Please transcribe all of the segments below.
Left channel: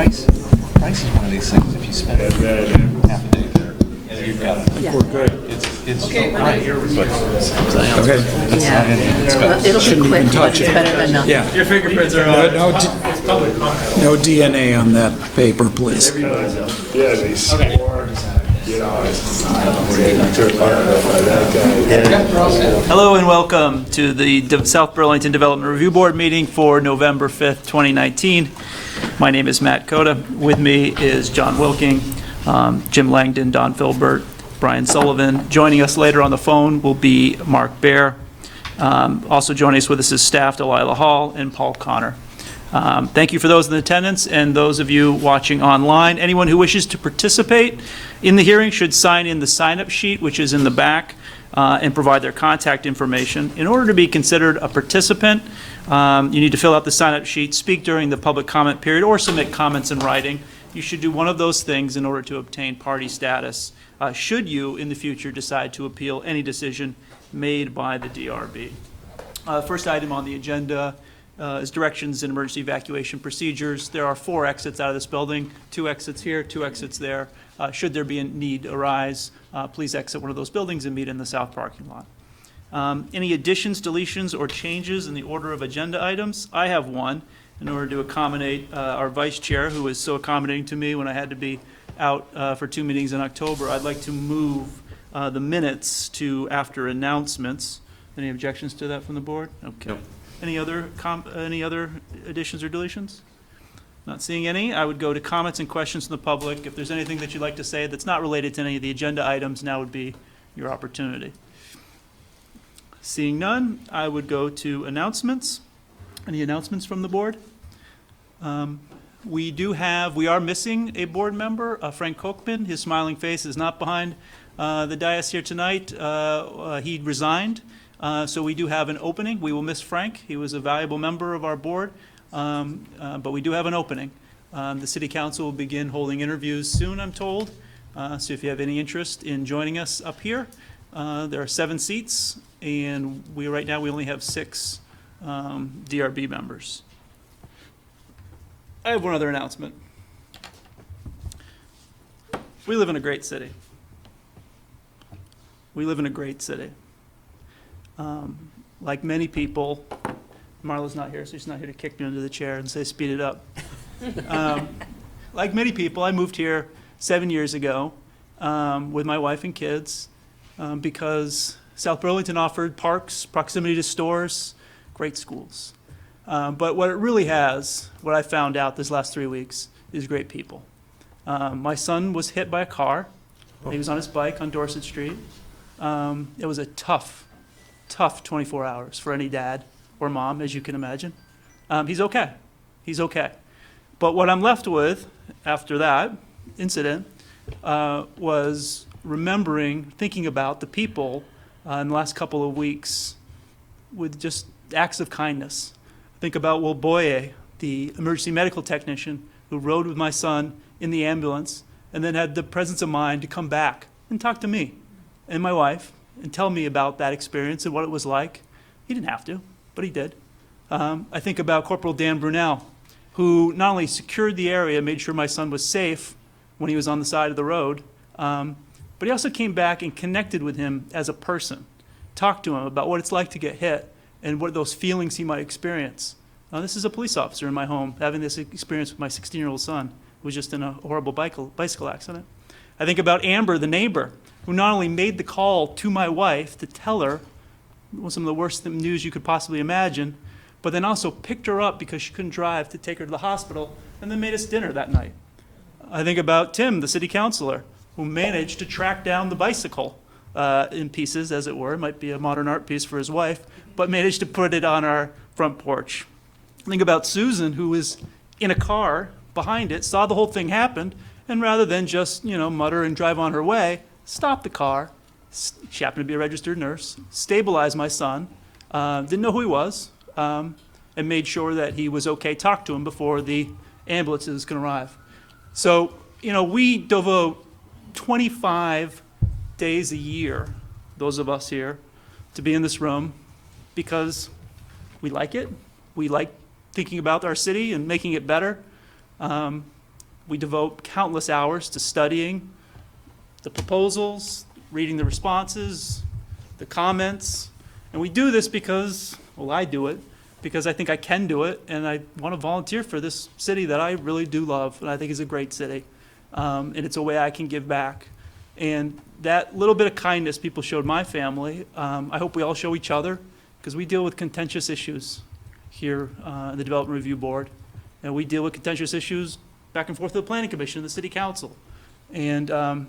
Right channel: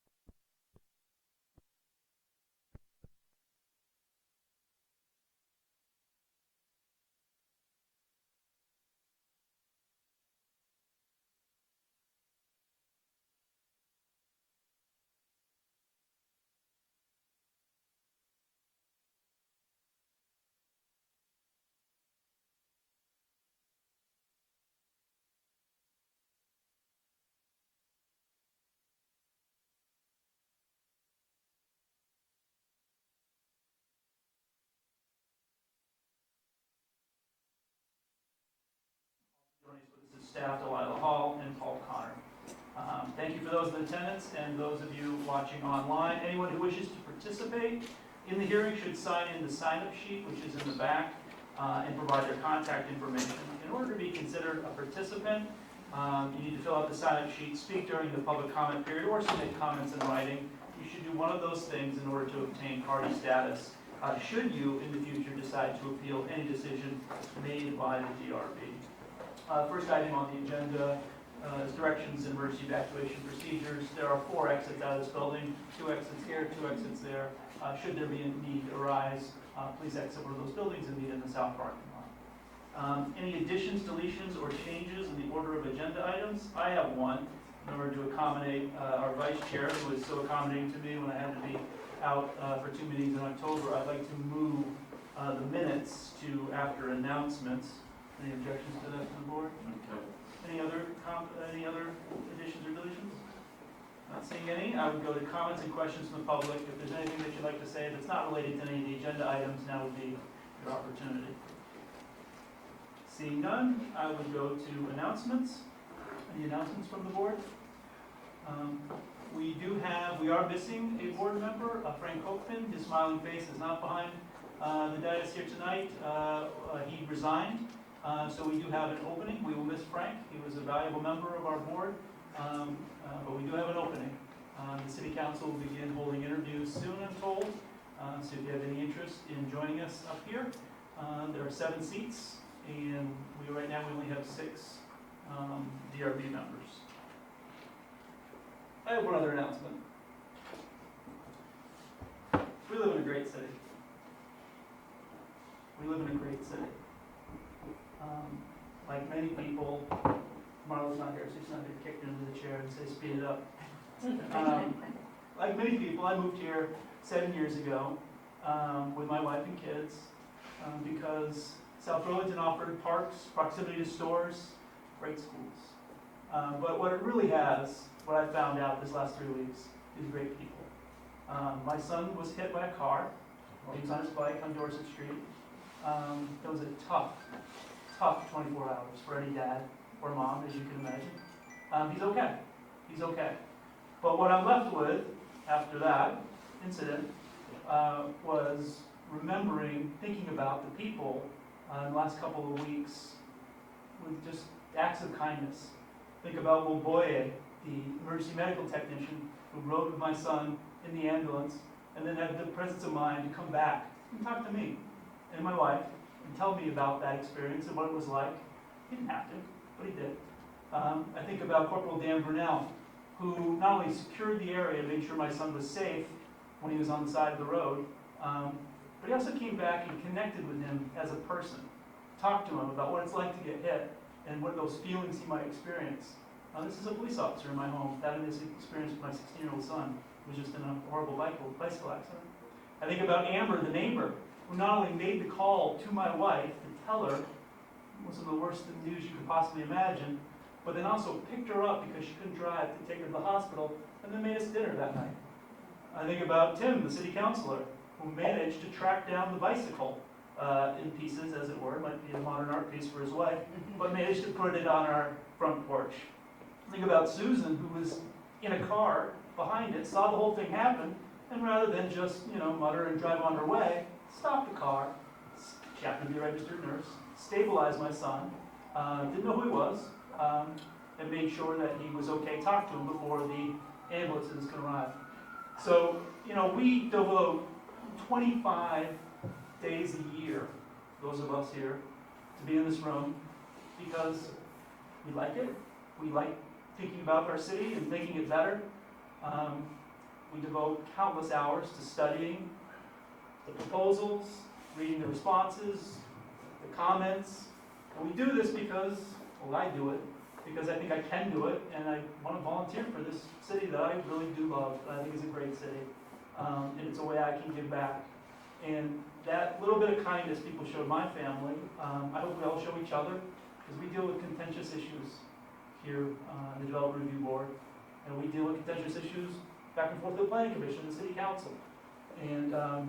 price is one of these things. If you spend half a day there, you've got it. Yeah. We're good. It's okay, right. Okay. Yeah. Well, it'll be quick, but touch it's it. better than nothing. Yeah. Your fingerprints are on. No DNA on that paper, please. Yeah, they swore, you know, Hello and welcome to the South Burlington Development Review Board meeting for November 5th, 2019. My name is Matt Cota. With me is John Wilking, Jim Langdon, Don Filbert, Brian Sullivan. Joining us later on the phone will be Mark Baer. Also joining us with us is staff Delilah Hall and Paul Connor. Thank you for those in attendance and those of you watching online. Anyone who wishes to participate in the hearing should sign in the sign-up sheet, which is in the back, and provide their contact information. In order to be considered a participant, you need to fill out the sign-up sheet, speak during the public comment period, or submit comments in writing. You should do one of those things in order to obtain party status, should you, in the future, decide to appeal any decision made by the DRB. First item on the agenda is directions and emergency evacuation procedures. There are 4 exits out of this building, 2 exits here, 2 exits there. Should there be a need arise, please exit one of those buildings and meet in the south parking lot. Any additions, deletions, or changes in the order of agenda items? I have one in order to accommodate our vice chair, who was so accommodating to me when I had to be out for 2 meetings in October. I'd like to move the minutes to after announcements. Any objections to that from the board? Okay. Nope. Any other additions or deletions? Not seeing any. I would go to comments and questions from the public. If there's anything that you'd like to say that's not related to any of the agenda items, now would be your opportunity. Seeing none, I would go to announcements. Any announcements from the board? We are missing a board member, Frank Kochman. His smiling face is not behind the dais here tonight. He resigned. So we do have an opening. We will miss Frank. He was a valuable member of our board, but we do have an opening. The city council will begin holding interviews soon, I'm told. So if you have any interest in joining us up here, there are 7 seats, and right now we only have 6 DRB members. I have one other announcement. We live in a great city. We live in a great city. Like many people, Marla's not here, so she's not here to kick me under the chair and say, speed it up. Like many people, I moved here 7 years ago with my wife and kids because South Burlington offered parks, proximity to stores, great schools. But what it really has, what I found out this last 3 weeks, is great people. My son was hit by a car. He was on his bike on Dorset Street. It was a tough 24 hours for any dad or mom, as you can imagine. He's okay. He's okay. But what I'm left with after that incident was thinking about the people in the last couple of weeks with just acts of kindness. Think about Will Boye, the emergency medical technician who rode with my son in the ambulance and then had the presence of mind to come back and talk to me and my wife and tell me about that experience and what it was like. He didn't have to, but he did. I think about Corporal Dan Brunel, who not only secured the area, made sure my son was safe when he was on the side of the road, but he also came back and connected with him as a person, talked to him about what it's like to get hit and what those feelings he might experience. This is a police officer in my home having this experience with my 16-year-old son, who was just in a horrible bicycle accident. I think about Amber, the neighbor, who not only made the call to my wife to tell her some of the worst news you could possibly imagine, but then also picked her up because she couldn't drive to take her to the hospital and then made us dinner that night. I think about Tim, the city councilor, who managed to track down the bicycle in pieces, as it were. It might be a modern art piece for his wife, but managed to put it on our front porch. Think about Susan, who was in a car behind it, saw the whole thing happen, and rather than just, mutter and drive on her way, stopped the car. She happened to be a registered nurse, stabilized my son, didn't know who he was, and made sure that he was okay, talked to him before the ambulances can arrive. So, we devote 25 days a year, those of us here, to be in this room because we like it. We like thinking about our city and making it better. We devote countless hours to studying the proposals, reading the responses, the comments, and we do this because, well, I do it, because I think I can do it, and I want to volunteer for this city that I really do love, and I think is a great city. And it's a way I can give back. And that little bit of kindness people showed my family, I hope we all show each other, because we deal with contentious issues here in the Development Review Board. And we deal with contentious issues back and forth to the Planning Commission and the City Council. And I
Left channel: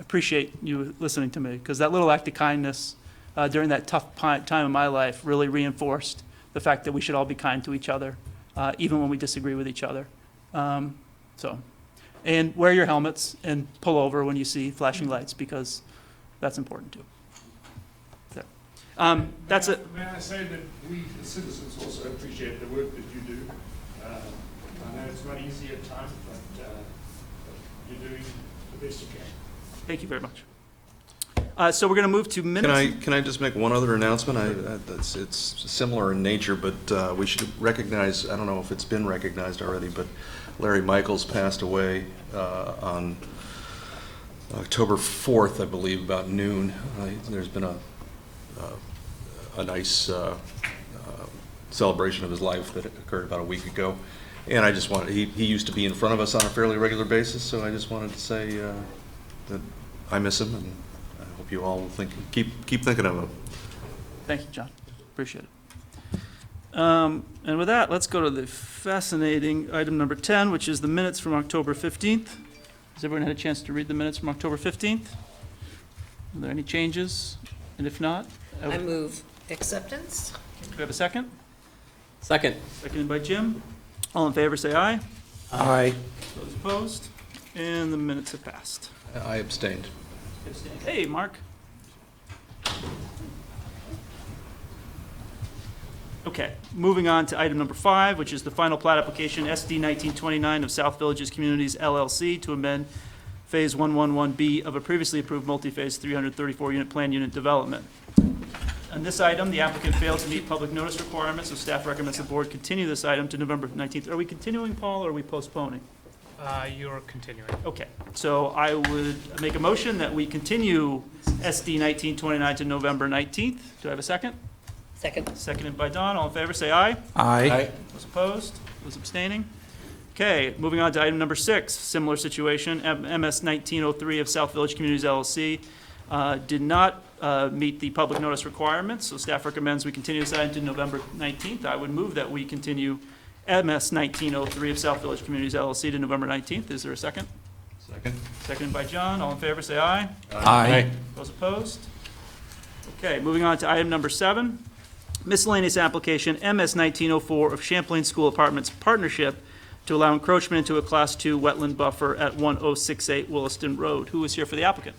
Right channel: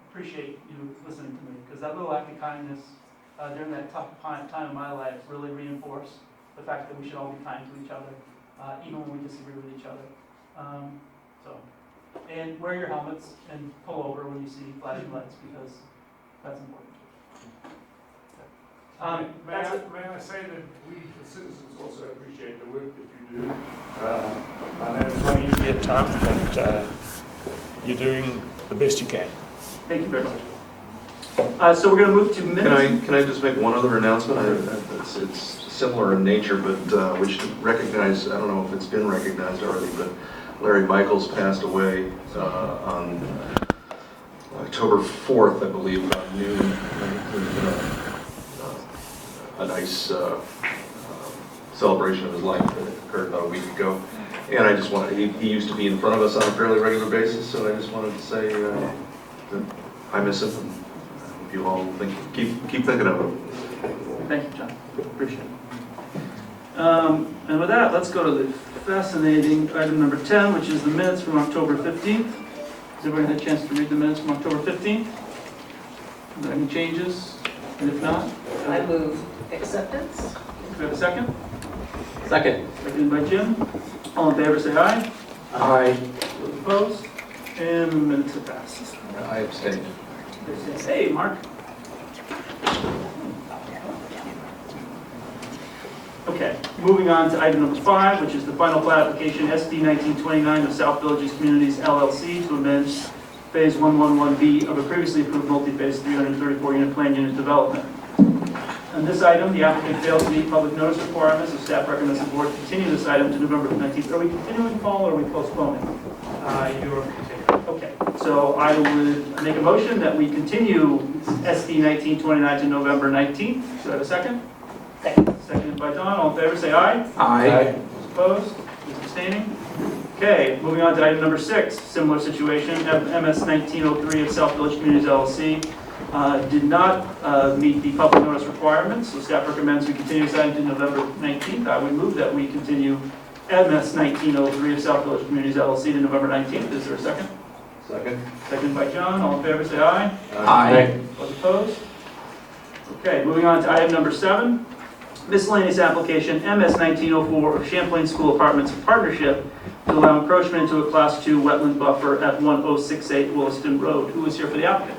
appreciate you listening to me, because that little act of kindness during that tough time in my life really reinforced the fact that we should all be kind to each other, even when we disagree with each other. And wear your helmets and pull over when you see flashing lights, because that's important too. That's it. May I say that we, the citizens, also appreciate the work that you do. I know it's not easy at times, but you're doing the best you can. Thank you very much. So we're going to move to minutes. Can I just make one other announcement? It's similar in nature, but we should recognize, I don't know if it's been recognized already, but Larry Michaels passed away on October 4th, I believe, about noon. There's been a nice celebration of his life that occurred about a week ago. And I just wanted, he used to be in front of us on a fairly regular basis, so I just wanted to say that I miss him, and I hope you all keep thinking of him. Thank you, John. Appreciate it. And with that, let's go to the fascinating item number 10, which is the minutes from October 15th. Has everyone had a chance to read the minutes from October 15th? Are there any changes? And if not, I move acceptance. do we have a second? Second. Seconded by Jim. All in favor, say aye. Aye. Those opposed? And the minutes have passed. And I abstained. Hey, Mark. Okay, moving on to item number 5, which is the final plat application SD 1929 of South Villages Communities LLC to amend Phase 111B of a previously approved multi-phase 334-unit plan unit development. On this item, the applicant failed to meet public notice requirements, so staff recommends the board continue this item to November 19th. Are we continuing, Paul, or are we postponing? You are continuing. Okay, so I would make a motion that we continue SD 1929 to November 19th. Do I have a second? Second. Seconded by Don. All in favor, say aye. Aye. Those opposed? Those abstaining? Okay, moving on to item number 6, similar situation. MS 1903 of South Village Communities LLC did not meet the public notice requirements, so staff recommends we continue this item to November 19th. I would move that we continue MS 1903 of South Village Communities LLC to November 19th. Is there a second? Second. Seconded by John. All in favor, say aye. Aye. Those opposed? Okay, moving on to item number 7. Miscellaneous application MS 1904 of Champlain School Apartments Partnership to allow encroachment into a Class 2 wetland buffer at 1068 Williston Road. Who is here for the applicant?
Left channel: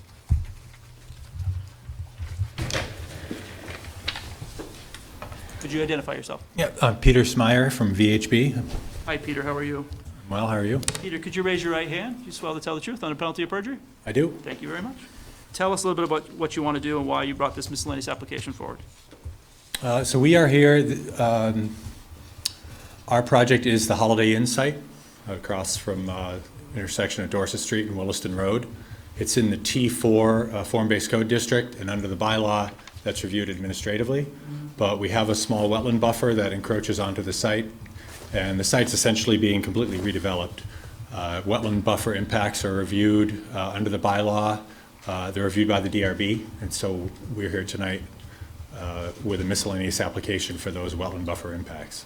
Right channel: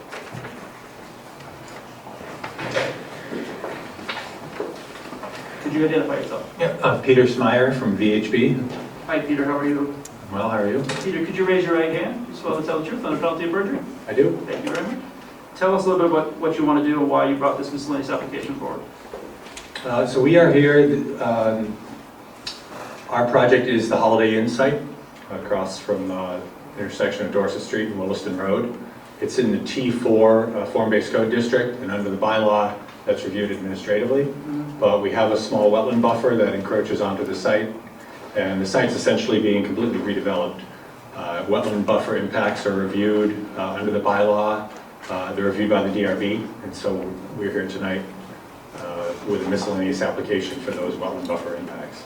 Could you identify yourself? Yeah, Peter Smyer from VHB. Hi, Peter. How are you? Well, how are you? Peter, could you raise your right hand? You swear to tell the truth under penalty of perjury? I do. Thank you very much. Tell us a little bit about what you want to do and why you brought this miscellaneous application forward. So we are here. Our project is the Holiday Inn site across from intersection of Dorset Street and Williston Road. It's in the T4 form-based code district, and under the bylaw that's reviewed administratively. But we have a small wetland buffer that encroaches onto the site, and the site's essentially being completely redeveloped. Wetland buffer impacts are reviewed under the bylaw. They're reviewed by the DRB, and so we're here tonight with a miscellaneous application for those wetland buffer impacts.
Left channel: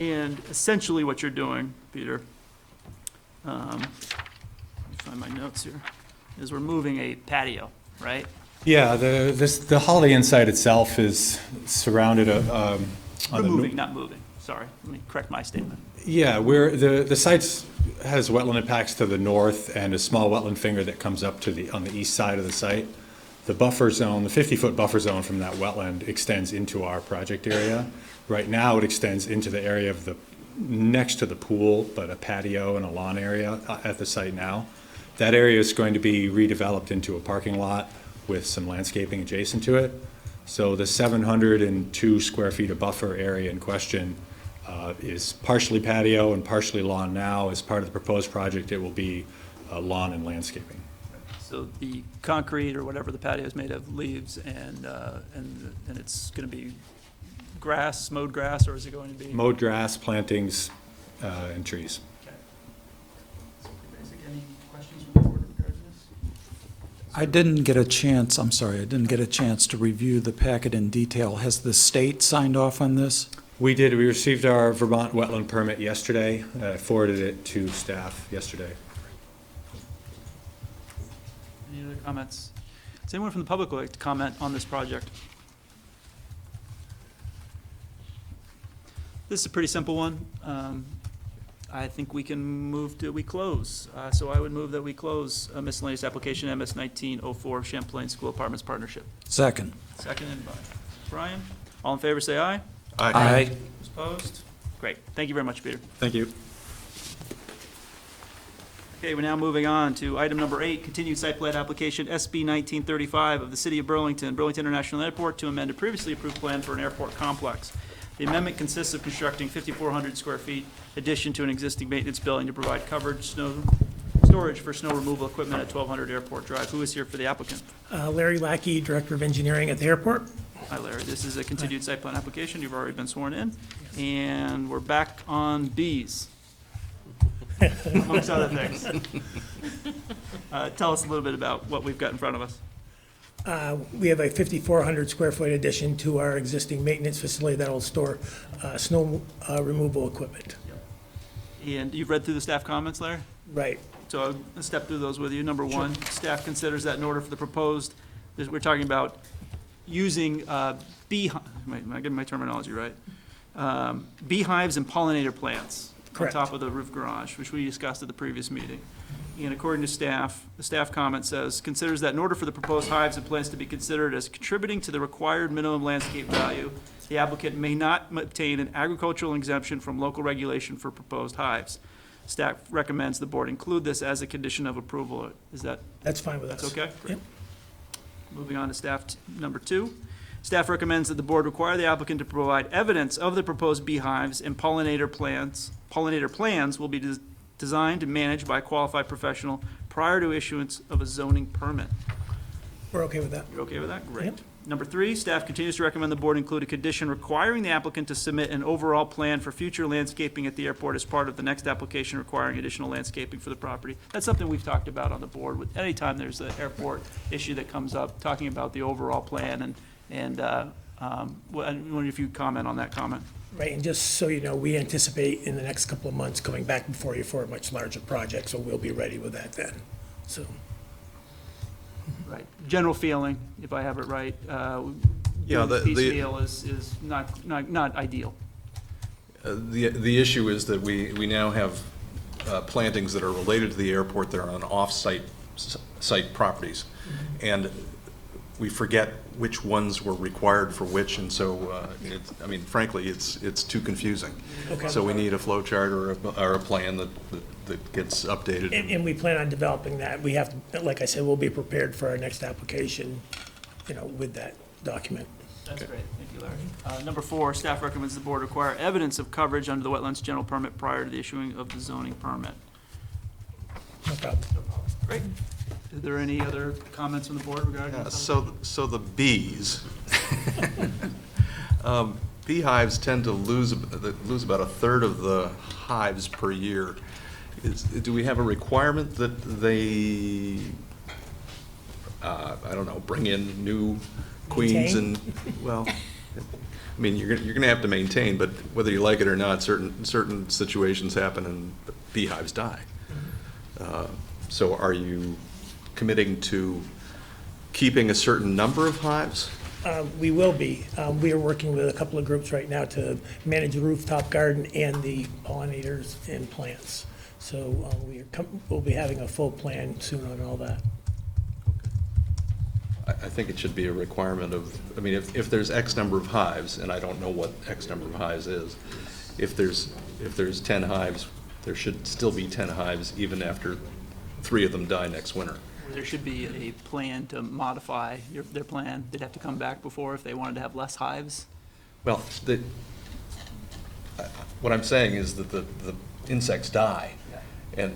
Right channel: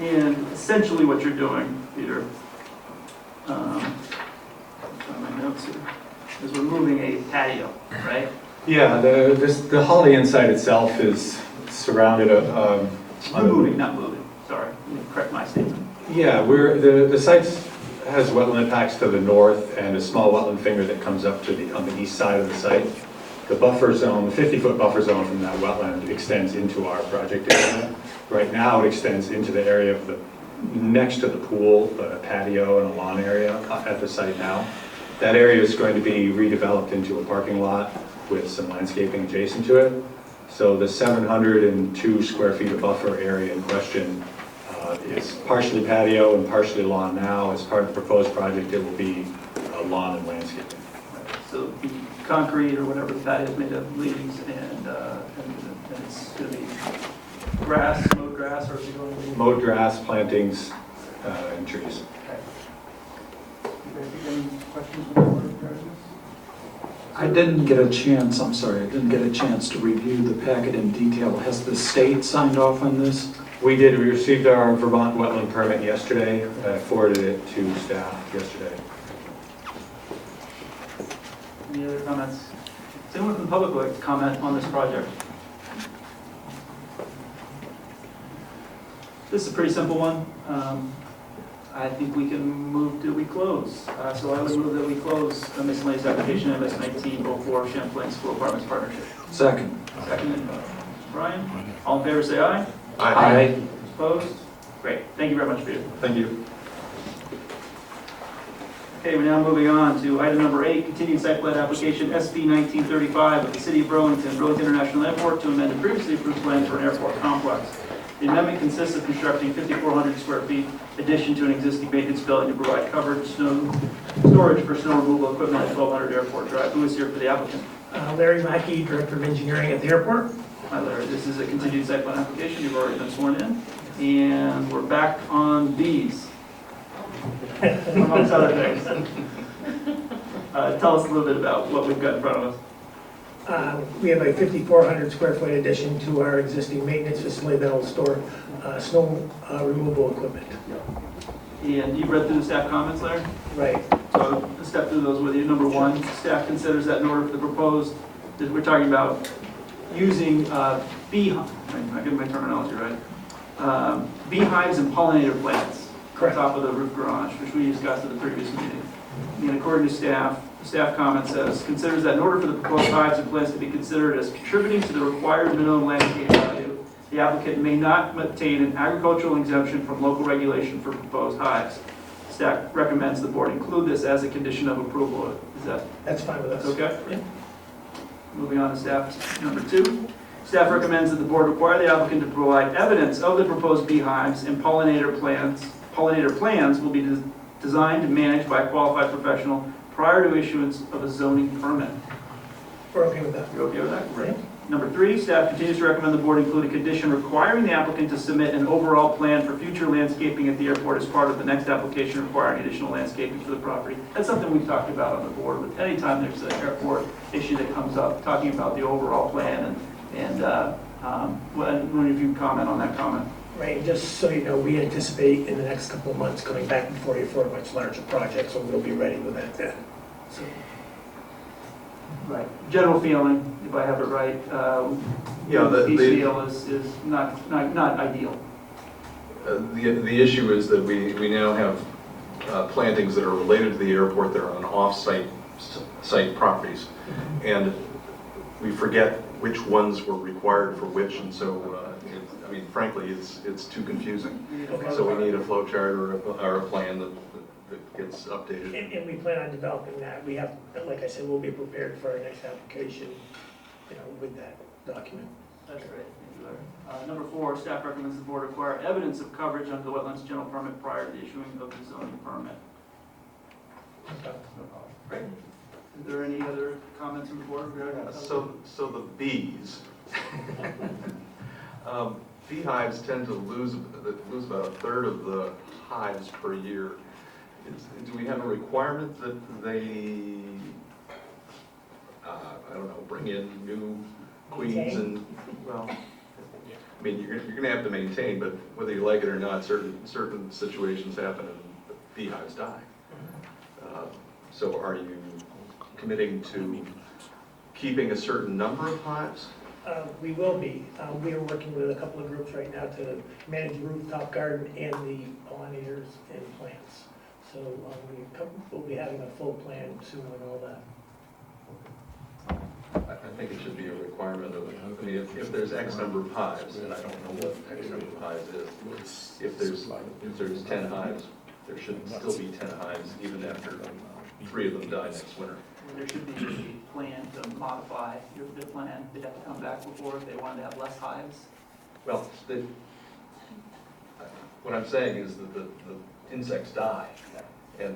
And essentially what you're doing, Peter, find my notes here, is we're moving a patio, right? Yeah, the Holiday Inn site itself is surrounded on the... Moving, not moving, sorry, correct my statement. Yeah, the site has wetland impacts to the north and a small wetland finger that comes up to on the east side of the site. The buffer zone, the 50-foot buffer zone from that wetland extends into our project area. Right now it extends into the area of next to the pool, but a patio and a lawn area at the site now. That area is going to be redeveloped into a parking lot with some landscaping adjacent to it. So the 702 square feet of buffer area in question is partially patio and partially lawn now. As part of the proposed project, it will be lawn and landscaping. So the concrete or whatever the patio is made of, leaves, and it's going to be grass, mowed grass, or is it going to be? Mowed grass, plantings, and trees. You guys have any questions from the board regarding this? I didn't get a chance, I'm sorry, I didn't get a chance to review the packet in detail. Has the state signed off on this? We did. We received our Vermont wetland permit yesterday. I forwarded it to staff yesterday. Any other comments? Does anyone from the public would like to comment on this project? This is a pretty simple one. I think we can move to, we close. So I would move that we close a miscellaneous application MS 1904 Champlain School Apartments Partnership. Second. Seconded by Brian. All in favor, say aye. Aye. Opposed? Great. Thank you very much, Peter. Thank you. Okay, we're now moving on to item number 8, continued site plan application SB 1935 of the City of Burlington, Burlington International Airport to amend a previously approved plan for an airport complex. The amendment consists of constructing 5,400 square feet addition to an existing maintenance building to provide covered storage for snow removal equipment at 1200 Airport Drive. Who is here for the applicant? Larry Lackey, Director of Engineering at the airport. Hi Larry, this is a continued site plan application. You've already been sworn in. And we're back on Bs. Amongst other things. Tell us a little bit about what we've got in front of us. We have a 5,400 square foot addition to our existing maintenance facility that will store snow removal equipment. And you've read through the staff comments, Larry? Right. So let's step through those with you. Number 1, staff considers that in order for the proposed, we're talking about using beehives, am I getting my terminology right? Beehives and pollinator plants Correct. on top of the roof garage, which we discussed at the previous meeting. And according to staff, the staff comment says, considers that in order for the proposed hives and plants to be considered as contributing to the required minimum landscape value, the applicant may not obtain an agricultural exemption from local regulation for proposed hives. Staff recommends the board include this as a condition of approval. Is that, That's fine with that's us. okay? Yep. Moving on to staff number 2. Staff recommends that the board require the applicant to provide evidence of the proposed beehives and pollinator plans. Pollinator plans will be designed and managed by a qualified professional prior to issuance of a zoning permit. We're okay with that. You're okay with that? Great. Yep. Number 3, staff continues to recommend the board include a condition requiring the applicant to submit an overall plan for future landscaping at the airport as part of the next application requiring additional landscaping for the property. That's something we've talked about on the board. But anytime there's an airport issue that comes up, talking about the overall plan and wonder if you can comment on that comment. Right, and just so you know, we anticipate in the next couple of months coming back before you for a much larger project, so we'll be ready with that then. So, Right. General feeling, if I have it right, Yeah, piece feel is not ideal. The issue is that we now have plantings that are related to the airport that are on off-site site properties. And we forget which ones were required for which, and so, I mean, frankly, it's too confusing. okay. So we need a flow chart or a plan that gets updated. And we plan on developing that. We have, to, like I said, we'll be prepared for our next application, with that document. That's great, thank you, Larry. Number 4, staff recommends the board require evidence of coverage under the wetlands general permit prior to the issuing of the zoning permit. Okay. Great. Is there any other comments from the board regarding Yeah, that? so the bees, beehives tend to lose about a third of the hives per year. Do we have a requirement that they, I don't know, bring in new queens and, well, I mean, you're gonna have to maintain, but whether you like it or not, certain situations happen and beehives die. So are you committing to keeping a certain number of hives? We will be. We are working with a couple of groups right now to manage the rooftop garden and the pollinators and plants. So we'll be having a full plan soon on all that. I think it should be a requirement of, I mean, if there's X number of hives, and I don't know what X number of hives is, if there's 10 hives, there should still be 10 hives even after 3 of them die next winter. There should be a plan to modify their plan. They'd have to come back before if they wanted to have less hives. Well, what I'm saying is that the insects die, and,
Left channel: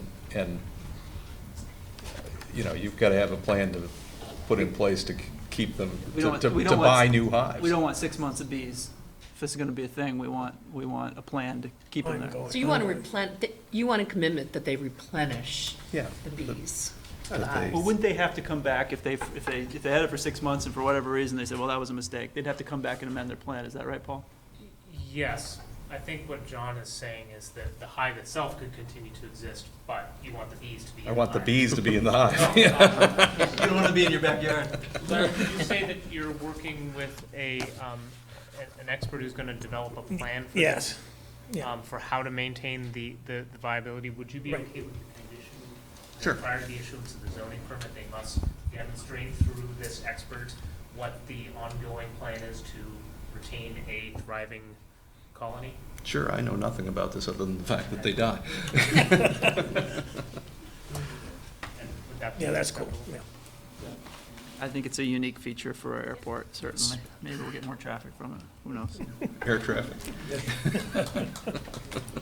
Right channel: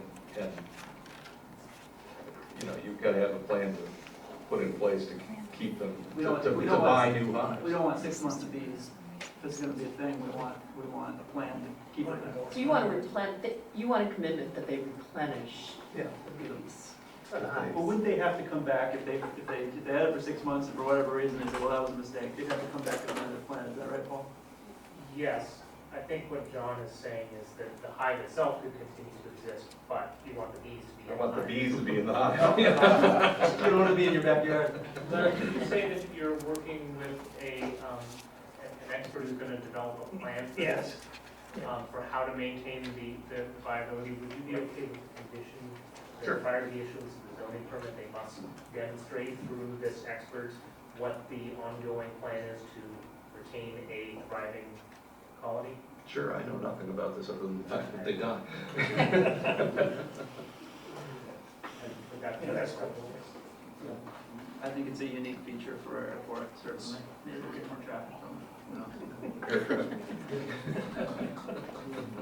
you know, you've got to have a plan to put in place to keep them, We don't to want- buy new hives. We don't want 6 months of bees. If this is gonna be a thing, we want a plan to keep them there. So you want you want a commitment that they replenish Yeah. the bees. That they- Well, wouldn't they have to come back if they had it for 6 months and for whatever reason they said, well, that was a mistake? They'd have to come back and amend their plan. Is that right, Paul? Yes, I think what John is saying is that the hive itself could continue to exist, but you want the bees to be in I want the hive. bees to be in the hive. You don't want to be in your backyard. But you say that you're working with an expert who's gonna develop a plan for Yes. this, Yeah. for how to maintain the viability. Would you be Right. okay with the condition that Sure. prior to the issuance of the zoning permit, they must demonstrate through this expert what the ongoing plan is to retain a thriving colony? Sure, I know nothing about this other than the fact that they die. And would that be Yeah, that's cool. Yeah. I think it's a unique feature for our airport, certainly. Maybe we'll get more traffic from it. Who knows? Air traffic.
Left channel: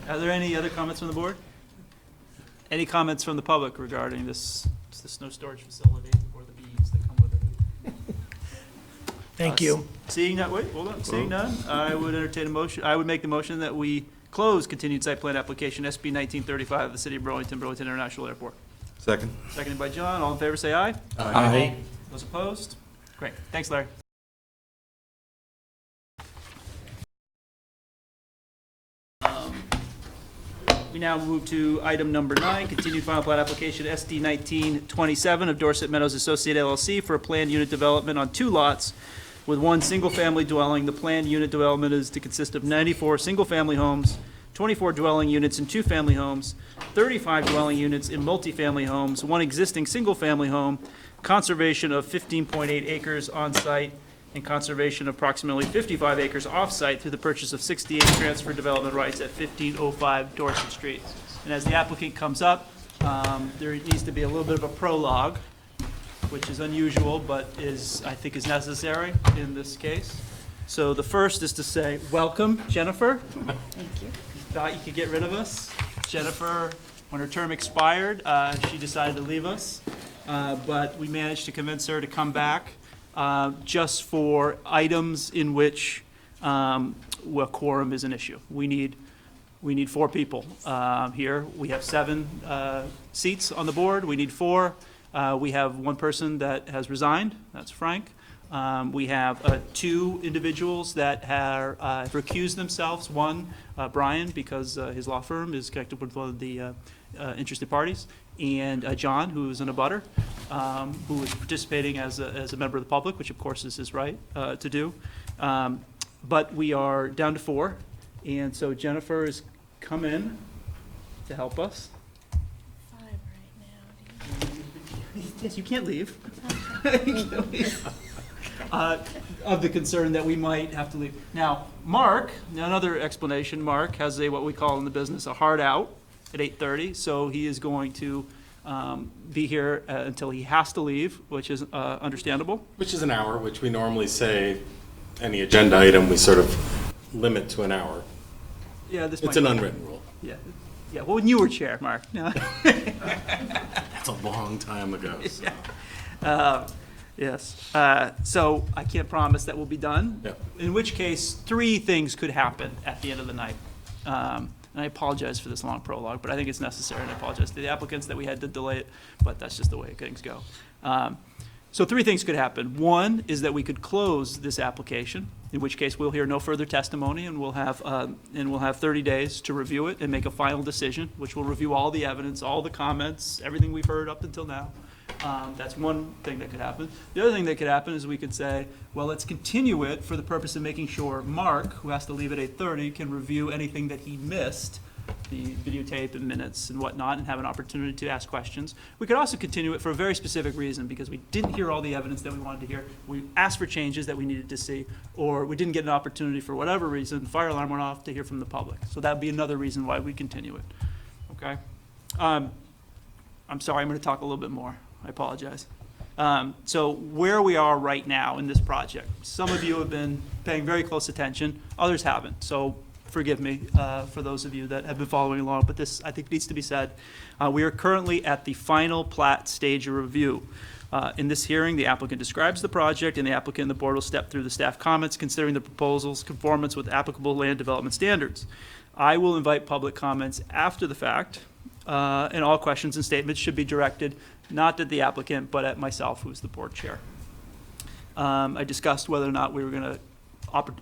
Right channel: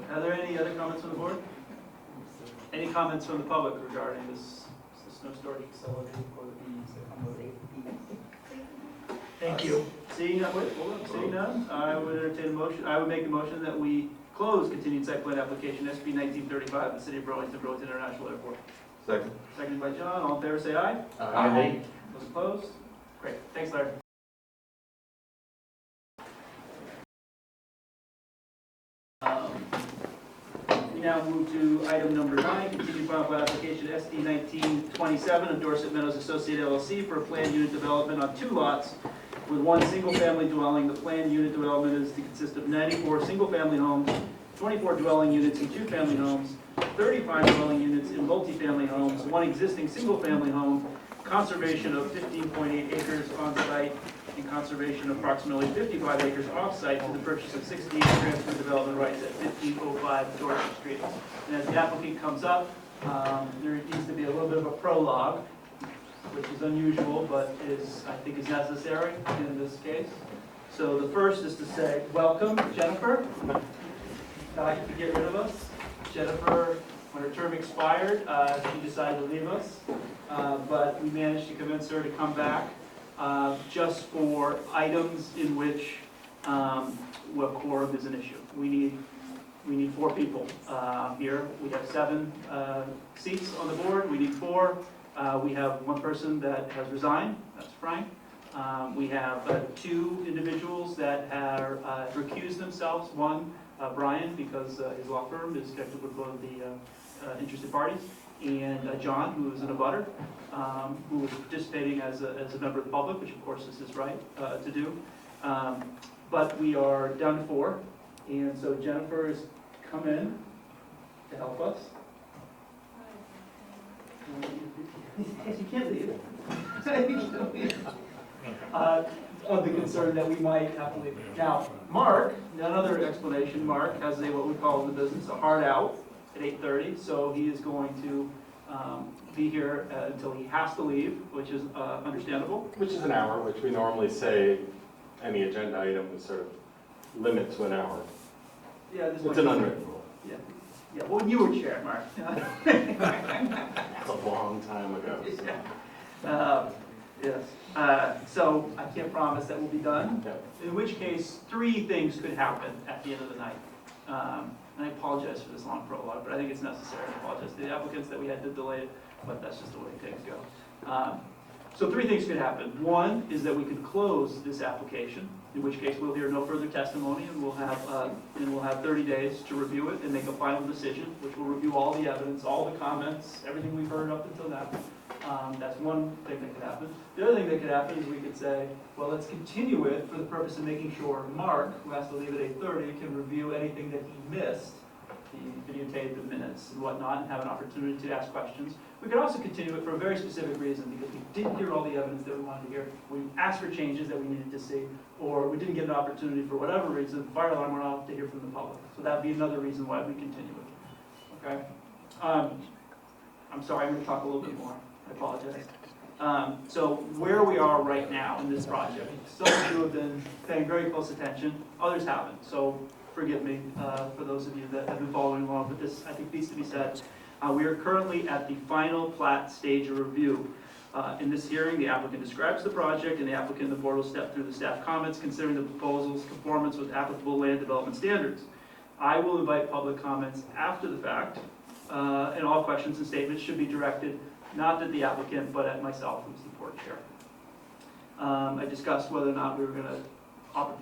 Are there any other comments from the board? Any comments from the public regarding this snow storage facility or the bees that come with it? Thank you. Seeing none, wait, hold on, seeing none, I would entertain a motion, I would make the motion that we close continued site plan application SB 1935, the City of Burlington, Burlington International Airport. Second. Seconded by John, all in favor say aye. Aye. Those opposed? Great, thanks Larry. We now move to item number 9, continued final plat application SD 1927 of Dorset Meadows Associate LLC for a planned unit development on 2 lots with 1 single-family dwelling. The planned unit development is to consist of 94 single-family homes, 24 dwelling units in 2-family homes, 35 dwelling units in multifamily homes, 1 existing single-family home, conservation of 15.8 acres on-site, and conservation of approximately 55 acres off-site through the purchase of 68 transfer development rights at 1505 Dorset Street. And as the applicant comes up, there needs to be a little bit of a prologue, which is unusual, but I think is necessary in this case. So the first is to say, welcome, Jennifer. Thought you could get rid of us. Jennifer, when her term expired, she decided to leave us, but we managed to convince her to come back just for items in which where quorum is an issue. We need 4 people here. We have 7 seats on the board. We need 4. We have 1 person that has resigned. That's Frank. We have 2 individuals that have recused themselves. 1, Brian, because his law firm is connected with one of the interested parties, and John, who is an abutter, who is participating as a member of the public, which of course is his right to do. But we are down to 4, and so Jennifer has come in to help us. You can't leave. Of the concern that we might have to leave. Now, Mark, another explanation, Mark has what we call in the business a hard out at 8:30, so he is going to be here until he has to leave, which is understandable. Which is an hour, which we normally say any agenda item we sort of limit to an hour. Yeah, this It's might an be- unwritten rule. Yeah, well, when you were chair, Mark. That's a long time ago. Yes. So I can't promise that will be done. Yep. In which case, 3 things could happen at the end of the night. And I apologize for this long prologue, but I think it's necessary, and I apologize to the applicants that we had to delay it, but that's just the way things go. So 3 things could happen. 1 is that we could close this application, in which case we'll hear no further testimony, and we'll have 30 days to review it and make a final decision, which will review all the evidence, all the comments, everything we've heard up until now. That's one thing that could happen. The other thing that could happen is we could say, well, let's continue it for the purpose of making sure Mark, who has to leave at 8:30, can review anything that he missed, the videotape and minutes and whatnot, and have an opportunity to ask questions. We could also continue it for a very specific reason, because we didn't hear all the evidence that we wanted to hear. We asked for changes that we needed to see, or we didn't get an opportunity for whatever reason, fire alarm went off, to hear from the public. So that would be another reason why we continue it. Okay? I'm sorry, I'm going to talk a little bit more. I apologize. So where we are right now in this project, some of you have been paying very close attention, others haven't. So forgive me for those of you that have been following along, but this, I think, needs to be said. We are currently at the final plat stage of review. In this hearing, the applicant describes the project, and the applicant and the board will step through the staff comments considering the proposal's conformance with applicable land development standards. I will invite public comments after the fact, and all questions and statements should be directed not at the applicant, but at myself, who's the board chair. I discussed whether or not we were going to,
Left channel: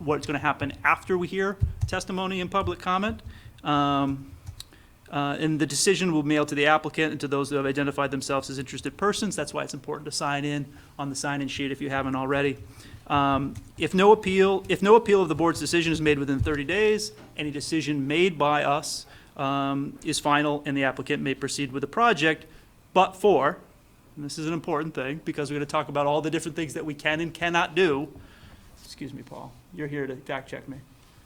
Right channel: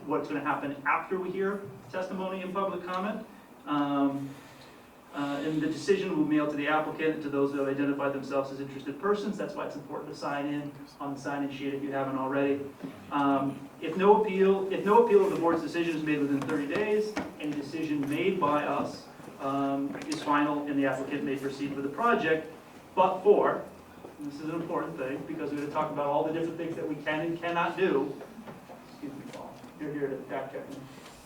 what's going to happen after we hear testimony and public comment. And the decision will be mailed to the applicant and to those who have identified themselves as interested persons. That's why it's important to sign in on the sign-in sheet if you haven't already. If no appeal of the board's decision is made within 30 days, any decision made by us is final, and the applicant may proceed with the project, but for, and this is an important thing because we're going to talk about all the different things that we can and cannot do. Excuse me, Paul. You're here to fact check me.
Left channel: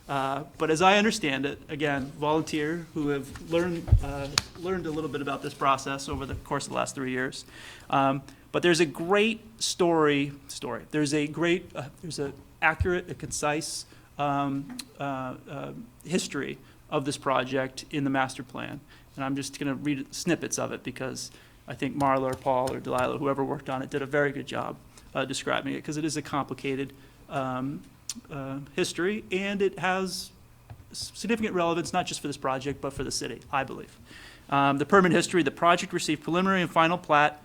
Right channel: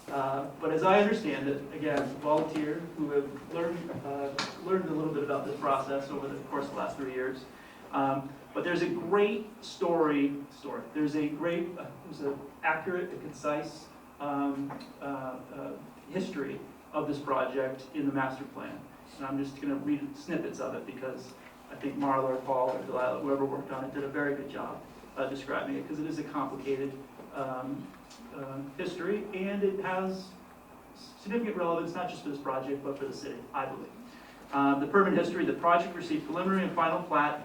But as I understand it, again, volunteer who have learned a little bit about this process over the course of the last 3 years. But there's a great story. There's a great, there's an accurate, a concise history of this project in the master plan. And I'm just going to read snippets of it because I think Marla or Paul or Delilah, whoever worked on it, did a very good job describing it because it is a complicated history, and it has significant relevance not just for this project but for the city, I believe. The permit history: the project received preliminary plat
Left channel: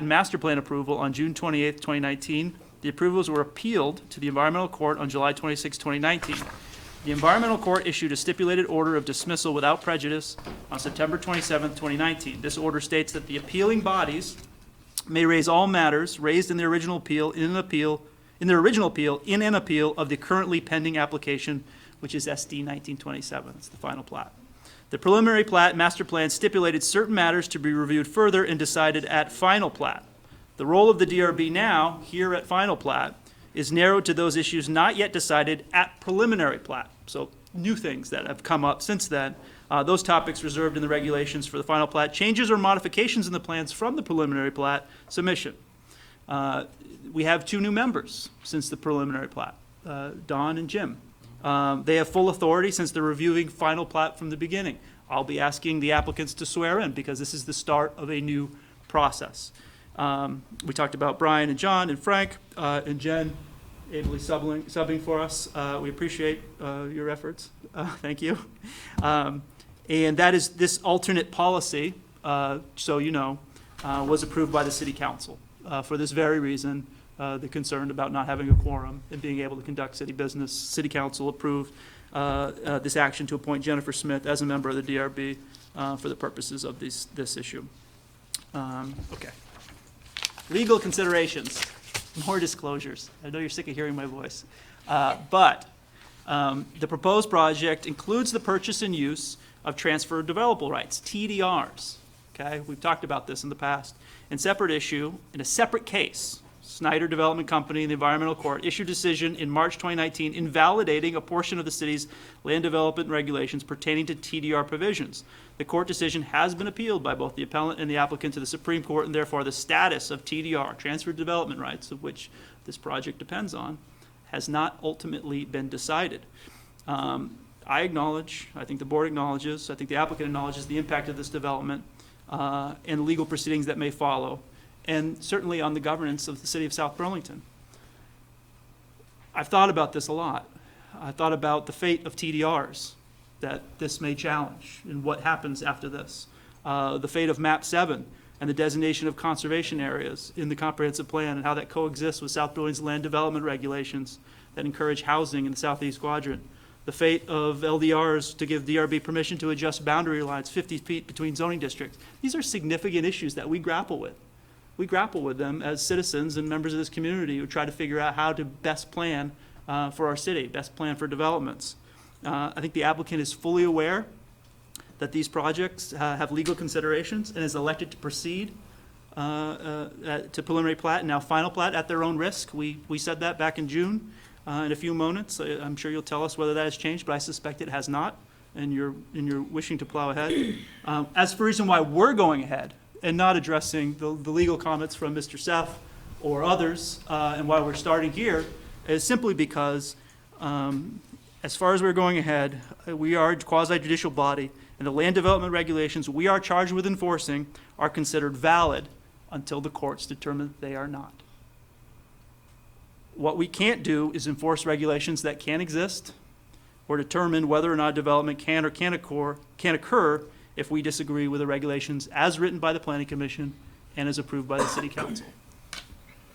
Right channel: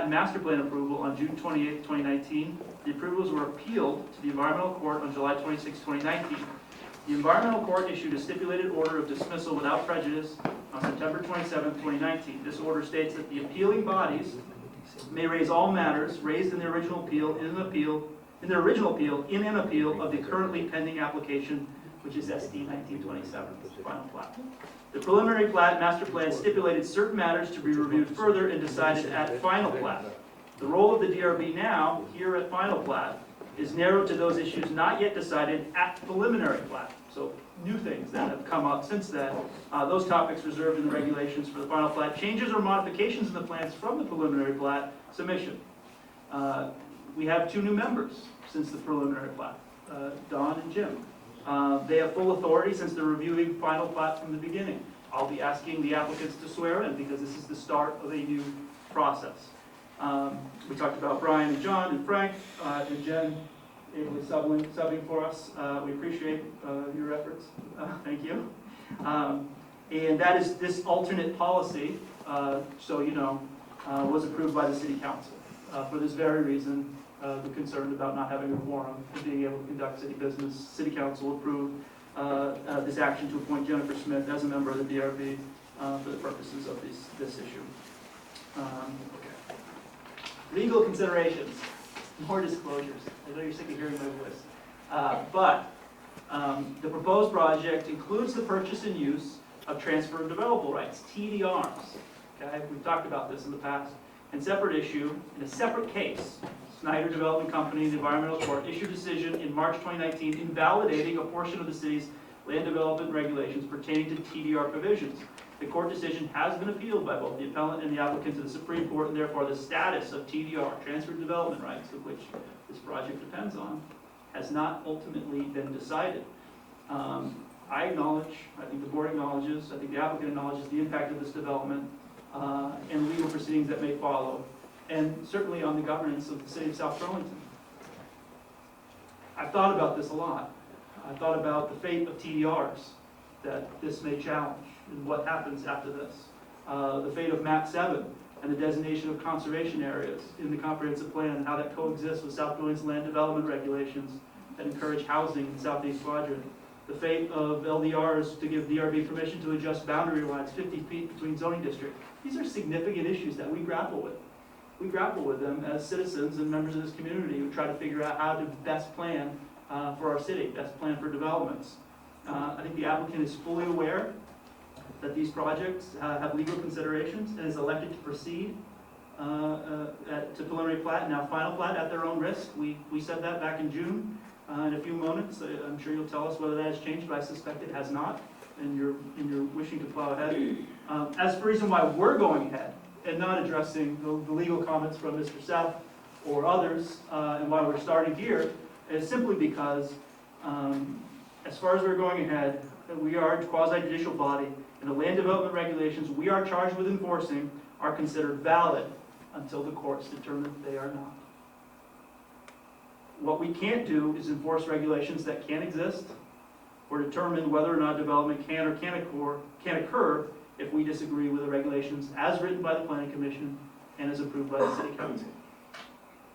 and master plan approval on June 28, 2019. The approvals were appealed to the Environmental Court on July 26, 2019. The Environmental Court issued a stipulated order of dismissal without prejudice on September 27, 2019. This order states that the appealing bodies may raise all matters raised in the original appeal in an appeal of the currently pending application, which is SD 1927. It's the final plat. The preliminary plat and master plan stipulated certain matters to be reviewed further and decided at final plat. The role of the DRB now, here at final plat, is narrowed to those issues not yet decided at preliminary plat. So new things that have come up since then. Those topics reserved in the regulations for the final plat. Changes or modifications in the plans from the preliminary plat submission. We have 2 new members since the preliminary plat, Don and Jim. They have full authority since they're reviewing final plat from the beginning. I'll be asking the applicants to swear in because this is the start of a new process. We talked about Brian and John and Frank and Jen ably subbing for us. We appreciate your efforts. Thank you. And that is this alternate policy, so you know, was approved by the City Council. For this very reason, the concern about not having a quorum and being able to conduct city business, City Council approved this action to appoint Jennifer Smith as a member of the DRB for the purposes of this issue. Okay. Legal considerations, more disclosures. I know you're sick of hearing my voice. But the proposed project includes the purchase and use of transfer of developable rights, TDRs. Okay, we've talked about this in the past. In separate issue, in a separate case, Snyder Development Company, the Environmental Court, issued a decision in March 2019 invalidating a portion of the city's land development regulations pertaining to TDR provisions. The court decision has been appealed by both the appellant and the applicant to the Supreme Court, and therefore the status of TDR, transferred development rights, of which this project depends on, has not ultimately been decided. I acknowledge, I think the board acknowledges, I think the applicant acknowledges the impact of this development and legal proceedings that may follow, and certainly on the governance of the city of South Burlington. I've thought about this a lot. I thought about the fate of TDRs that this may challenge and what happens after this. The fate of MAP 7 and the designation of conservation areas in the comprehensive plan and how that coexists with South Burlington's land development regulations that encourage housing in the southeast quadrant. The fate of LDRs to give DRB permission to adjust boundary lines 50 feet between zoning districts. These are significant issues that we grapple with. We grapple with them as citizens and members of this community who try to figure out how to best plan for our city, best plan for developments. I think the applicant is fully aware that these projects have legal considerations and is elected to proceed to preliminary plat and now final plat at their own risk. We said that back in June. In a few moments, I'm sure you'll tell us whether that has changed, but I suspect it has not, and you're wishing to plow ahead. As for the reason why we're going ahead and not addressing the legal comments from Mr. Seff or others, and why we're starting here, is simply because as far as we're going ahead, we are a quasi-judicial body, and the land development regulations we are charged with enforcing are considered valid until the courts determine that they are not. What we can't do is enforce regulations that can't exist or determine whether or not development can or can't occur if we disagree with the regulations as written by the Planning Commission and as approved by the City Council.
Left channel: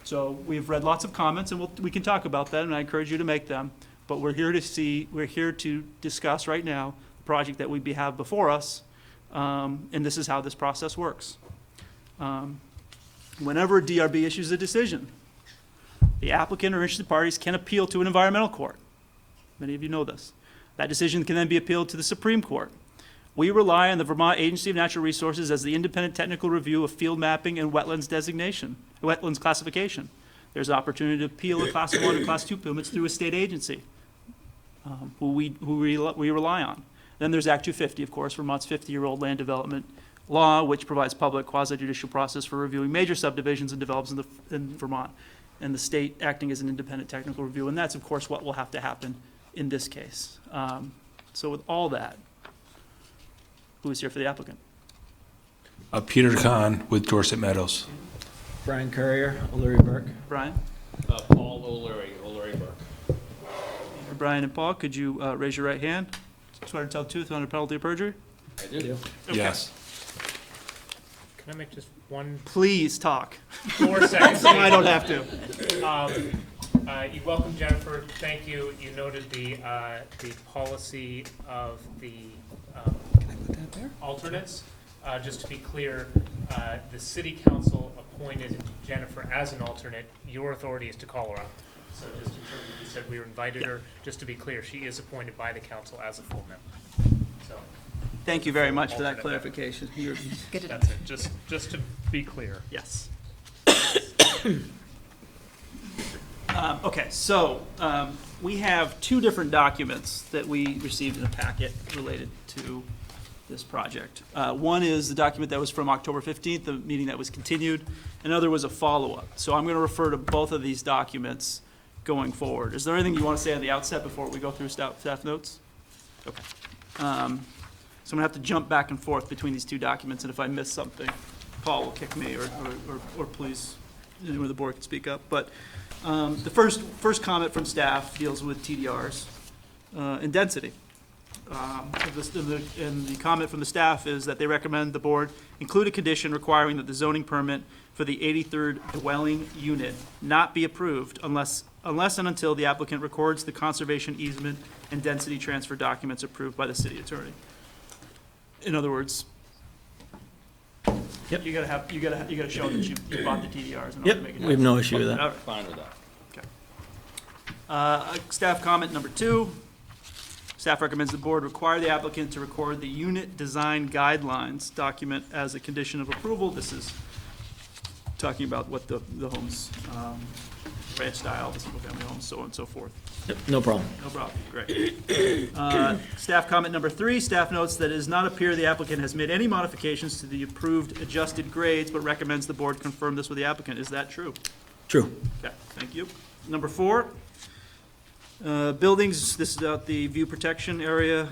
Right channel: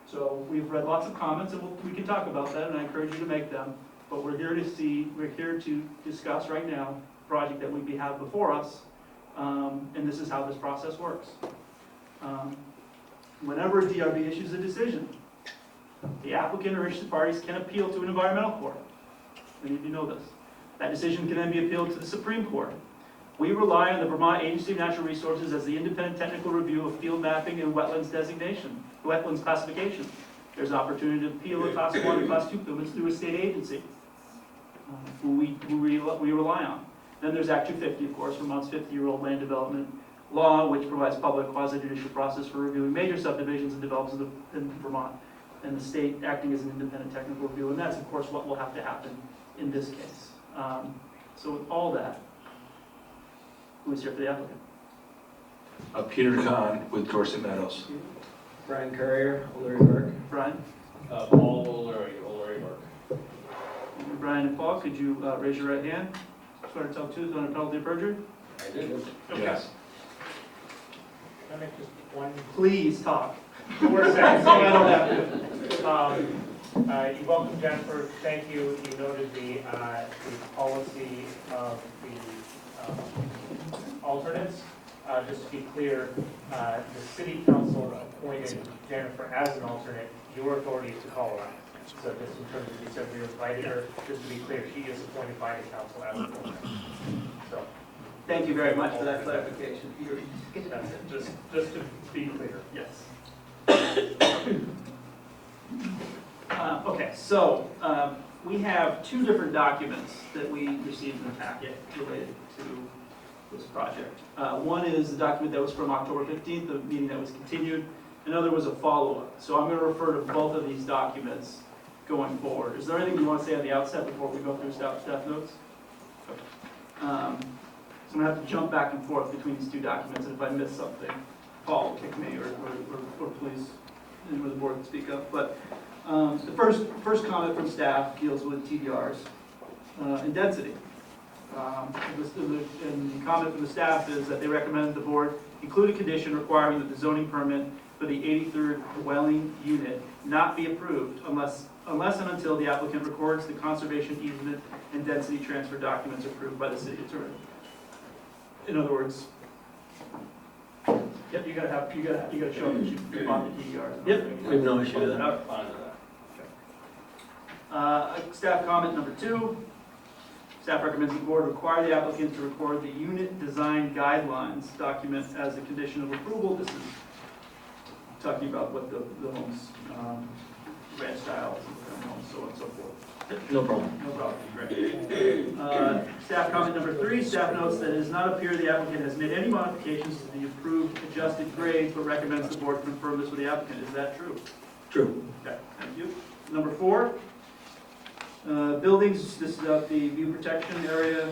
So we've read lots of comments, and we can talk about that, and I encourage you to make them. But we're here to discuss right now the project that we have before us, and this is how this process works. Whenever a DRB issues a decision, the applicant or interested parties can appeal to an environmental court. Many of you know this. That decision can then be appealed to the Supreme Court. We rely on the Vermont Agency of Natural Resources as the independent technical review of field mapping and wetlands classification. There's an opportunity to appeal a Class 1 and Class 2 permits through a state agency who we rely on. Then there's Act 250, of course, Vermont's 50-year-old land development law, which provides public quasi-judicial process for reviewing major subdivisions and develops in Vermont, and the state acting as an independent technical review. And that's, of course, what will have to happen in this case. So with all that, who is here for the applicant? Peter Kahn with Dorset Meadows. Brian Courier, O'Leary Burke. Brian? Paul O'Leary Burke. And Brian and Paul, could you raise your right hand? Swear to tell the truth under penalty of perjury? I do. Yes. Can I make just one Please talk. 4 seconds? So I don't have to. You welcome Jennifer. Thank you. You noted the policy of the alternates. Just to be clear, the city council appointed Jennifer as an alternate. Your authority is to call her up. So just in terms of, you said we invited her, just to be clear, she is appointed by the council as a full member. So Thank you very much for that clarification. that's it, just to be clear. Yes. Okay, so we have two different documents that we received in the packet related to this project. One is the document that was from October 15th, the meeting that was continued. Another was a follow-up. So I'm going to refer to both of these documents going forward. Is there anything you want to say at the outset before we go through staff notes? Okay. So I'm going to have to jump back and forth between these two documents, and if I miss something, Paul will kick me, or please, anyone of the board can speak up. But the first comment from staff deals with TDRs and density. And the comment from the staff is that they recommend the board include a condition requiring that the zoning permit for the 83rd dwelling unit not be approved unless and until the applicant records the conservation easement and density transfer documents approved by the city attorney. In other words, Yep. you gotta show that you bought the TDRs. in order to Yep, make it we have no issue with that. happen. Fine with that. Staff comment number 2. Staff recommends the board require the applicant to record the unit design guidelines document as a condition of approval. This is talking about what the homes, ranch style, single-family homes, so on and so forth. Yep, no problem. No problem, great. Staff comment number 3, staff notes that it does not appear the applicant has made any modifications to the approved adjusted grades, but recommends the board confirm this with the applicant. Is that true? True. Okay, thank you. Number 4, buildings, this is about the view protection area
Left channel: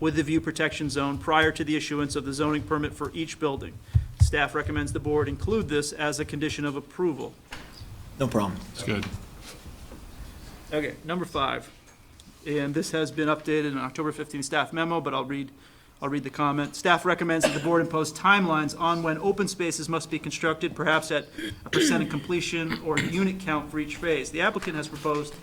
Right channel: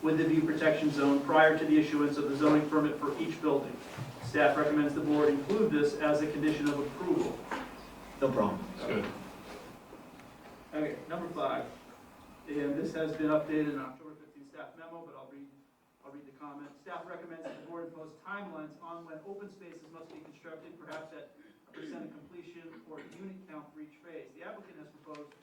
with the view protection zone prior to the issuance of the zoning permit for each building. Staff recommends the board include this as a condition of approval. No problem. It's good. Okay, number 5, and this has been updated in an October 15th staff memo, but I'll read the comment. Staff recommends that the board impose timelines on when open spaces must be constructed, perhaps at a % of completion or unit count for each phase. The applicant has proposed,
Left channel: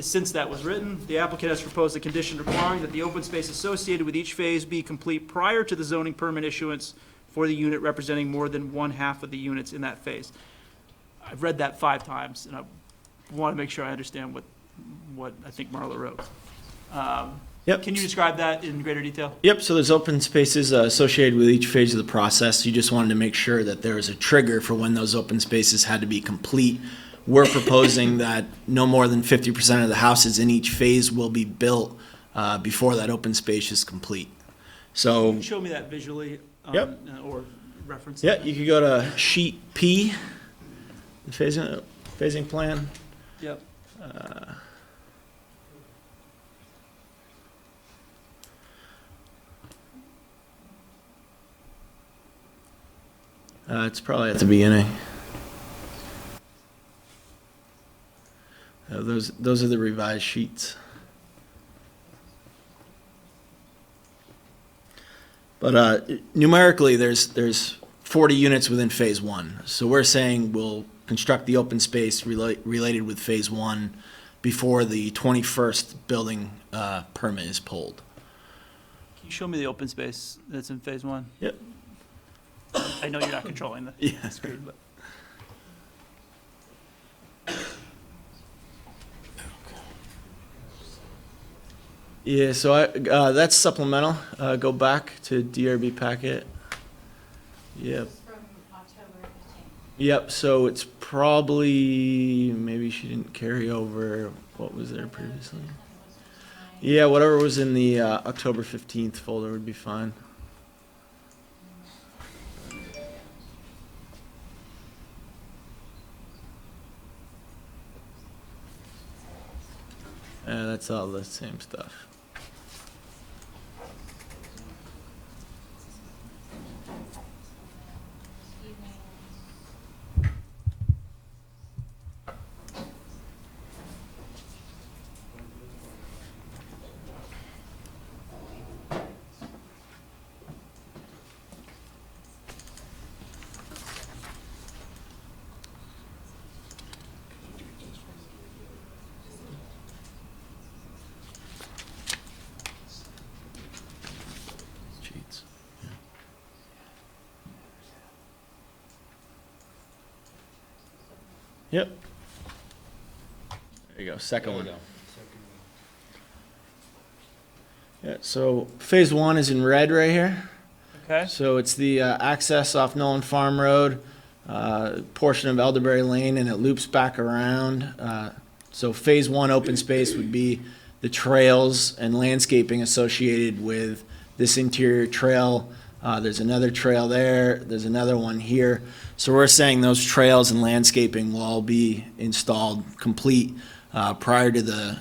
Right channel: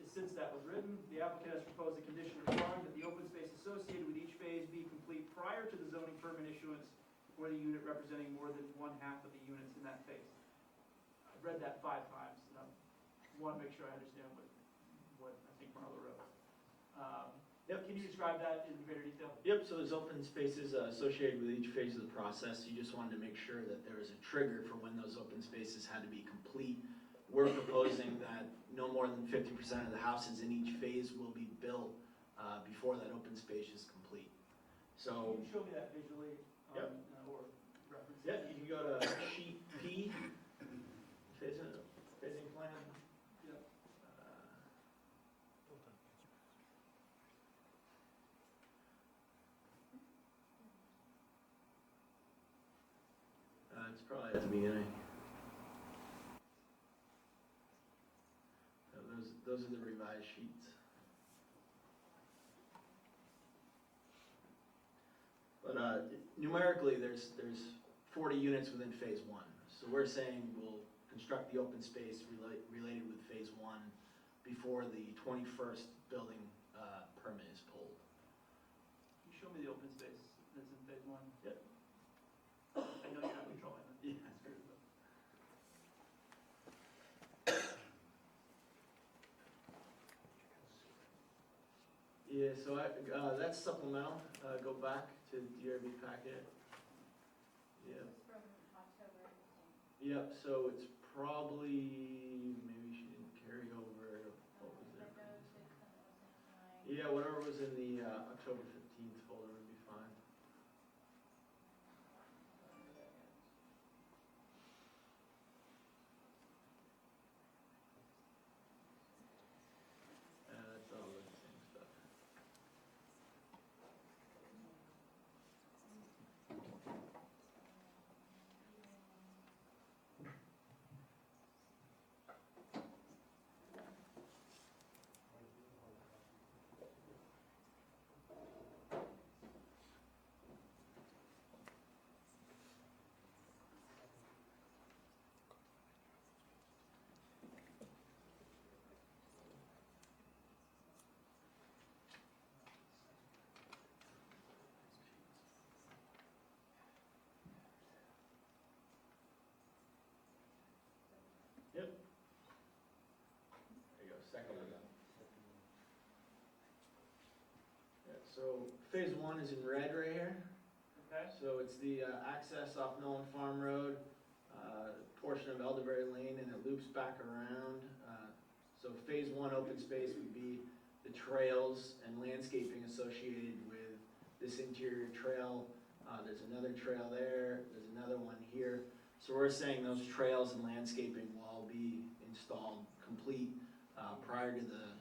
since that was written, the applicant has proposed a condition requiring that the open space associated with each phase be complete prior to the zoning permit issuance for the unit representing more than 1/2 of the units in that phase. I've read that 5 times, and I want to make sure I understand what I think Marla wrote. Yep. Can you describe that in greater detail? Yep, so there's open spaces associated with each phase of the process. You just wanted to make sure that there is a trigger for when those open spaces had to be complete. We're proposing that no more than 50% of the houses in each phase will be built before that open space is complete. Can So, you show me that visually? Yep. Or reference? yeah, that? you could go to sheet P, the phasing plan. Yep. It's probably at the beginning. Those are the revised sheets. But numerically, there's 40 units within phase one. So we're saying we'll construct the open space related with phase one before the 21st building permit is pulled. Can you show me the open space that's in phase one? Yep. I know you're not controlling the Yeah. screen, but. Yeah, so that's supplemental. Go back to DRB packet. Yep. From October 15th. Yep, so it's probably, maybe she didn't carry over what was there previously. Yeah, whatever was in the October 15th folder would be fine. That's all the same stuff. Cheats. Yep. There you go, second one. Yeah, so phase one is in red right here. Okay. So it's the access off Nolan Farm Road, portion of Elderberry Lane, and it loops back around. So phase one open space would be the trails and landscaping associated with this interior trail. There's another trail there. There's another one here. So we're saying those trails and landscaping will all be installed complete prior to the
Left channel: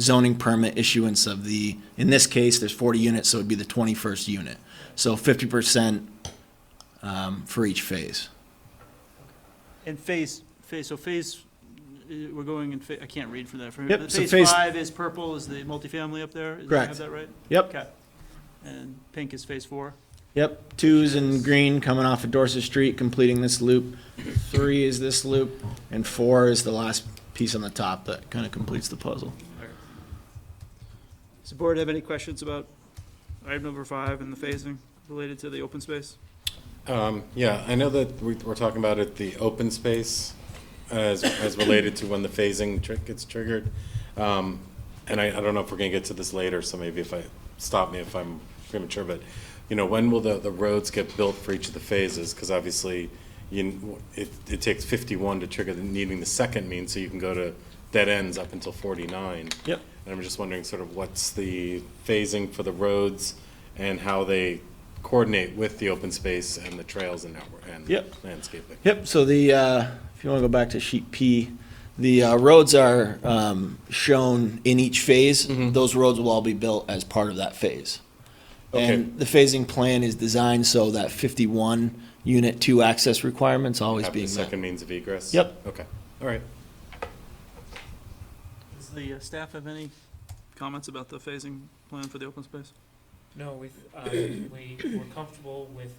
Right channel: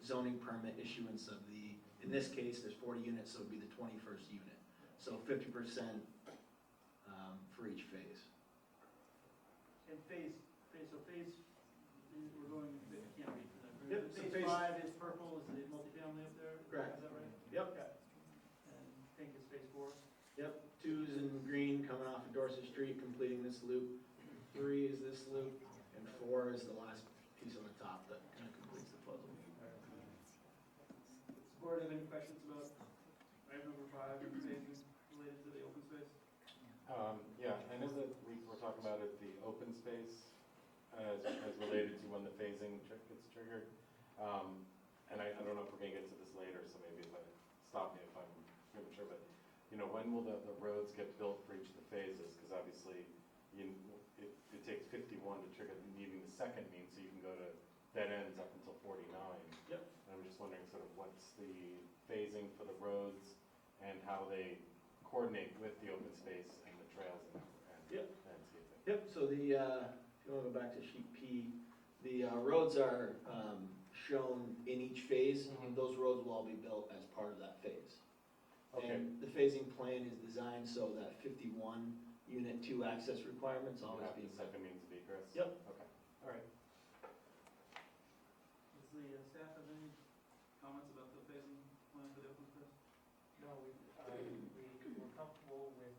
zoning permit issuance of the, in this case, there's 40 units, so it'd be the 21st unit. So 50% for each phase. And we're going in, I can't read from that. Yep, so Phase phase- 5 is purple, is the multifamily up there? Do I Correct. have that right? Yep. Okay. And pink is phase 4? Yep, 2's in green coming off of Dorset Street, completing this loop. 3 is this loop, and 4 is the last piece on the top that kind of completes the puzzle. Does the board have any questions about item number 5 and the phasing related to the open space? Yeah, I know that we're talking about it, the open space as related to when the phasing gets triggered. And I don't know if we're gonna get to this later, so maybe stop me if I'm premature, but, you know, when will the roads get built for each of the phases? Because obviously, it takes 51 to trigger needing the second means, so you can go to dead ends up until 49. Yep. And I'm just wondering sort of what's the phasing for the roads and how they coordinate with the open space and the trails and Yep. landscaping. Yep, so the, if you want to go back to sheet P, the roads are shown in each phase. Mhm. Those roads will all be built as part of that phase. Okay. And the phasing plan is designed so that 51 unit 2 access requirements always Have the being met. second means of egress? Yep. Okay, all right. Does the staff have any comments about the phasing plan for the open space? No, we're comfortable with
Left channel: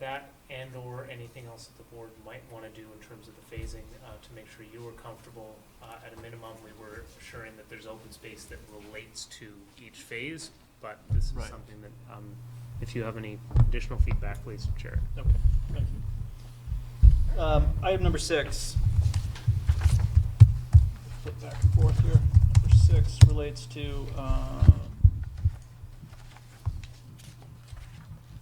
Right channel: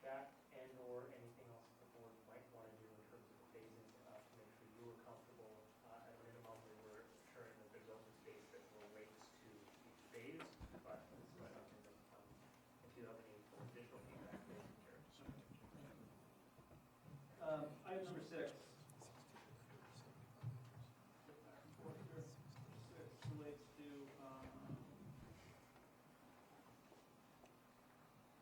that and/or anything else that the board might want to do in terms of the phasing to make sure you were comfortable. At a minimum, we were assuring that there's open space that relates to each phase, but this is Right. something that, if you have any additional feedback, please share it. Okay, thank you. Item number 6. Flip back and forth here. Number 6 relates to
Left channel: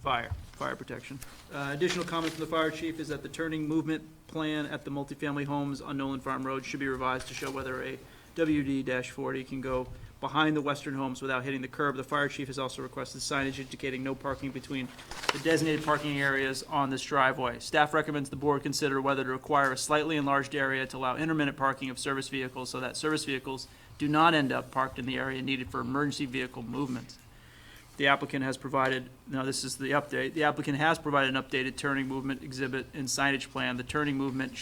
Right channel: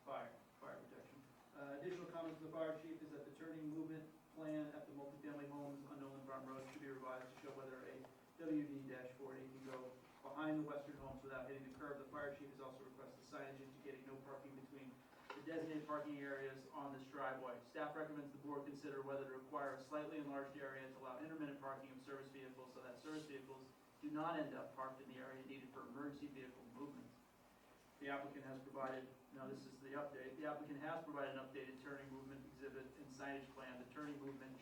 fire protection. Additional comment from the fire chief is that the turning movement plan at the multifamily homes on Nolan Farm Road should be revised to show whether a WD-40 can go behind the western homes without hitting the curb. The fire chief has also requested signage indicating no parking between the designated parking areas on this driveway. Staff recommends the board consider whether to require a slightly enlarged area to allow intermittent parking of service vehicles so that service vehicles do not end up parked in the area needed for emergency vehicle movement. The applicant has provided, no, this is the update. The applicant has provided an updated turning movement exhibit and signage plan. The turning movement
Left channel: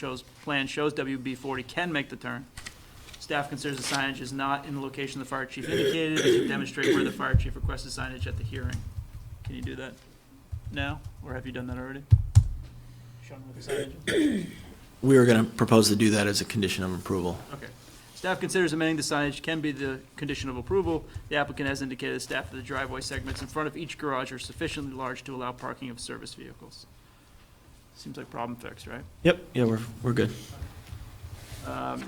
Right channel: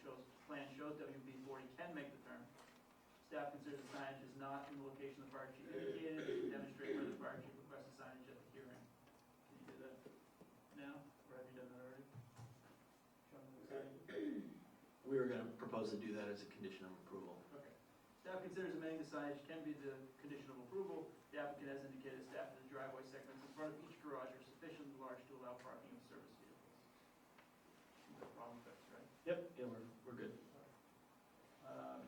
plan shows WB 40 can make the turn. Staff considers the signage is not in the location the fire chief indicated. It should demonstrate where the fire chief requested signage at the hearing. Can you do that now, or have you done that already? Show them what the signage is? We were going to propose to do that as a condition of approval. Okay. Staff considers amending the signage can be the condition of approval. The applicant has indicated the staff that the driveway segments in front of each garage are sufficiently large to allow parking of service vehicles. Seems like problem fixed, right? Yep, yeah, we're good.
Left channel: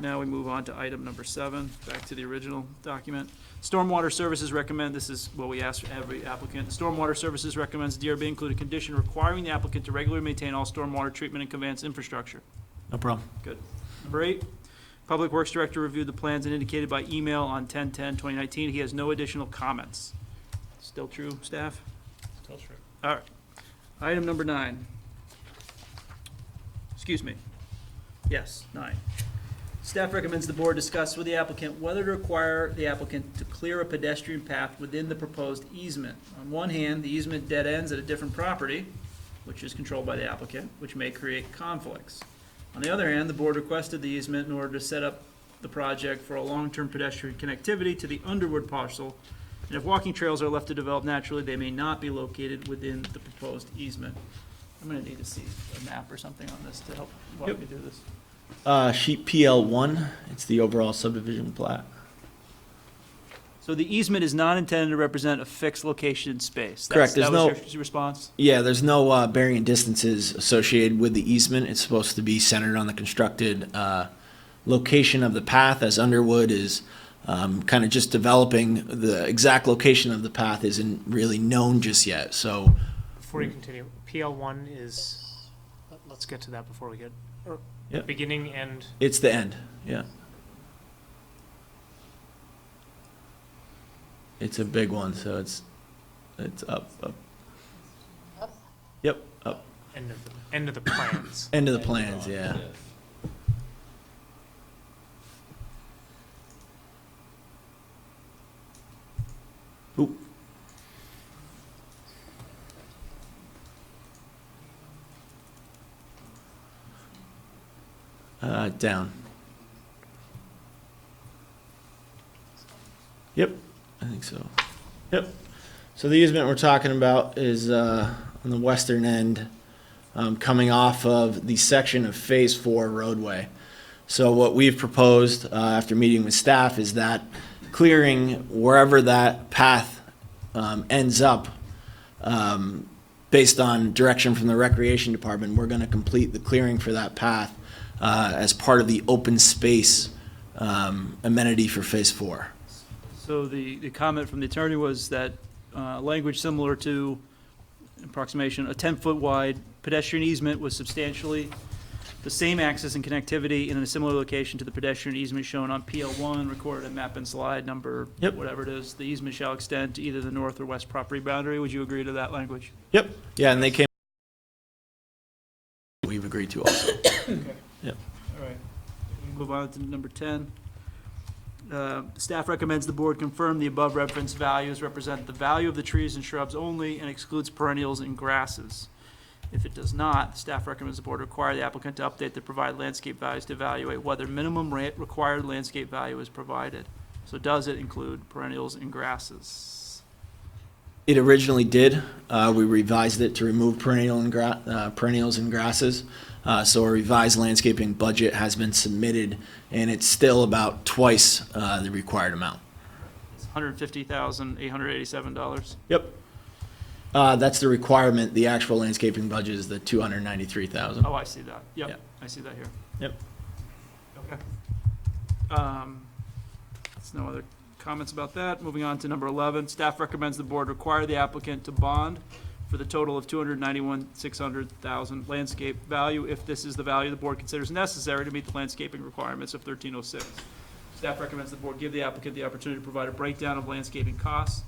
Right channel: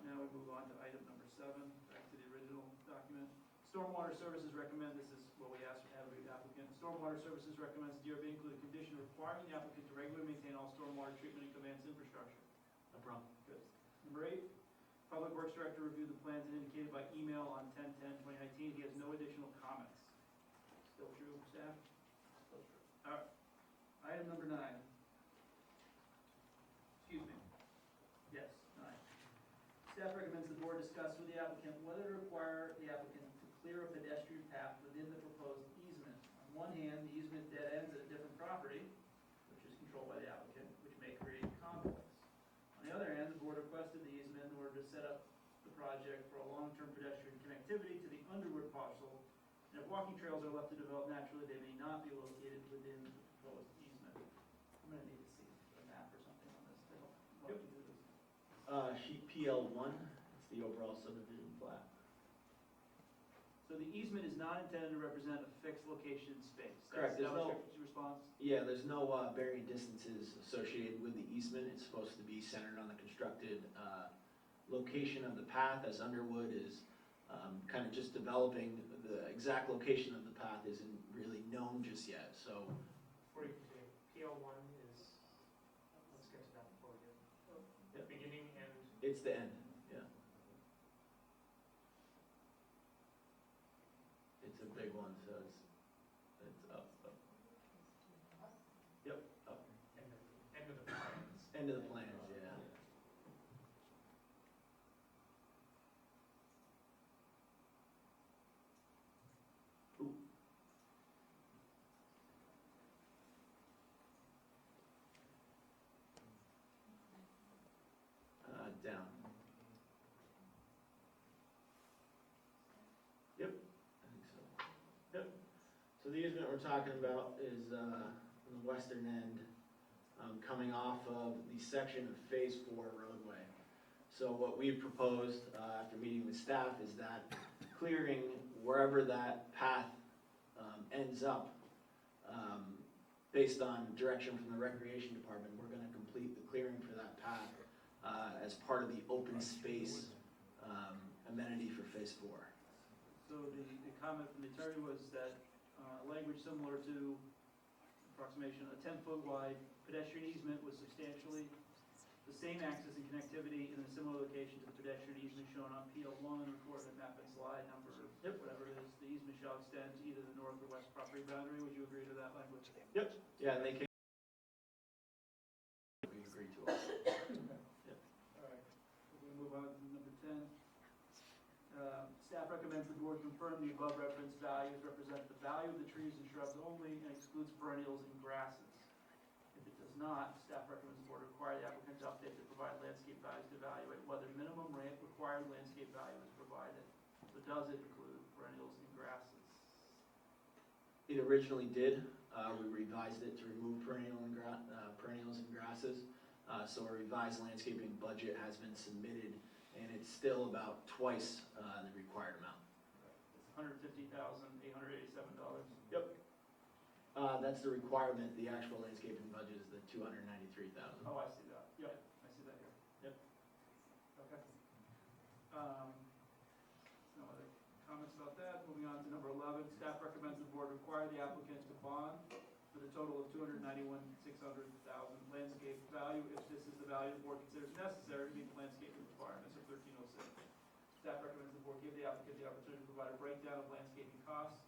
Now we move on to item number 7, back to the original document. Stormwater Services recommend, this is what we ask every applicant. Stormwater Services recommends DRB include a condition requiring the applicant to regularly maintain all stormwater treatment and conveyance infrastructure. No problem. Good. Number 8, Public Works Director reviewed the plans and indicated by email on 10/10/2019 he has no additional comments. Still true, staff? Still true. All right. Item number 9. Excuse me. Yes, 9. Staff recommends the board discuss with the applicant whether to require the applicant to clear a pedestrian path within the proposed easement. On one hand, the easement dead ends at a different property, which is controlled by the applicant, which may create conflicts. On the other hand, the board requested the easement in order to set up the project for a long-term pedestrian connectivity to the Underwood parcel, and if walking trails are left to develop naturally, they may not be located within the proposed easement. I'm gonna need to see a map or something on this to help walk me through this. Sheet PL1, it's the overall subdivision plat. So the easement is not intended to represent a fixed location in space? Correct, there's That was no- your response? Yeah, there's no bearing distances associated with the easement. It's supposed to be centered on the constructed location of the path, as Underwood is kind of just developing. The exact location of the path isn't really known just yet, so. Before you continue, PL1 is, let's get to that before we get, Yep. beginning, end. It's the end, yeah. It's a big one, so it's up. Yep, up. End of the plans. End of the plans, yeah. Oop. Down. Yep, I think so. Yep. So the easement we're talking about is on the western end, coming off of the section of Phase 4 roadway. So what we've proposed after meeting with staff is that clearing wherever that path ends up, based on direction from the Recreation Department, we're going to complete the clearing for that path as part of the open space amenity for Phase 4. So the comment from the attorney was that language similar to approximation, a 10-foot wide pedestrian easement with substantially the same access and connectivity in a similar location to the pedestrian easement shown on PL1, recorded in map and slide number, Yep. whatever it is. The easement shall extend to either the north or west property boundary. Would you agree to that language? Yep. Yeah, and they came. We've agreed to also. Yep. All right. Move on to number 10. Staff recommends the board confirm the above referenced values represent the value of the trees and shrubs only and excludes perennials and grasses. If it does not, staff recommends the board require the applicant to update the provided landscape values to evaluate whether minimum required landscape value is provided. So does it include perennials and grasses? It originally did. We revised it to remove perennials and grasses. So a revised landscaping budget has been submitted, and it's still about twice the required amount. It's $150,887. Yep. That's the requirement. The actual landscaping budget is the $293,000. Oh, I see that. Yep, Yep. I see that here. Yep. Okay. There's no other comments about that. Moving on to number 11, staff recommends the board require the applicant to bond for the total of $291,600,000 landscape value if this is the value the board considers necessary to meet the landscaping requirements of 1306. Staff recommends the board give the applicant the opportunity to provide a breakdown of landscaping costs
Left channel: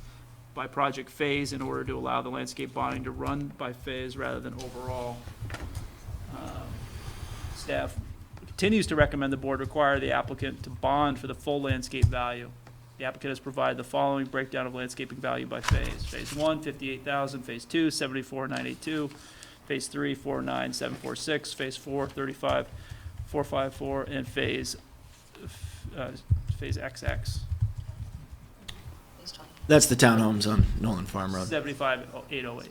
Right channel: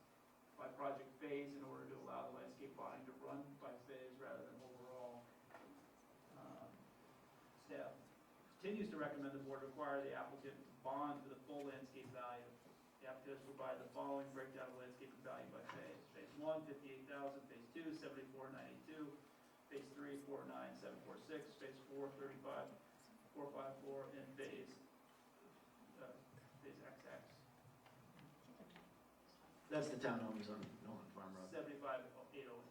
by project phase in order to allow the landscape bonding to run by phase rather than overall. Staff continues to recommend the board require the applicant to bond for the full landscape value The applicant has provided the following breakdown of landscaping value by phase. Phase 1, 58,000, phase 2, 74,982, phase 3, 49,746, phase 4, 35,454, and phase XX, That's the townhomes on Nolan Farm Road. 75,808.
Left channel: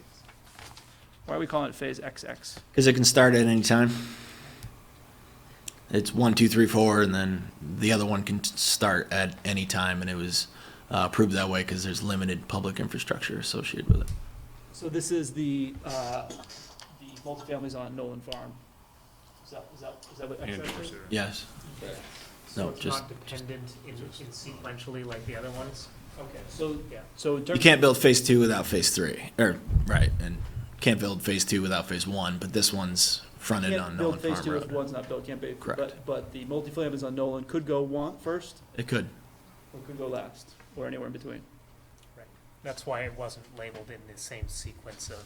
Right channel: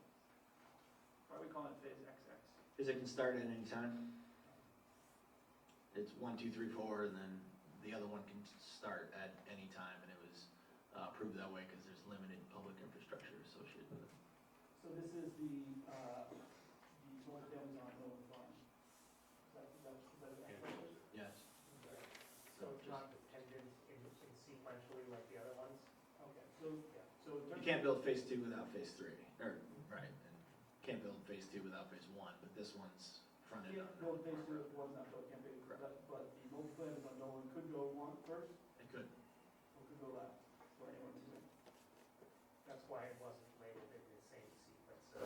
Why are we calling it phase XX? Because it can start at any time. It's 1, 2, 3, 4, and then the other one can start at any time, and it was approved that way because there's limited public infrastructure associated with it. So this is the multifamilies on Nolan Farm. Is that what XX is? Yes. So No, it's just- not dependent in sequentially like the other ones? Okay, so, Yeah. so in terms. You can't build phase 2 without phase 3, or, right, and can't build phase 2 without phase 1, but this one's fronted on Can't Nolan build phase Farm 2 if Road. one's not built, can't be. Correct. But the multifamilies on Nolan could go first, It could. or could go last, or anywhere in between. That's why it wasn't labeled in the same sequence of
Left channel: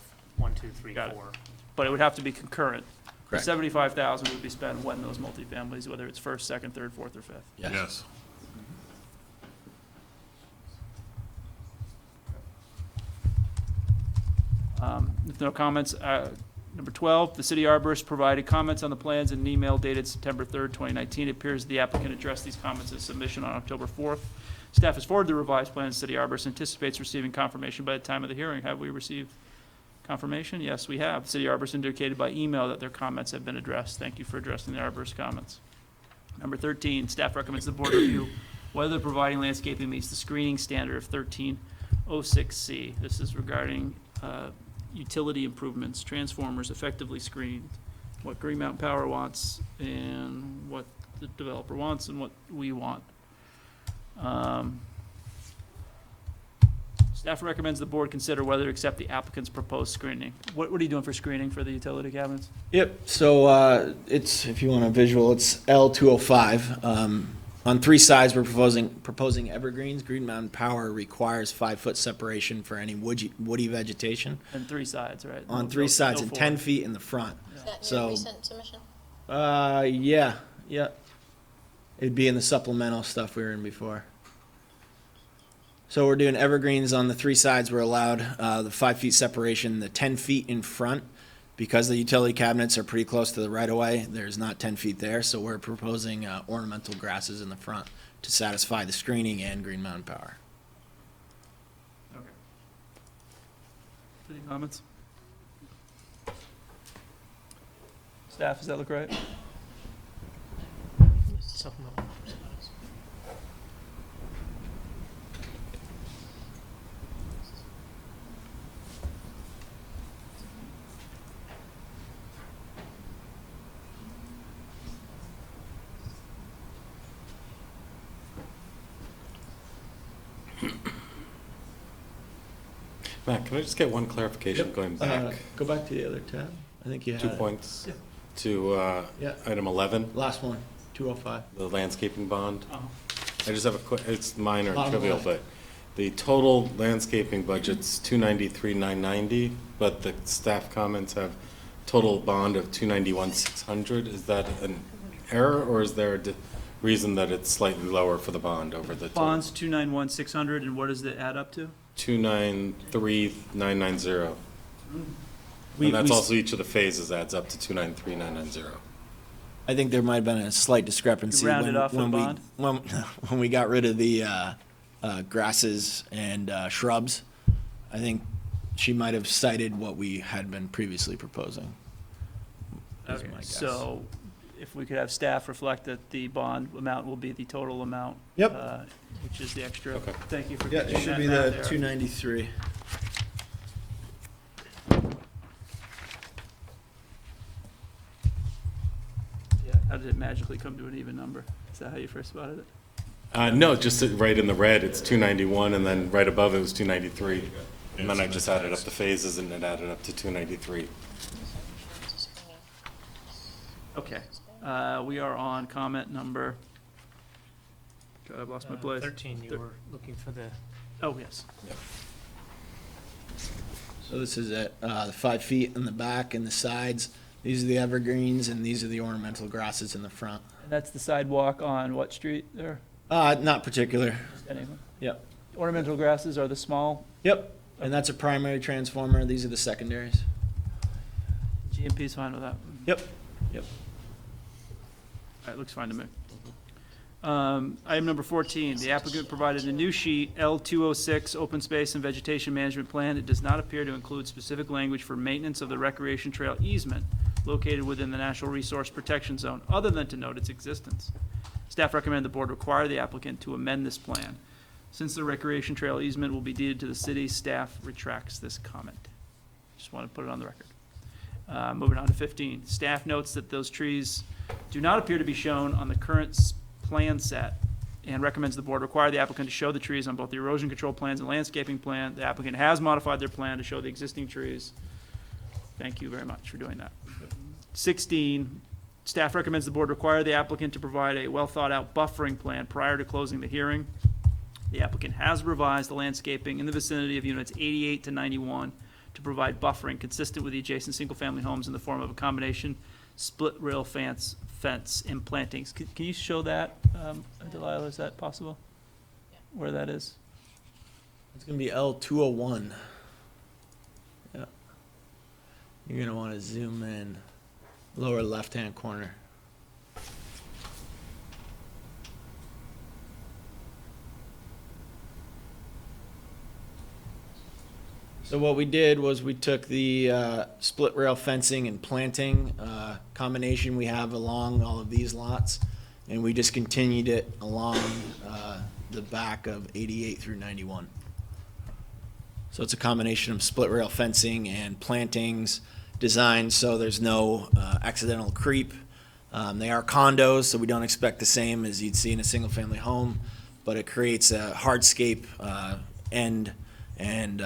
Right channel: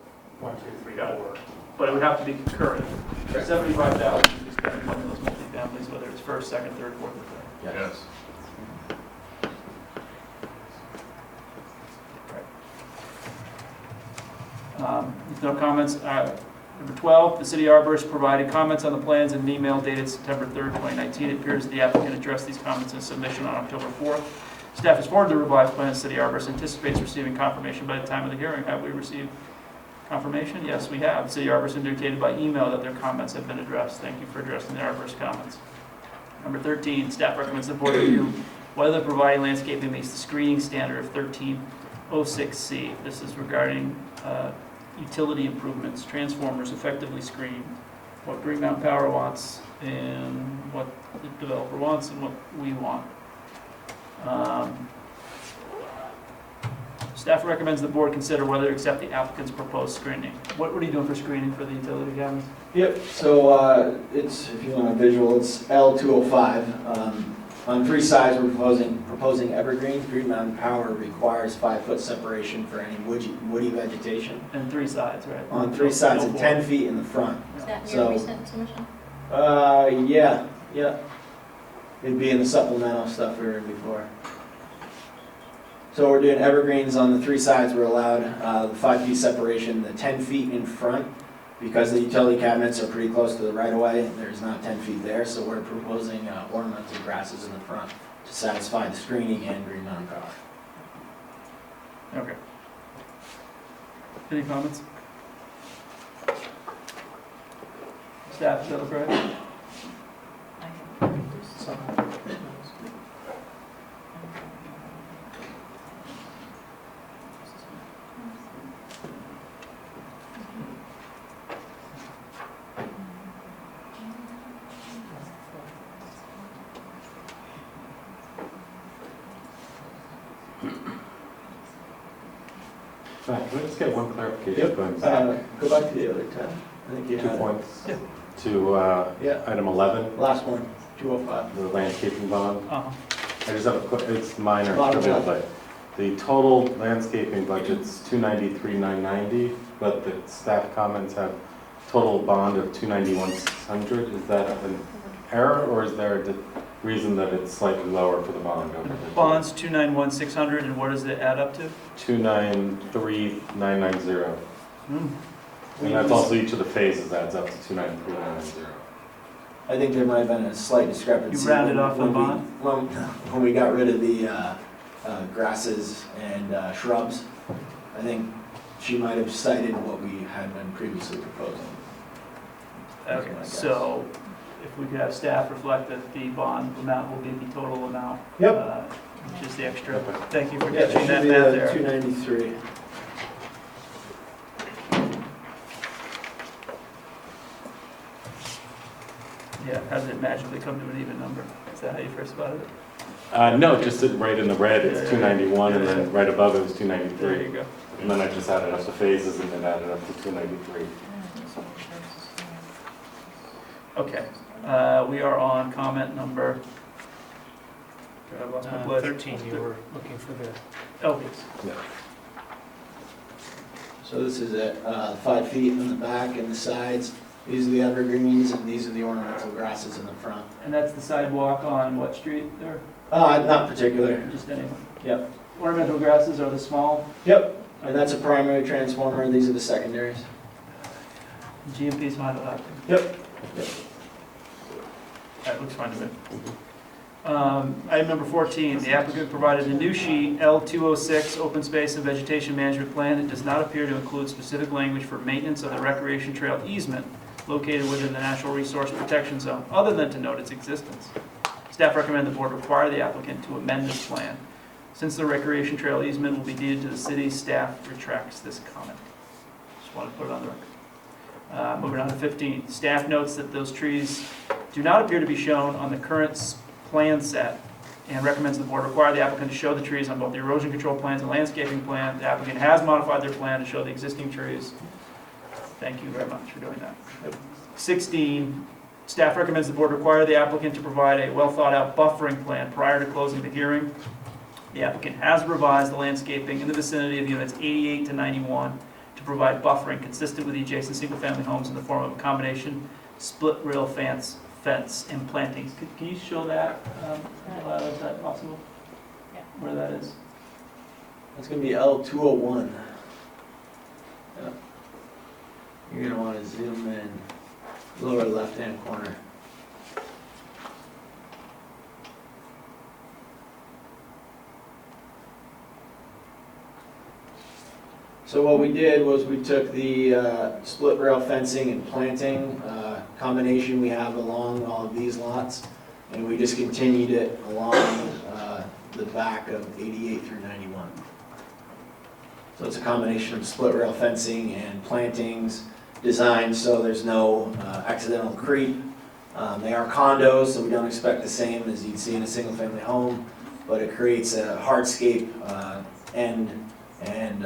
1, 2, 3, Got it. 4. But it would have to be concurrent. Correct. 75,000 would be spent on one of those multifamilies, whether it's first, second, third, fourth, or fifth. Yes. If no comments, number 12, the city arborist provided comments on the plans in an email dated September 3rd, 2019. It appears the applicant addressed these comments in submission on October 4th. Staff has forwarded the revised plans. City arborist anticipates receiving confirmation by the time of the hearing. Have we received confirmation? Yes, we have. City arborist indicated by email that their comments have been addressed. Thank you for addressing the arborist comments. Number 13, staff recommends the board review whether providing landscaping meets the screening standard of 1306C. This is regarding utility improvements, transformers effectively screened, what Green Mountain Power wants, and what the developer wants, and what we want. Staff recommends the board consider whether to accept the applicant's proposed screening. What are you doing for screening for the utility cabins? Yep, so it's, if you want a visual, it's L205. On 3 sides, we're proposing evergreens. Green Mountain Power requires 5-foot separation for any woody vegetation. And 3 sides, right? On 3 sides and 10 feet in the front. Is that So- your recent submission? Yeah. It'd be in the supplemental stuff we were in before. So we're doing evergreens on the 3 sides. We're allowed the 5 feet separation, the 10 feet in front. Because the utility cabinets are pretty close to the right of way, there's not 10 feet there, so we're proposing ornamental grasses in the front to satisfy the screening and Green Mountain Power. Okay. Any comments? Staff, is that look right? Matt, can I just get one clarification going back? Go back to the other tab. I think you 2 had points Yeah. to Yeah. item 11, last one, 205. the landscaping bond. Uh-huh. I just have a quick, it's minor, Bottom trivial, left. but the total landscaping budget's 293,990, but the staff comments have total bond of 291,600. Is that an error, or is there a reason that it's slightly lower for the bond over the? Bonds 291,600, and what does it add up to? 293,990. And that's also each of the phases adds up to 293,990. I think there might have been a slight discrepancy. You rounded off the bond? When we got rid of the grasses and shrubs, I think she might have cited what we had been previously proposing. Okay, my guess. so if we could have staff reflect that the bond amount will be the total amount. Yep. Just the extra. Thank you for Yeah, catching that should be math the there. 293. Yeah, how did it magically come to an even number? Is that how you first thought of it? No, just right in the red, it's Yeah. 291, and then right above it was There you 293. go. And then I just added up the phases, and it added up to 293. Okay, we are on comment number. I've lost my place. 13, you were looking for the, Oh, yes. So this is it, 5 feet in the back and the sides. These are the evergreens and these are the ornamental grasses in the front. And that's the sidewalk on what street there? Not particular. Just any. Yep. Ornamental grasses are the small. Yep. And that's a primary transformer. These are the secondaries. GMP's fine with that. Yep. That looks fine to me. Item number 14, the applicant provided a new sheet, L206, Open Space and Vegetation Management Plan. It does not appear to include specific language for maintenance of the recreation trail easement located within the Natural Resource Protection Zone, other than to note its existence. Staff recommend the board require the applicant to amend this plan. Since the recreation trail easement will be deeded to the city, staff retracts this comment. Just want to put it on the record. Moving on to 15, staff notes that those trees do not appear to be shown on the current plan set and recommends the board require the applicant to show the trees on both the erosion control plans and landscaping plan. The applicant has modified their plan to show the existing trees. Thank you very much for doing that. 16, staff recommends the board require the applicant to provide a well-thought-out buffering plan prior to closing the hearing. The applicant has revised the landscaping in the vicinity of units 88 to 91 to provide buffering consistent with the adjacent single-family homes in the form of a combination split rail fence and plantings. Can you show that, Delilah, is that possible? Yeah. Where that is? That's going to be L201. Yeah. You're going to want to zoom in, lower left-hand corner. So what we did was we took the split rail fencing and planting combination we have along all of these lots, and we just continued it along the back of 88 through 91. So it's a combination of split rail fencing and plantings designed so there's no accidental creep. They are condos, so we don't expect the same as you'd see in a single-family home, but it creates a hardscape end, and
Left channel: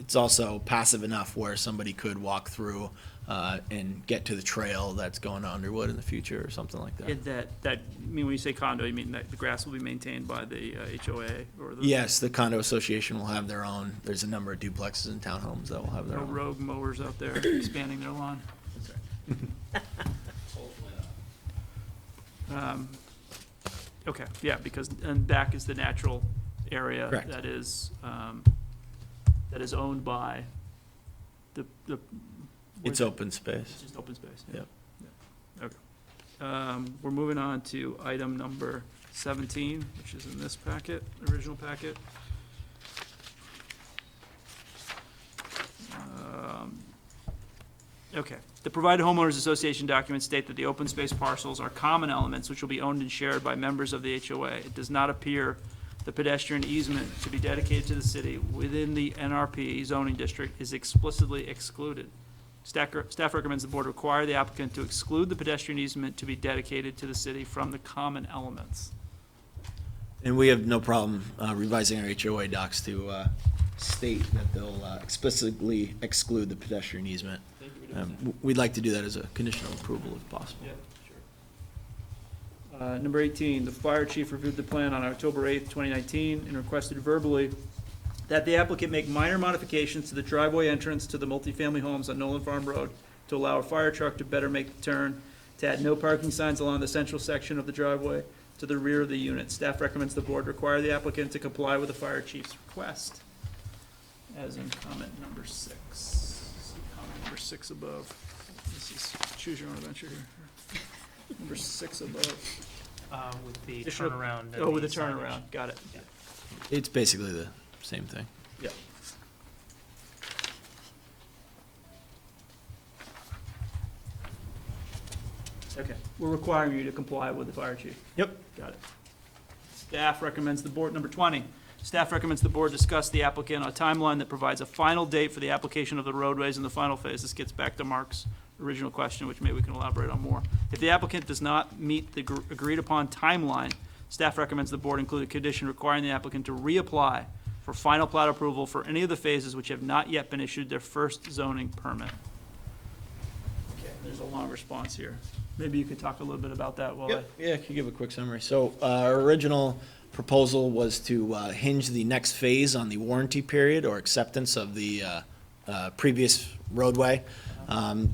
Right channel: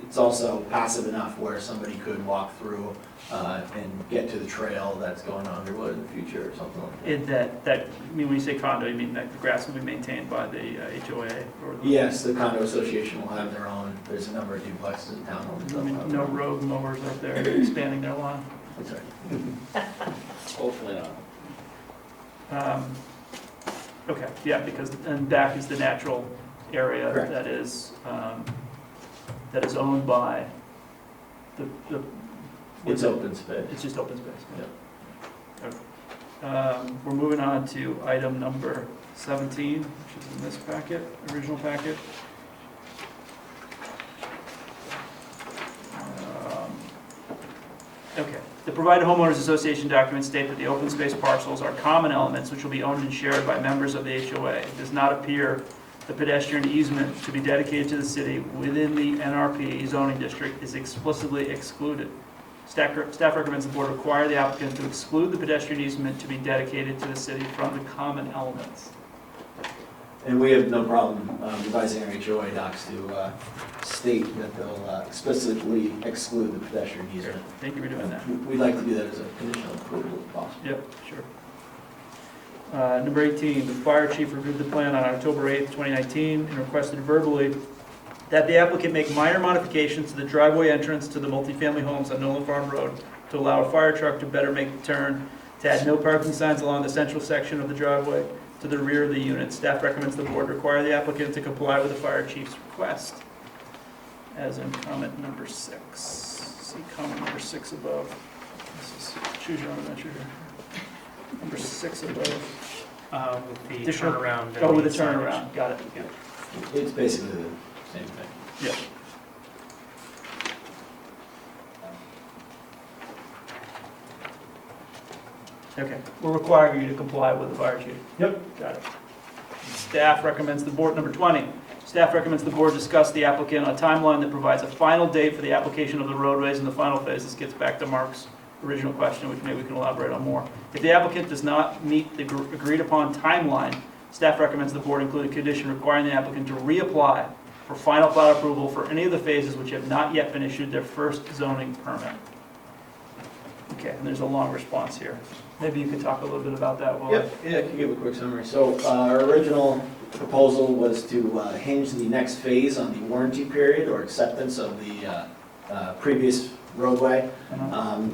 it's also passive enough where somebody could walk through and get to the trail that's going to Underwood in the future or something like that. I mean, when you say condo, you mean that the grass will be maintained by the HOA? Or Yes, the condo association will have their own. There's a number of duplexes and townhomes that will have their No own. rogue mowers out there expanding their lawn? Hopefully not. Okay, yeah, because, and back is the natural area Correct. that is owned by the. It's open space. It's just open space. Yeah. We're moving on to item number 17, which is in this packet, original packet. Okay. The provided homeowners association documents state that the open space parcels are common elements which will be owned and shared by members of the HOA. It does not appear the pedestrian easement to be dedicated to the city within the NRP zoning district is explicitly excluded. Staff recommends the board require the applicant to exclude the pedestrian easement to be dedicated to the city from the common elements. And we have no problem revising our HOA docs to state that they'll explicitly exclude the pedestrian easement. Thank you for doing that. We'd like to do that as a conditional approval if possible. Yep, sure. Number 18, the fire chief reviewed the plan on October 8th, 2019, and requested verbally that the applicant make minor modifications to the driveway entrance to the multifamily homes on Nolan Farm Road to allow a fire truck to better make the turn, to add no parking signs along the central section of the driveway to the rear of the unit. Staff recommends the board require the applicant to comply with the fire chief's request, as in comment number 6. See comment number 6 above. This is, choose your own adventure here. Number 6 above. With the Additional- turnaround. Oh, with the turnaround, got it. It's basically the same thing. Yeah. Okay, we're requiring you to comply with the fire chief. Yep. Got it. Staff recommends the board, number 20, staff recommends the board discuss the applicant on a timeline that provides a final date for the application of the roadways in the final phase. This gets back to Mark's original question, which maybe we can elaborate on more. If the applicant does not meet the agreed upon timeline, staff recommends the board include a condition requiring the applicant to reapply for final plat approval for any of the phases which have not yet been issued their first zoning permit. Okay, and there's a long response here. Maybe you could talk a little bit about that while Yeah, I can give a quick summary. So our original proposal was to hinge the next phase on the warranty period or acceptance of the previous roadway.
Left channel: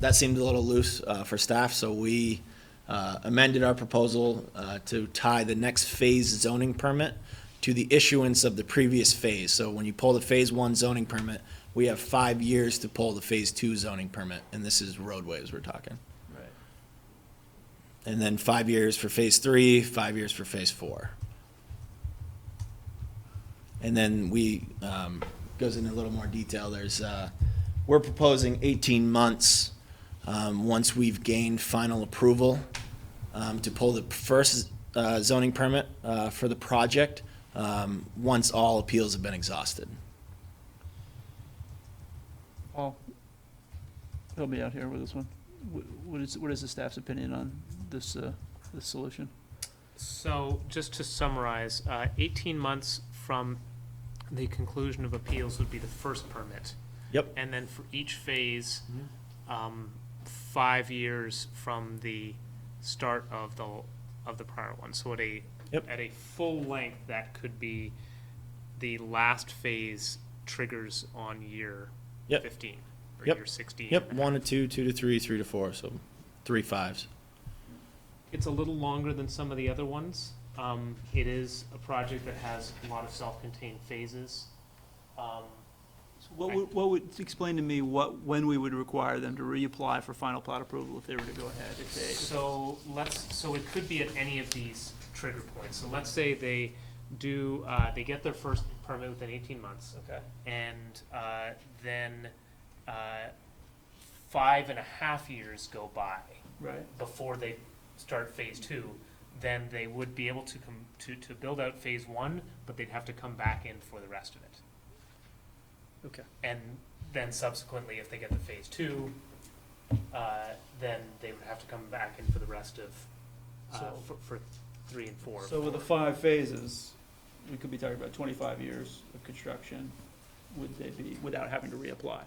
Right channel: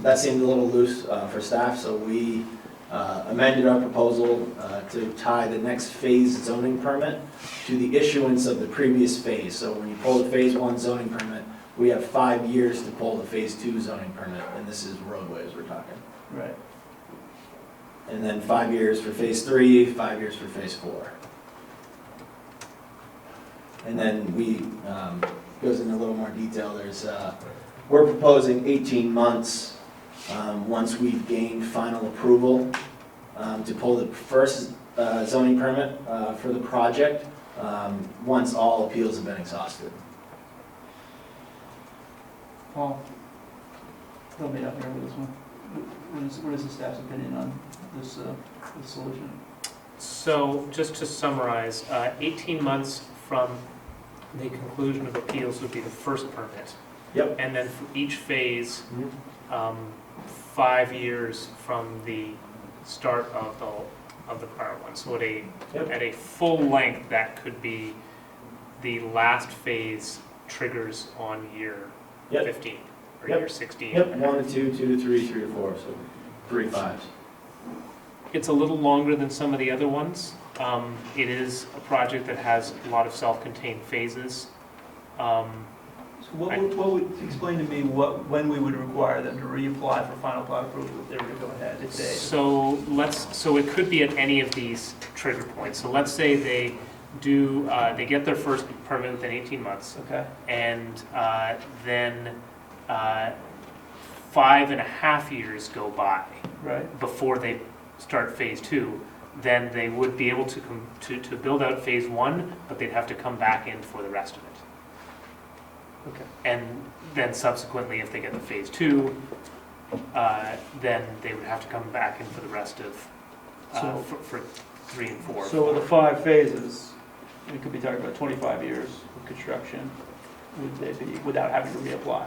That seemed a little loose for staff, so we amended our proposal to tie the next phase zoning permit to the issuance of the previous phase. So when you pull the phase 1 zoning permit, we have 5 years to pull the phase 2 zoning permit, and this is roadways we're talking. Right. And then 5 years for phase 3, 5 years for phase 4. And then goes into a little more detail. We're proposing 18 months once we've gained final approval to pull the first zoning permit for the project, once all appeals have been exhausted. Paul, help me out here with this one. What is the staff's opinion on this solution? So just to summarize, 18 months from the conclusion of appeals would be the first permit. Yep. And then for each phase, 5 years from the start of the prior one. So at a full length, that could be the last phase triggers on year 15 or year 16. Yep, 1 to 2, 2 to 3, 3 to 4, so 3 5s. It's a little longer than some of the other ones. It is a project that has a lot of self-contained phases. So what would explain to me when we would require them to reapply for final plat approval if they were to go ahead? So it could be at any of these trigger points. So let's say they get their first permit within 18 months. Okay. And then 5.5 years go by. Right. Before they start phase 2. Then they would be able to build out phase 1, but they'd have to come back in for the rest of it. Okay. And then subsequently, if they get to phase 2, then they would have to come back in for the rest of, for 3 and 4. So the 5 phases, we could be talking about 25 years of construction, would they be, without having to reapply?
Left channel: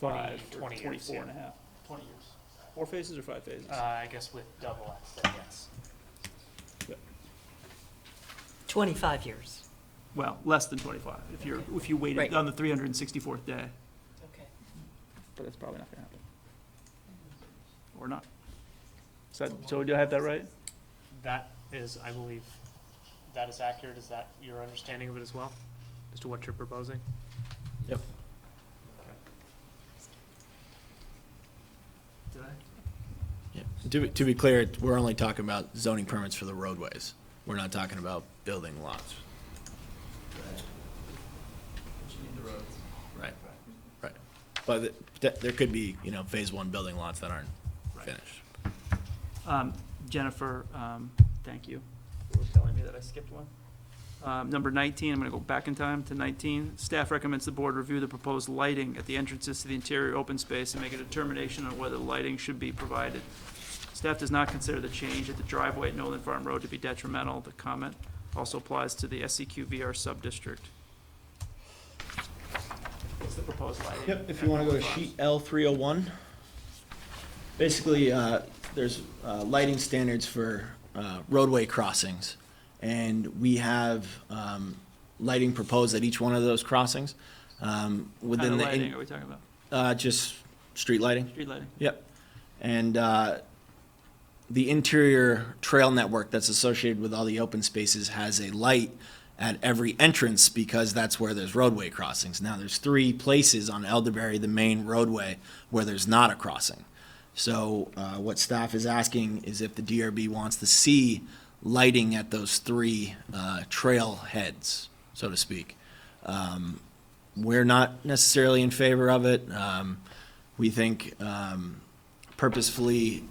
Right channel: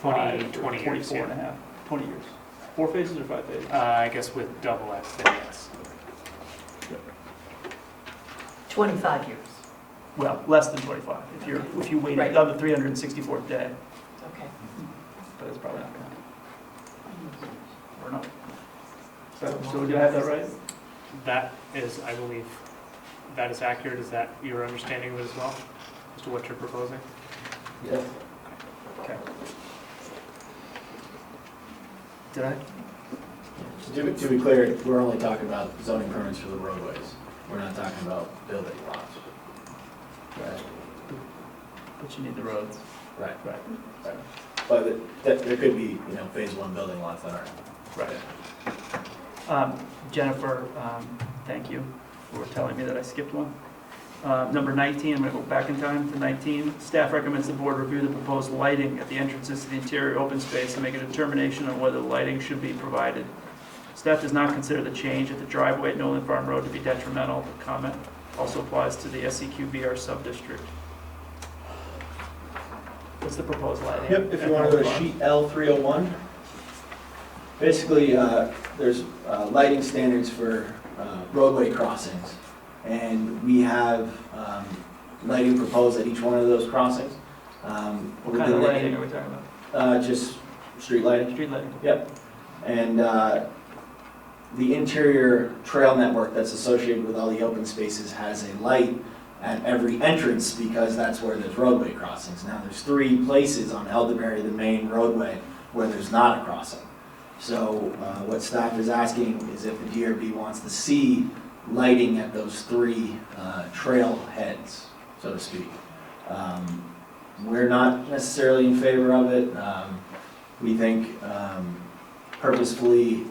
20 years. 24 and a half, 20 years. 4 phases or 5 phases? I guess with double X, then yes. 25 years. Well, less than 25, if you waited Right. on the 364th day, Okay. but it's probably not gonna happen. Or not. So did I have that right? That is, I believe, that is accurate. Is that your understanding of it as well, as to what you're proposing? Yep. Okay. Did I? To be clear, we're only talking about zoning permits for the roadways. We're not talking about building lots. Right. But you need the roads. Right. Right. But there could be, phase 1 building lots that aren't. Right. Jennifer, thank you for telling me that I skipped one. Number 19, I'm going to go back in time to 19. Staff recommends the board review the proposed lighting at the entrances to the interior open space and make a determination on whether lighting should be provided. Staff does not consider the change at the driveway at Nolan Farm Road to be detrimental. The comment also applies to the SEQBR sub-district. What's the proposed lighting? Yep, if you want to go to sheet L301. Basically, there's lighting standards for roadway crossings. And we have lighting proposed at each one of those crossings. What kind of lighting are we talking about? Just street lighting. Street lighting? Yep. And the interior trail network that's associated with all the open spaces has a light at every entrance because that's where there's roadway crossings. Now there's 3 places on Elderberry, the main roadway, where there's not a crossing. So what staff is asking is if the DRB wants to see lighting at those 3 trail heads, so to speak. We're not necessarily in favor of it. We think purposefully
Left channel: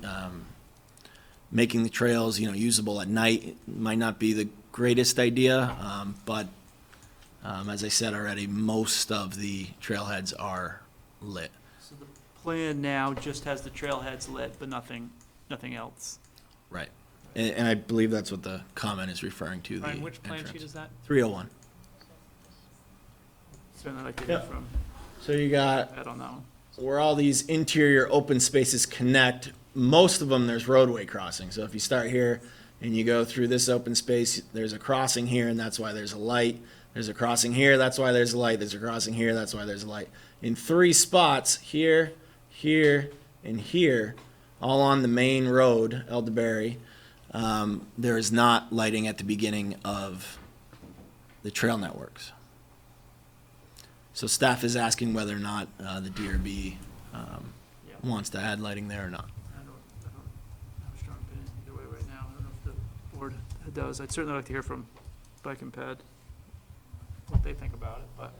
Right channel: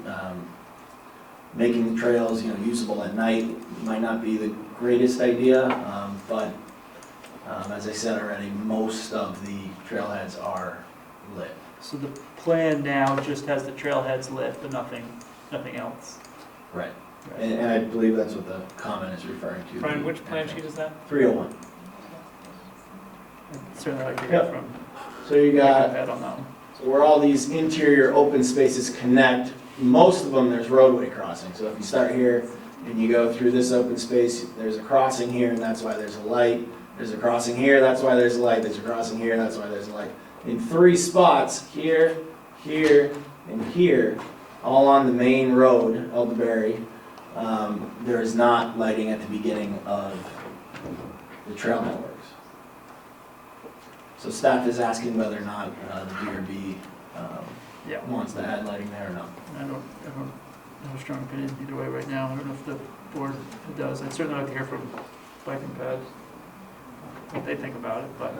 making the trails, usable at night might not be the greatest idea, but as I said already, most of the trailheads are lit. So the plan now just has the trailheads lit, but nothing else. Right. And I believe that's what the comment is referring to. Brian, which plan sheet is that? 301. Certainly like to Yep. get from. So you got, I don't know. so where all these interior open spaces connect, most of them there's roadway crossings. So if you start here and you go through this open space, there's a crossing here and that's why there's a light. There's a crossing here, that's why there's a light. There's a crossing here, that's why there's a light. In 3 spots, here, here, and here, all on the main road, Elderberry, there is not lighting at the beginning of the trail networks. So staff is asking whether or not the DRB Yeah. wants to add lighting there or not. I don't have a strong opinion either way right now. I don't know if the board does. I'd certainly like to hear from Bike and Ped, what they think about it, but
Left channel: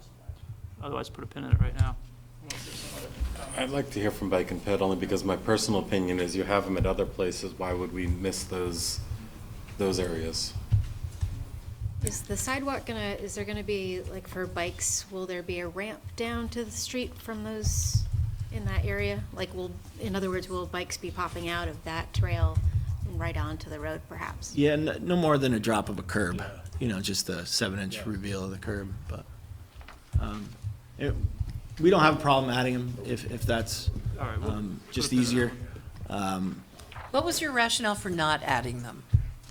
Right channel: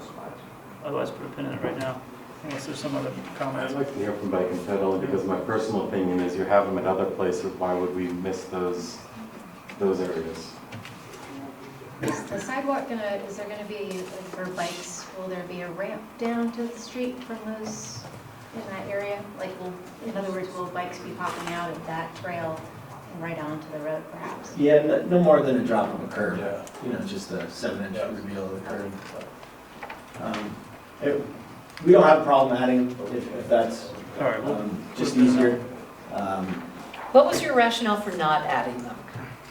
otherwise put a pin in it right now, unless there's some other I'd comments. like to hear from Bike and Ped only because my personal opinion is you have them at other places. Why would we miss those areas? Is the sidewalk is there gonna be, like for bikes, will there be a ramp down to the street from those, in that area? Like in other words, will bikes be popping out of that trail and right onto the road perhaps? Yeah, no more than a drop of a curb, just a 7-inch reveal of the curb. We don't have a problem adding if that's All right, well, just easier. What was your rationale for not adding them?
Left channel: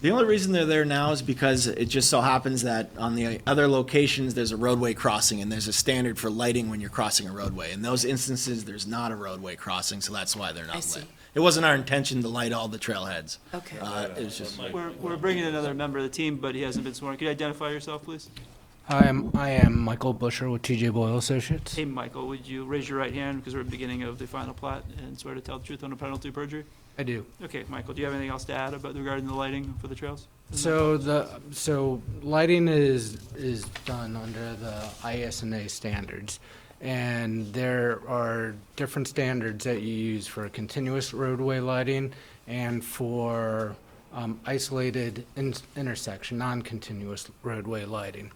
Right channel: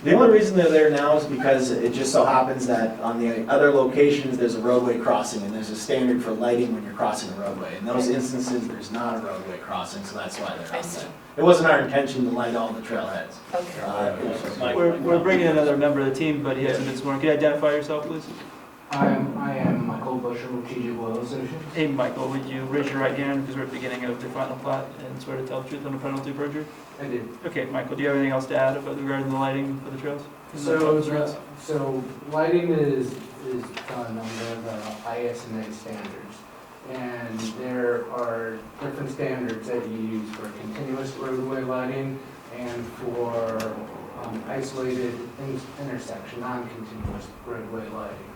The only reason they're there now is because it just so happens that on the other locations, there's a roadway crossing, and there's a standard for lighting when you're crossing a roadway. In those instances, there's not a roadway crossing, so that's why they're I not see. there. It wasn't our intention to light all the trailheads. Okay. It was just- we're bringing in another member of the team, but he hasn't been sworn. Can you identify yourself, please? I am Michael Busher with TJ Boyle Associates. Hey, Michael, would you raise your right hand, because we're at the beginning of the final plat, and swear to tell the truth under penalty of perjury? I do. Okay, Michael, do you have anything else to add about regarding the lighting for the trails? So lighting is done under the ISNA standards, and there are different standards that you use for continuous roadway lighting and for isolated intersection, non-continuous roadway lighting.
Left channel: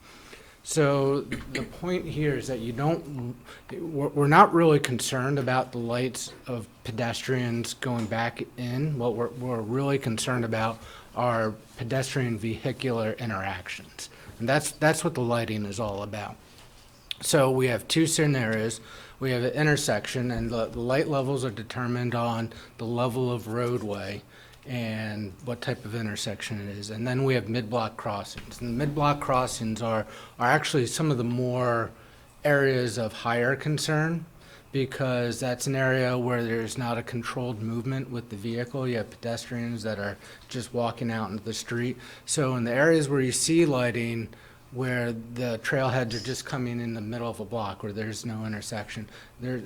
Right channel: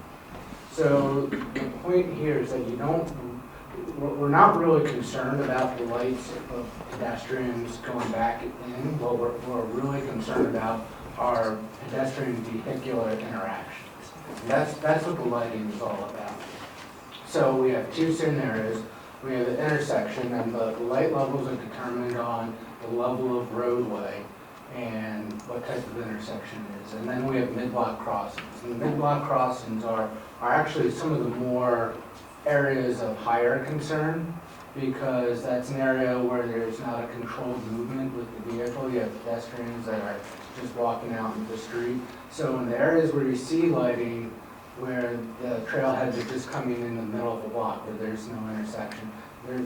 So the point here is that we're not really concerned about the lights of pedestrians going back in. What we're really concerned about are pedestrian vehicular interactions. And that's what the lighting is all about. So we have two scenarios. We have an intersection, and the light levels are determined on the level of roadway and what type of intersection it is. And then we have mid-block crossings. And the mid-block crossings are actually some of the more areas of higher concern, because that's an area where there's not a controlled movement with the vehicle. You have pedestrians that are just walking out into the street. So in the areas where you see lighting, where the trailheads are just coming in the middle of a block, where there's no intersection,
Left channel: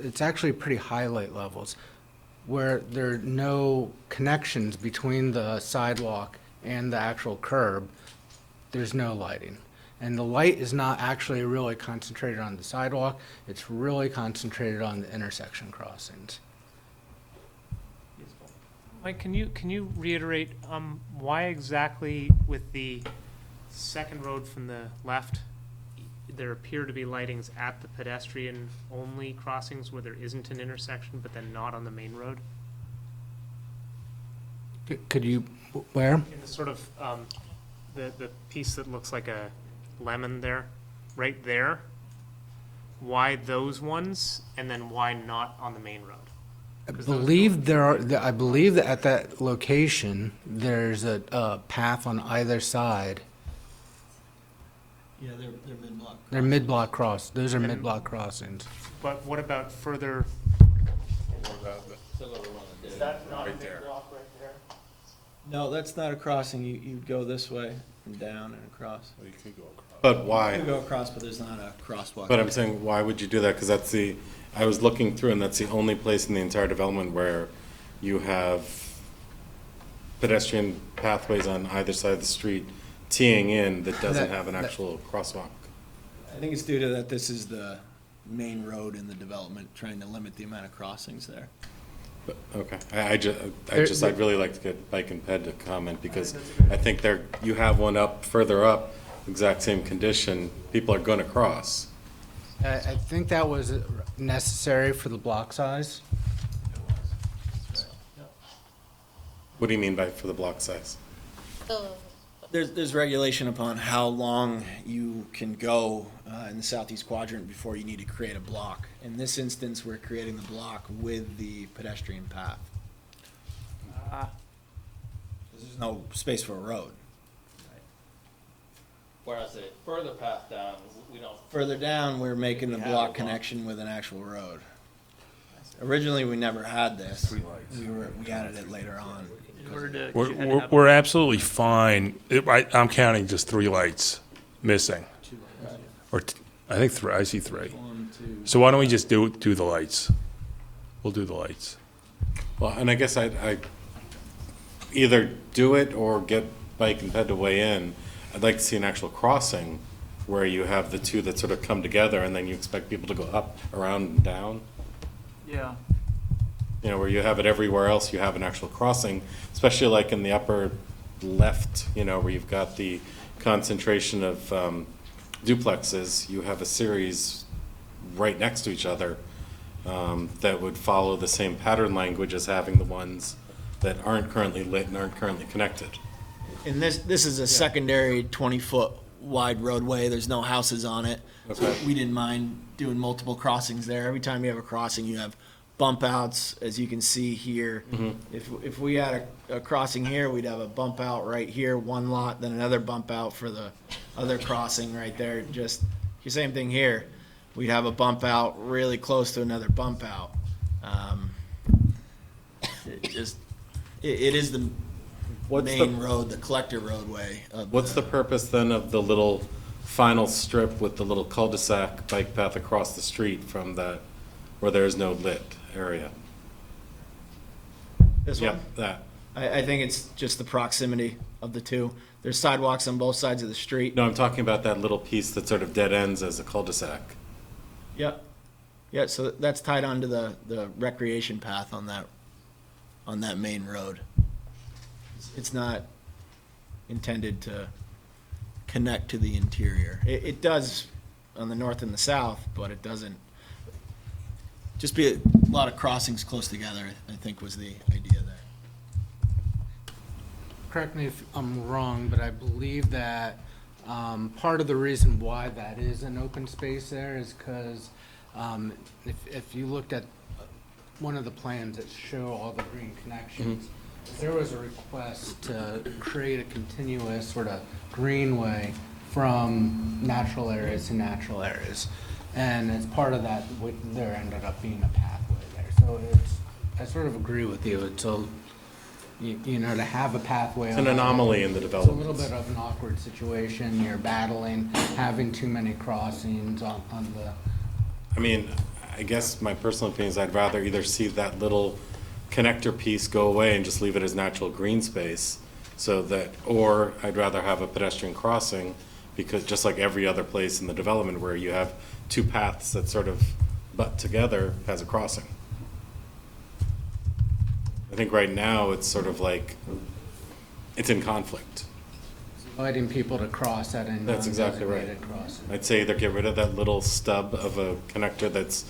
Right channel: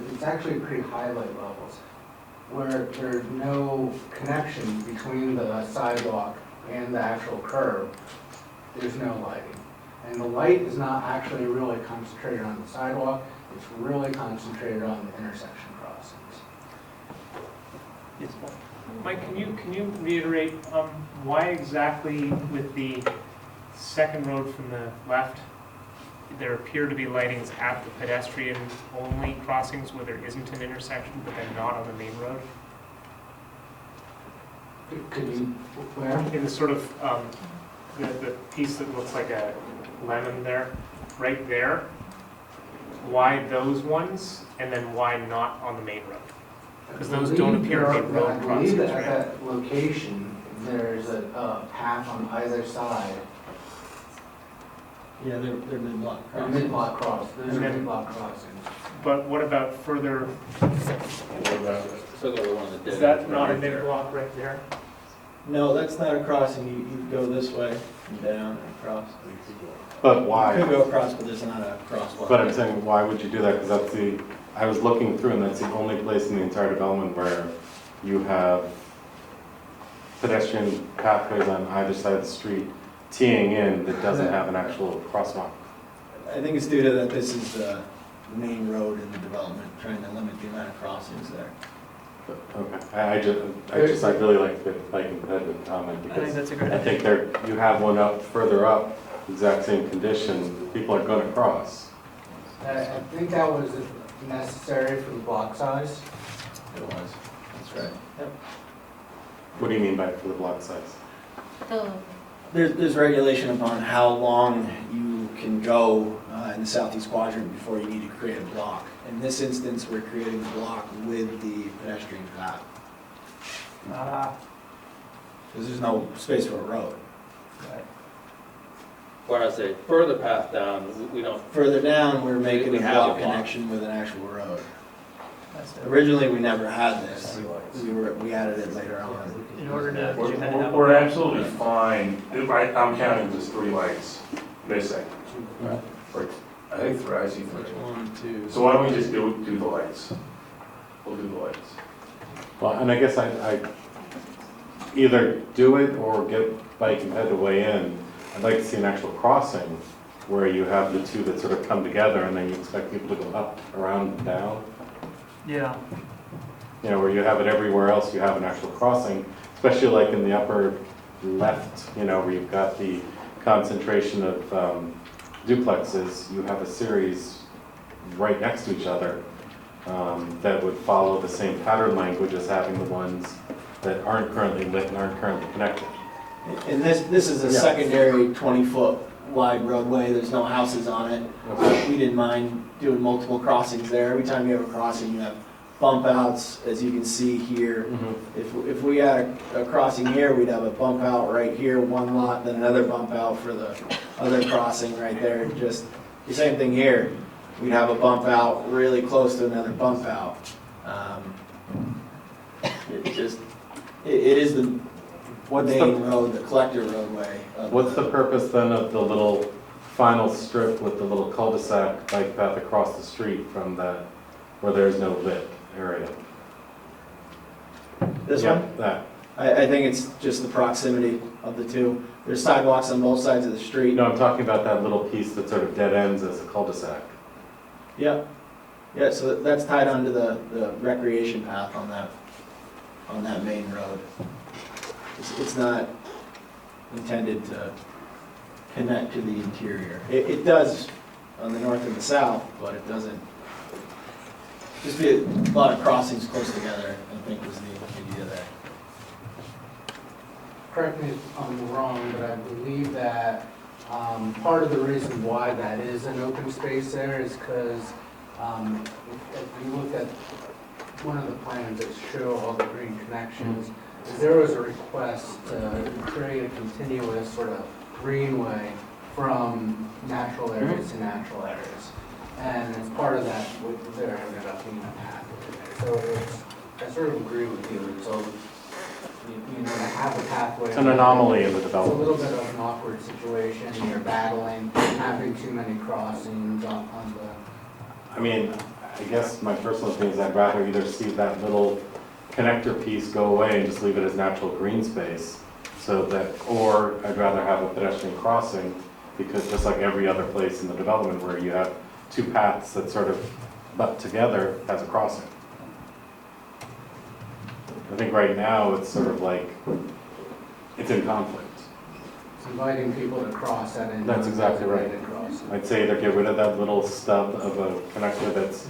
it's actually pretty high light levels. Where there are no connections between the sidewalk and the actual curb, there's no lighting. And the light is not actually really concentrated on the sidewalk, it's really concentrated on the intersection crossings. Yes, Paul. Mike, can you reiterate, why exactly with the second road from the left, there appear to be lightings at the pedestrian-only crossings where there isn't an intersection, but then not on the main road? Could you, where? In the sort of, the piece that looks like a lemon there, right there, why those ones, and then why not on the main road? I 'Cause those don't believe appear to be I built believe across that the at that location, there's a path on either side. Yeah, they're mid-block. They're mid-block cross, those are And then- mid-block crossings. But what about further, is that not a mid-block right there? No, that's not a crossing. You go this way, and down, and across. But You why? could go across, but there's not a crosswalk. But I'm saying, why would you do that? Because I was looking through, and that's the only place in the entire development where you have pedestrian pathways on either side of the street teeing in that doesn't have an actual crosswalk. I think it's due to that this is the main road in the development, trying to limit the amount of crossings there. But, okay, I'd really like to get Bike and Ped to comment, I think because that's a great I think you have one further up, exact same condition, people are gonna cross. I think that was necessary for the block size. It was, that's right. What do you mean by for the block size? There's regulation upon how long you can go in the southeast quadrant before you need to create a block. In this instance, we're creating the block with the pedestrian path, because there's no space for a road. Whereas a further path down, we don't. Further down, we're making We a have block a block. connection with an actual road. Originally, we never had this. We added it later on. In order to. We're absolutely fine. I'm counting just 3 lights missing. Or I think 3, I see 3. 1, 2. So why don't we just do the lights? We'll do the lights. Well, and I guess I either do it or get Bike and Ped to weigh in. I'd like to see an actual crossing where you have the two that sort of come together and then you expect people to go up, around, and down. Yeah. You know, where you have it everywhere else, you have an actual crossing, especially like in the upper left, you know, where you've got the concentration of duplexes. You have a series right next to each other that would follow the same pattern language as having the ones that aren't currently lit and aren't currently connected. And this is a secondary 20-foot wide roadway. There's no houses on it. So we didn't mind doing multiple crossings there. Every time you have a crossing, you have bump outs, as you can see here. If we had a crossing here, we'd have a bump out right here, one lot, then another bump out for the other crossing right there. Just the same thing here. We'd have a bump out really close to another bump out. It is the main road, the collector roadway. What's the purpose then of the little final strip with the little cul-de-sac bike path across the street from that, where there is no lit area? This Yeah, one? that. I think it's just the proximity of the two. There's sidewalks on both sides of the street. No, I'm talking about that little piece that sort of dead ends as a cul-de-sac. Yeah. Yeah, so that's tied onto the recreation path on that main road. It's not intended to connect to the interior. It does on the north and the south, but it doesn't. Just be a lot of crossings close together, I think was the idea there. Correct me if I'm wrong, but I believe that part of the reason why that is an open space there is because if you looked at one of the plans that show all the green connections, there was a request to create a continuous sort of greenway from natural areas to natural areas. And as part of that, there ended up being a path over there. So I sort of agree with you. Until you know, to have a pathway. It's an anomaly in the It's a development. little bit of an awkward situation. You're battling, having too many crossings on the. I mean, I guess my personal opinion is I'd rather either see that little connector piece go away and just leave it as natural green space, so that, or I'd rather have a pedestrian crossing, because just like every other place in the development where you have two paths that sort of butt together has a crossing. I think right now it's sort of like, it's in conflict. It's inviting people to cross at an That's exactly right. undesignated crossing. I'd say either get rid of that little stub of a connector that's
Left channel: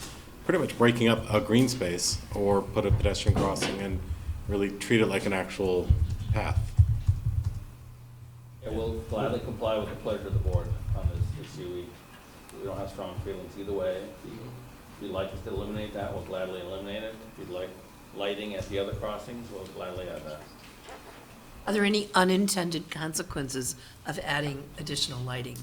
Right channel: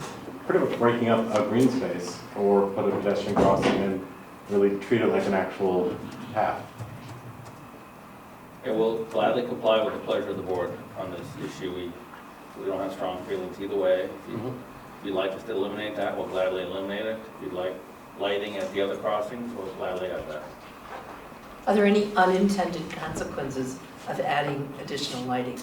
pretty much breaking up a green space, or put a pedestrian crossing and really treat it like an actual path. And we'll gladly comply with the pleasure of the board on this issue. We don't have strong feelings either way. If you'd like us to eliminate that, we'll gladly eliminate it. If you'd like lighting at the other crossings, we'll gladly have that. Are there any unintended consequences of adding additional lighting?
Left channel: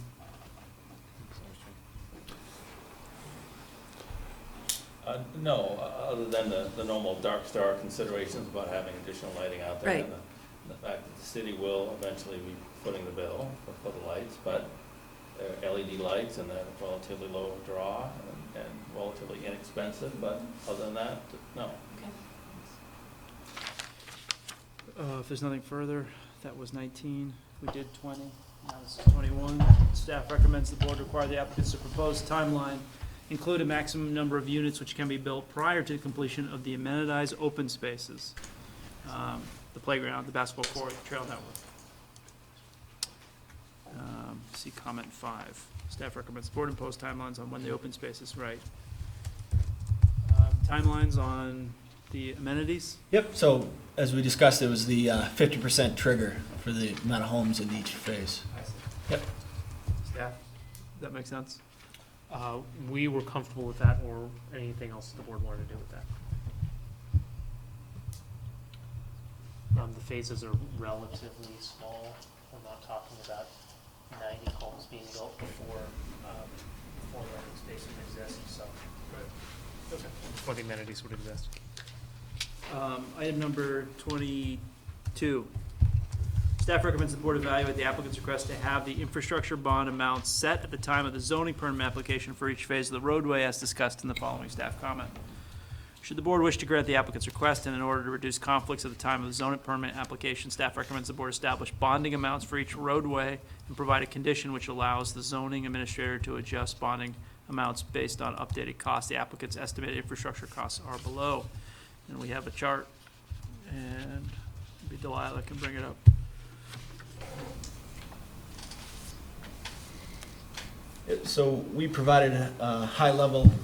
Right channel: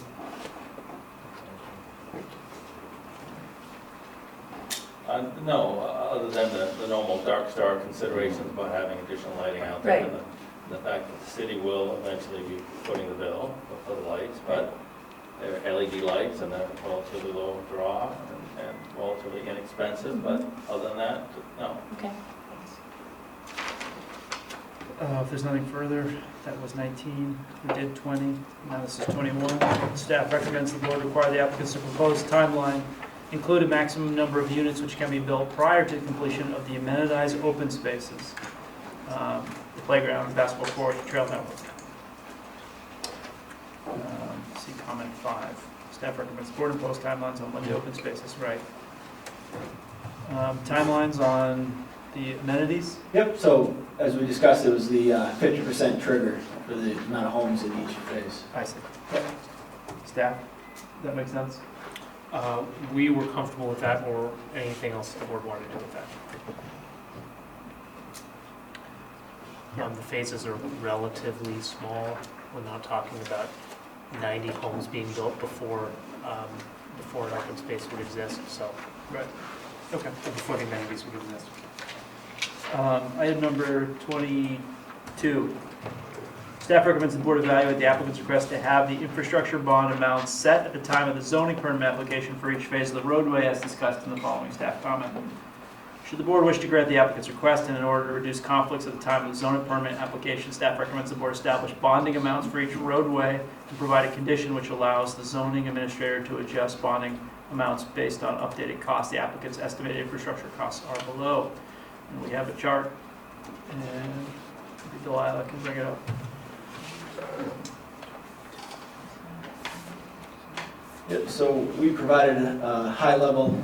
No, other than the normal dark star considerations about having additional lighting out there. Right. And the fact that the city will eventually be footing the bill for the lights, but they're LED lights and they're relatively low draw and relatively inexpensive, but other than that, no. Okay. If there's nothing further, that was 19, we did 20, now this is 21. Staff recommends the board require the applicants to propose timeline include a maximum number of units which can be built prior to the completion of the amenitized open spaces, the playground, the basketball court, trail network. See comment 5. Staff recommends the board impose timelines on when the open spaces, right. Timelines on the amenities? Yep, so as we discussed, it was the 50% trigger for the amount of homes in each phase. I see. Staff, does that make sense? We were comfortable with that, or anything else the board wanted to do with that. The phases are relatively small. We're not talking about 90 homes being built before an open space would exist, so. Right. Okay. before the amenities were given this. Item number 22. Staff recommends the board evaluate the applicant's request to have the infrastructure bond amount set at the time of the zoning permit application for each phase of the roadway as discussed in the following staff comment. Should the board wish to grant the applicant's request and in order to reduce conflicts at the time of the zoning permit application, staff recommends the board establish bonding amounts for each roadway and provide a condition which allows the zoning administrator to adjust bonding amounts based on updated costs. The applicant's estimated infrastructure costs are below. And we have a chart, and maybe Delilah can bring it up. Yep, so we provided a high-level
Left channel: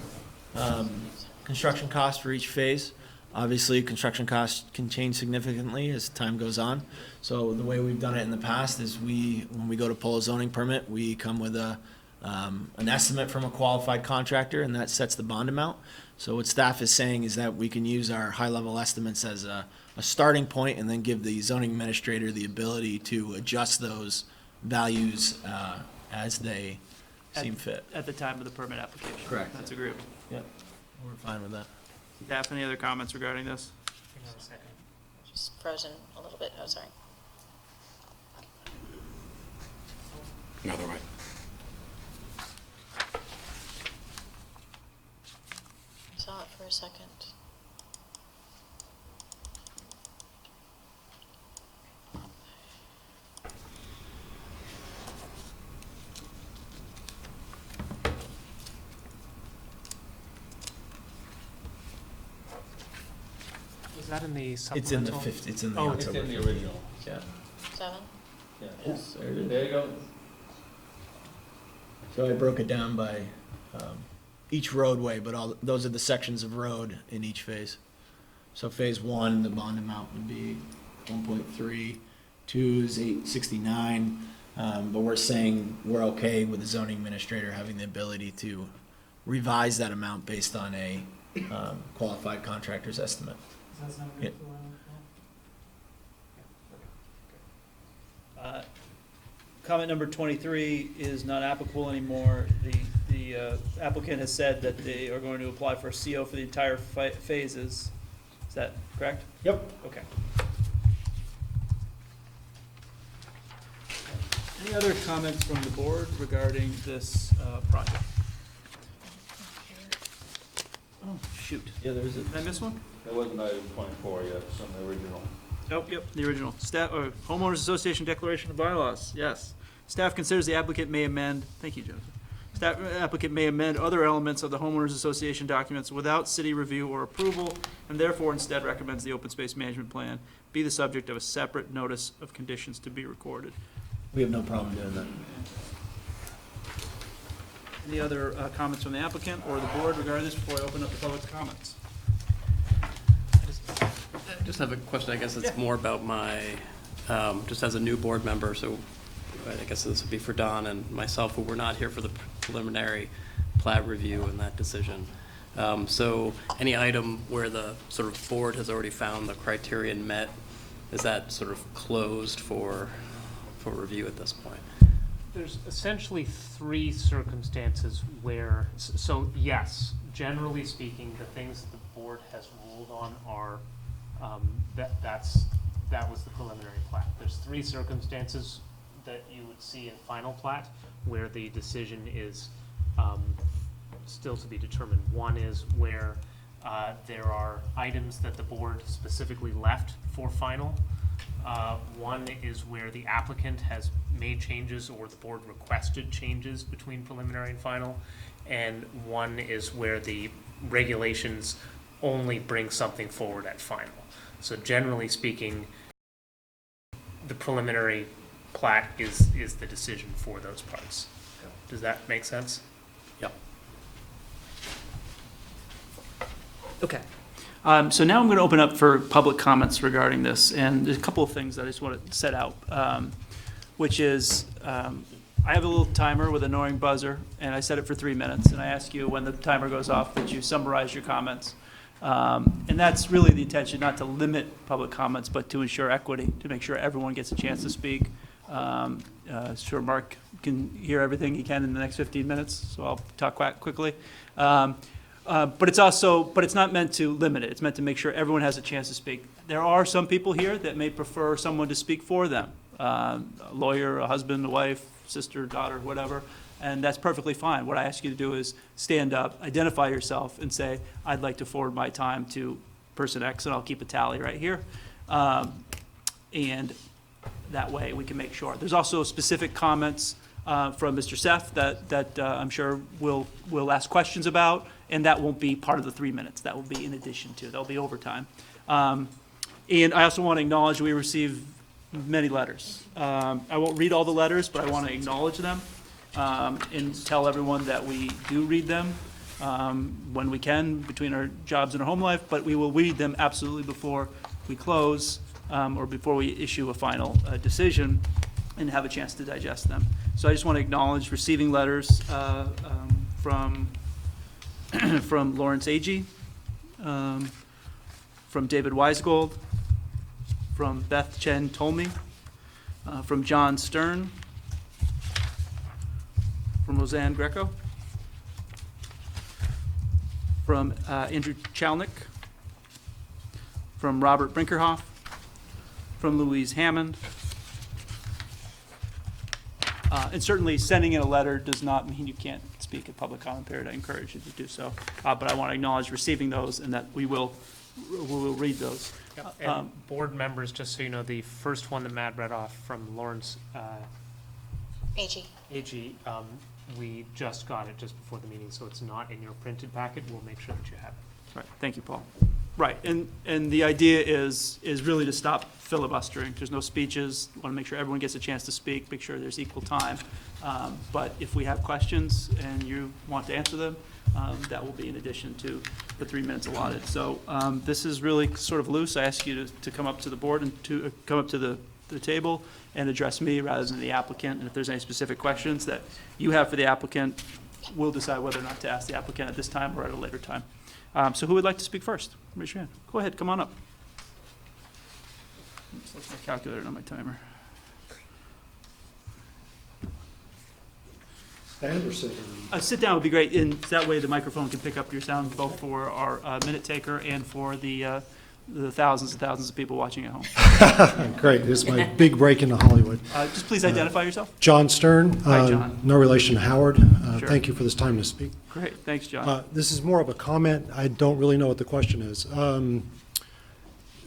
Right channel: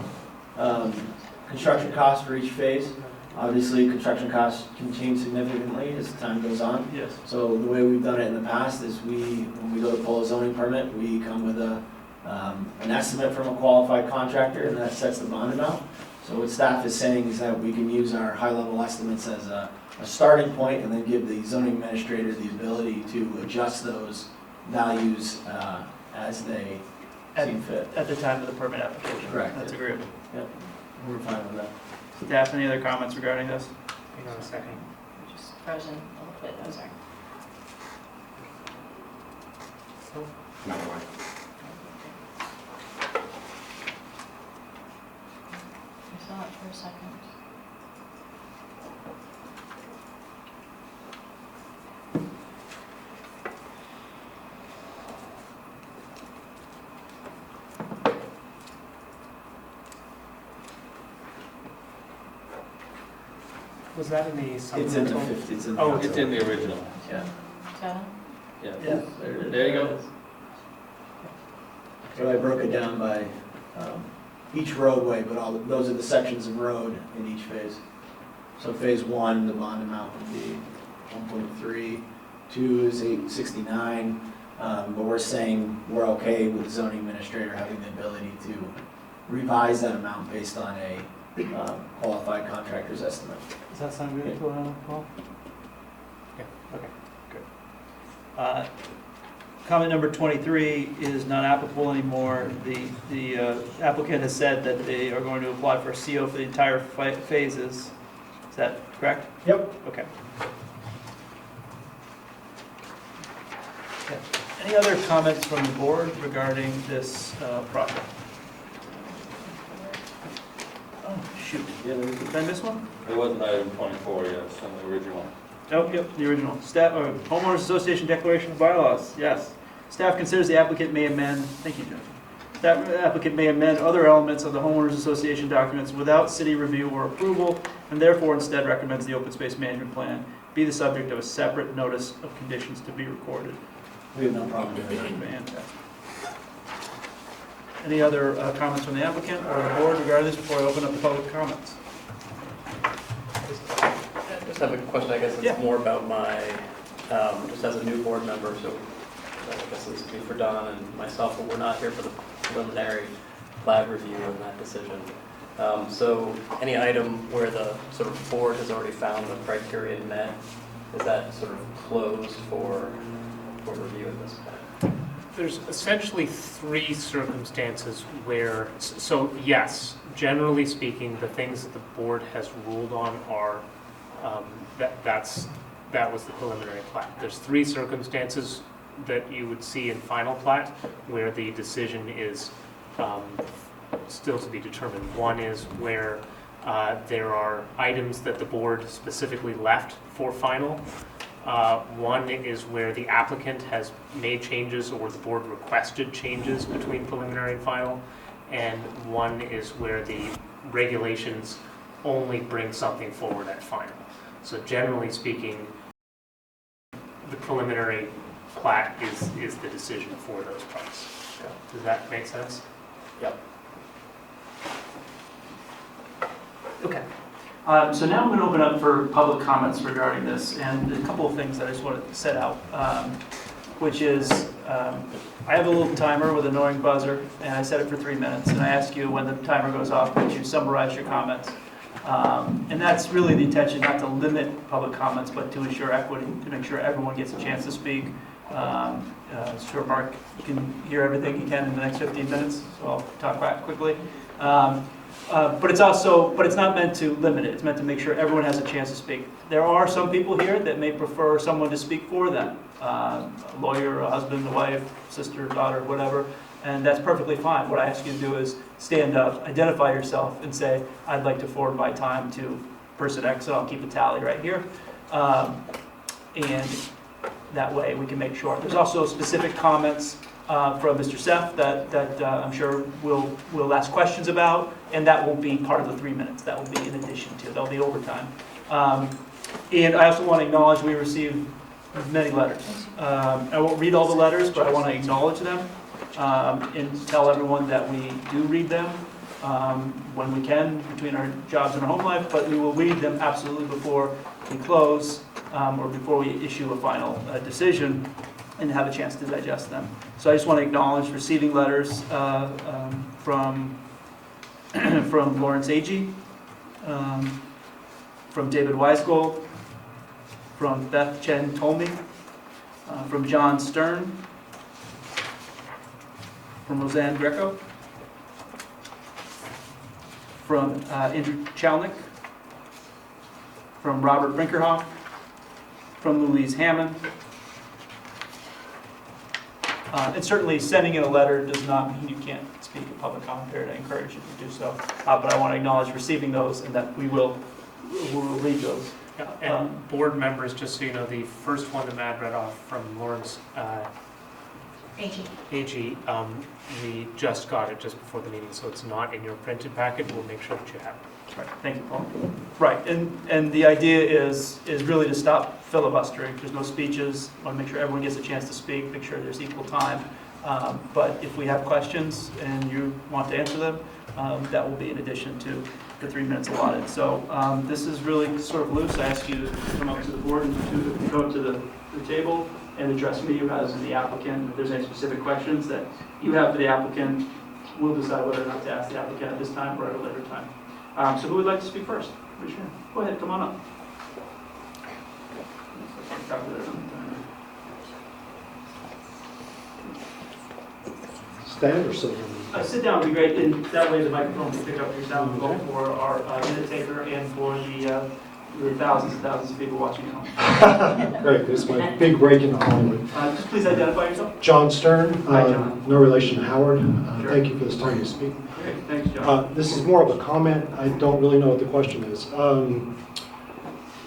construction cost for each phase. Obviously, construction costs can change significantly as time goes on. Yes. So the way we've done it in the past is when we go to pull a zoning permit, we come with an estimate from a qualified contractor, and that sets the bond amount. So what staff is saying is that we can use our high-level estimates as a starting point and then give the zoning administrator the ability to adjust those values as they see fit. At the time of the permit application. Correct. That's agreeable. Yep, we're fine with that. Staff, any other comments regarding this? Hang on a second. Just frozen a little bit, oh, sorry. Another way. I saw it for a second. Was that in the It's in the supplemental? 50, it's in the. Oh, It's in the original. Yeah. 7? Yeah. Yes. There you go. So I broke it down by each roadway, but those are the sections of road in each phase. So phase 1, the bond amount would be 1.3, 2 is 869, but we're saying we're okay with the zoning administrator having the ability to revise that amount based on a qualified contractor's estimate. Does that sound good, Paul? Okay, good. Comment number 23 is not applicable anymore. The applicant has said that they are going to apply for a CO for the entire phases. Is that correct? Yep. Okay. Any other comments from the board regarding this project? Oh, shoot. Yeah, Did I miss one? It wasn't item 24 yet, it's on the original. Oh, yep, the original. Staff, Homeowners Association Declaration of Bylaws, yes. Staff considers the applicant may amend, thank you, Jennifer. Staff applicant may amend other elements of the Homeowners Association documents without city review or approval, and therefore instead recommends the open space management plan be the subject of a separate notice of conditions to be recorded. We have no problem with that. Fantastic. Any other comments from the applicant or the board regarding this before I open up the public comments? I just have a question, I guess it's more about my, just as a new board member, so I guess this would be for Don and myself, who were not here for the preliminary plat review of that decision. So any item where the sort of board has already found the criterion met, is that sort of closed for review at this point? There's essentially 3 circumstances where, so yes, generally speaking, the things that the board has ruled on are, that was the preliminary plat. There's 3 circumstances that you would see in final plat where the decision is still to be determined. One is where there are items that the board specifically left for final. One is where the applicant has made changes or the board requested changes between preliminary and final. And one is where the regulations only bring something forward at final. So generally speaking, the preliminary plat is the decision for those parts. Does that make sense? Yep. Okay. So now I'm going to open up for public comments regarding this, and there's a couple of things that I just want to set out, which is I have a little timer with an annoying buzzer, and I set it for 3 minutes, and I ask you when the timer goes off that you summarize your comments. And that's really the intention, not to limit public comments, but to ensure equity, to make sure everyone gets a chance to speak. Sure Mark can hear everything he can in the next 15 minutes, so I'll talk back quickly. But it's not meant to limit it. It's meant to make sure everyone has a chance to speak. There are some people here that may prefer someone to speak for them, a lawyer, a husband, a wife, sister, daughter, whatever, and that's perfectly fine. What I ask you to do is stand up, identify yourself, and say, I'd like to forward my time to person X, and I'll keep the tally right here. And that way we can make sure. There's also specific comments from Mr. Seth that I'm sure we'll ask questions about, and that won't be part of the 3 minutes. That will be in addition to, there'll be overtime. And I also want to acknowledge we received many letters. I won't read all the letters, but I want to acknowledge them and tell everyone that we do read them when we can between our jobs and our home life, but we will read them absolutely before we close or before we issue a final decision and have a chance to digest them. So I just want to acknowledge receiving letters from Lawrence Agee, from David Weisgold, from Beth Chen Tolme, from John Stern, from Roseanne Greco, from Andrew Chalnick, from Robert Brinkerhoff, from Louise Hammond. And certainly sending in a letter does not mean you can't speak in public comment period. I encourage you to do so. But I want to acknowledge receiving those and that we will read those. And board members, just so you know, the first one that Matt read off from Lawrence AG. AG, we just got it just before the meeting, so it's not in your printed packet. We'll make sure that you have it. Right. Thank you, Paul. Right, and the idea is really to stop filibustering. There's no speeches. Want to make sure everyone gets a chance to speak. Make sure there's equal time. But if we have questions and you want to answer them, that will be in addition to the 3 minutes allotted. So this is really sort of loose. I ask you to come up to the board and to come up to the table and address me rather than the applicant. And if there's any specific questions that you have for the applicant, we'll decide whether or not to ask the applicant at this time or at a later time. So who would like to speak first? Raise your hand. Go ahead, come on up. Calculator on my timer. Stand or sit? Sit down would be great, and that way the microphone can pick up your sound both for our minute taker and for the thousands and thousands of people watching at home. Great, this is my big break into Hollywood. Just please identify yourself. John Stern. Hi, John. No relation to Howard. Sure. Thank you for this time to speak. Great, thanks, John. This is more of a comment. I don't really know what the question is.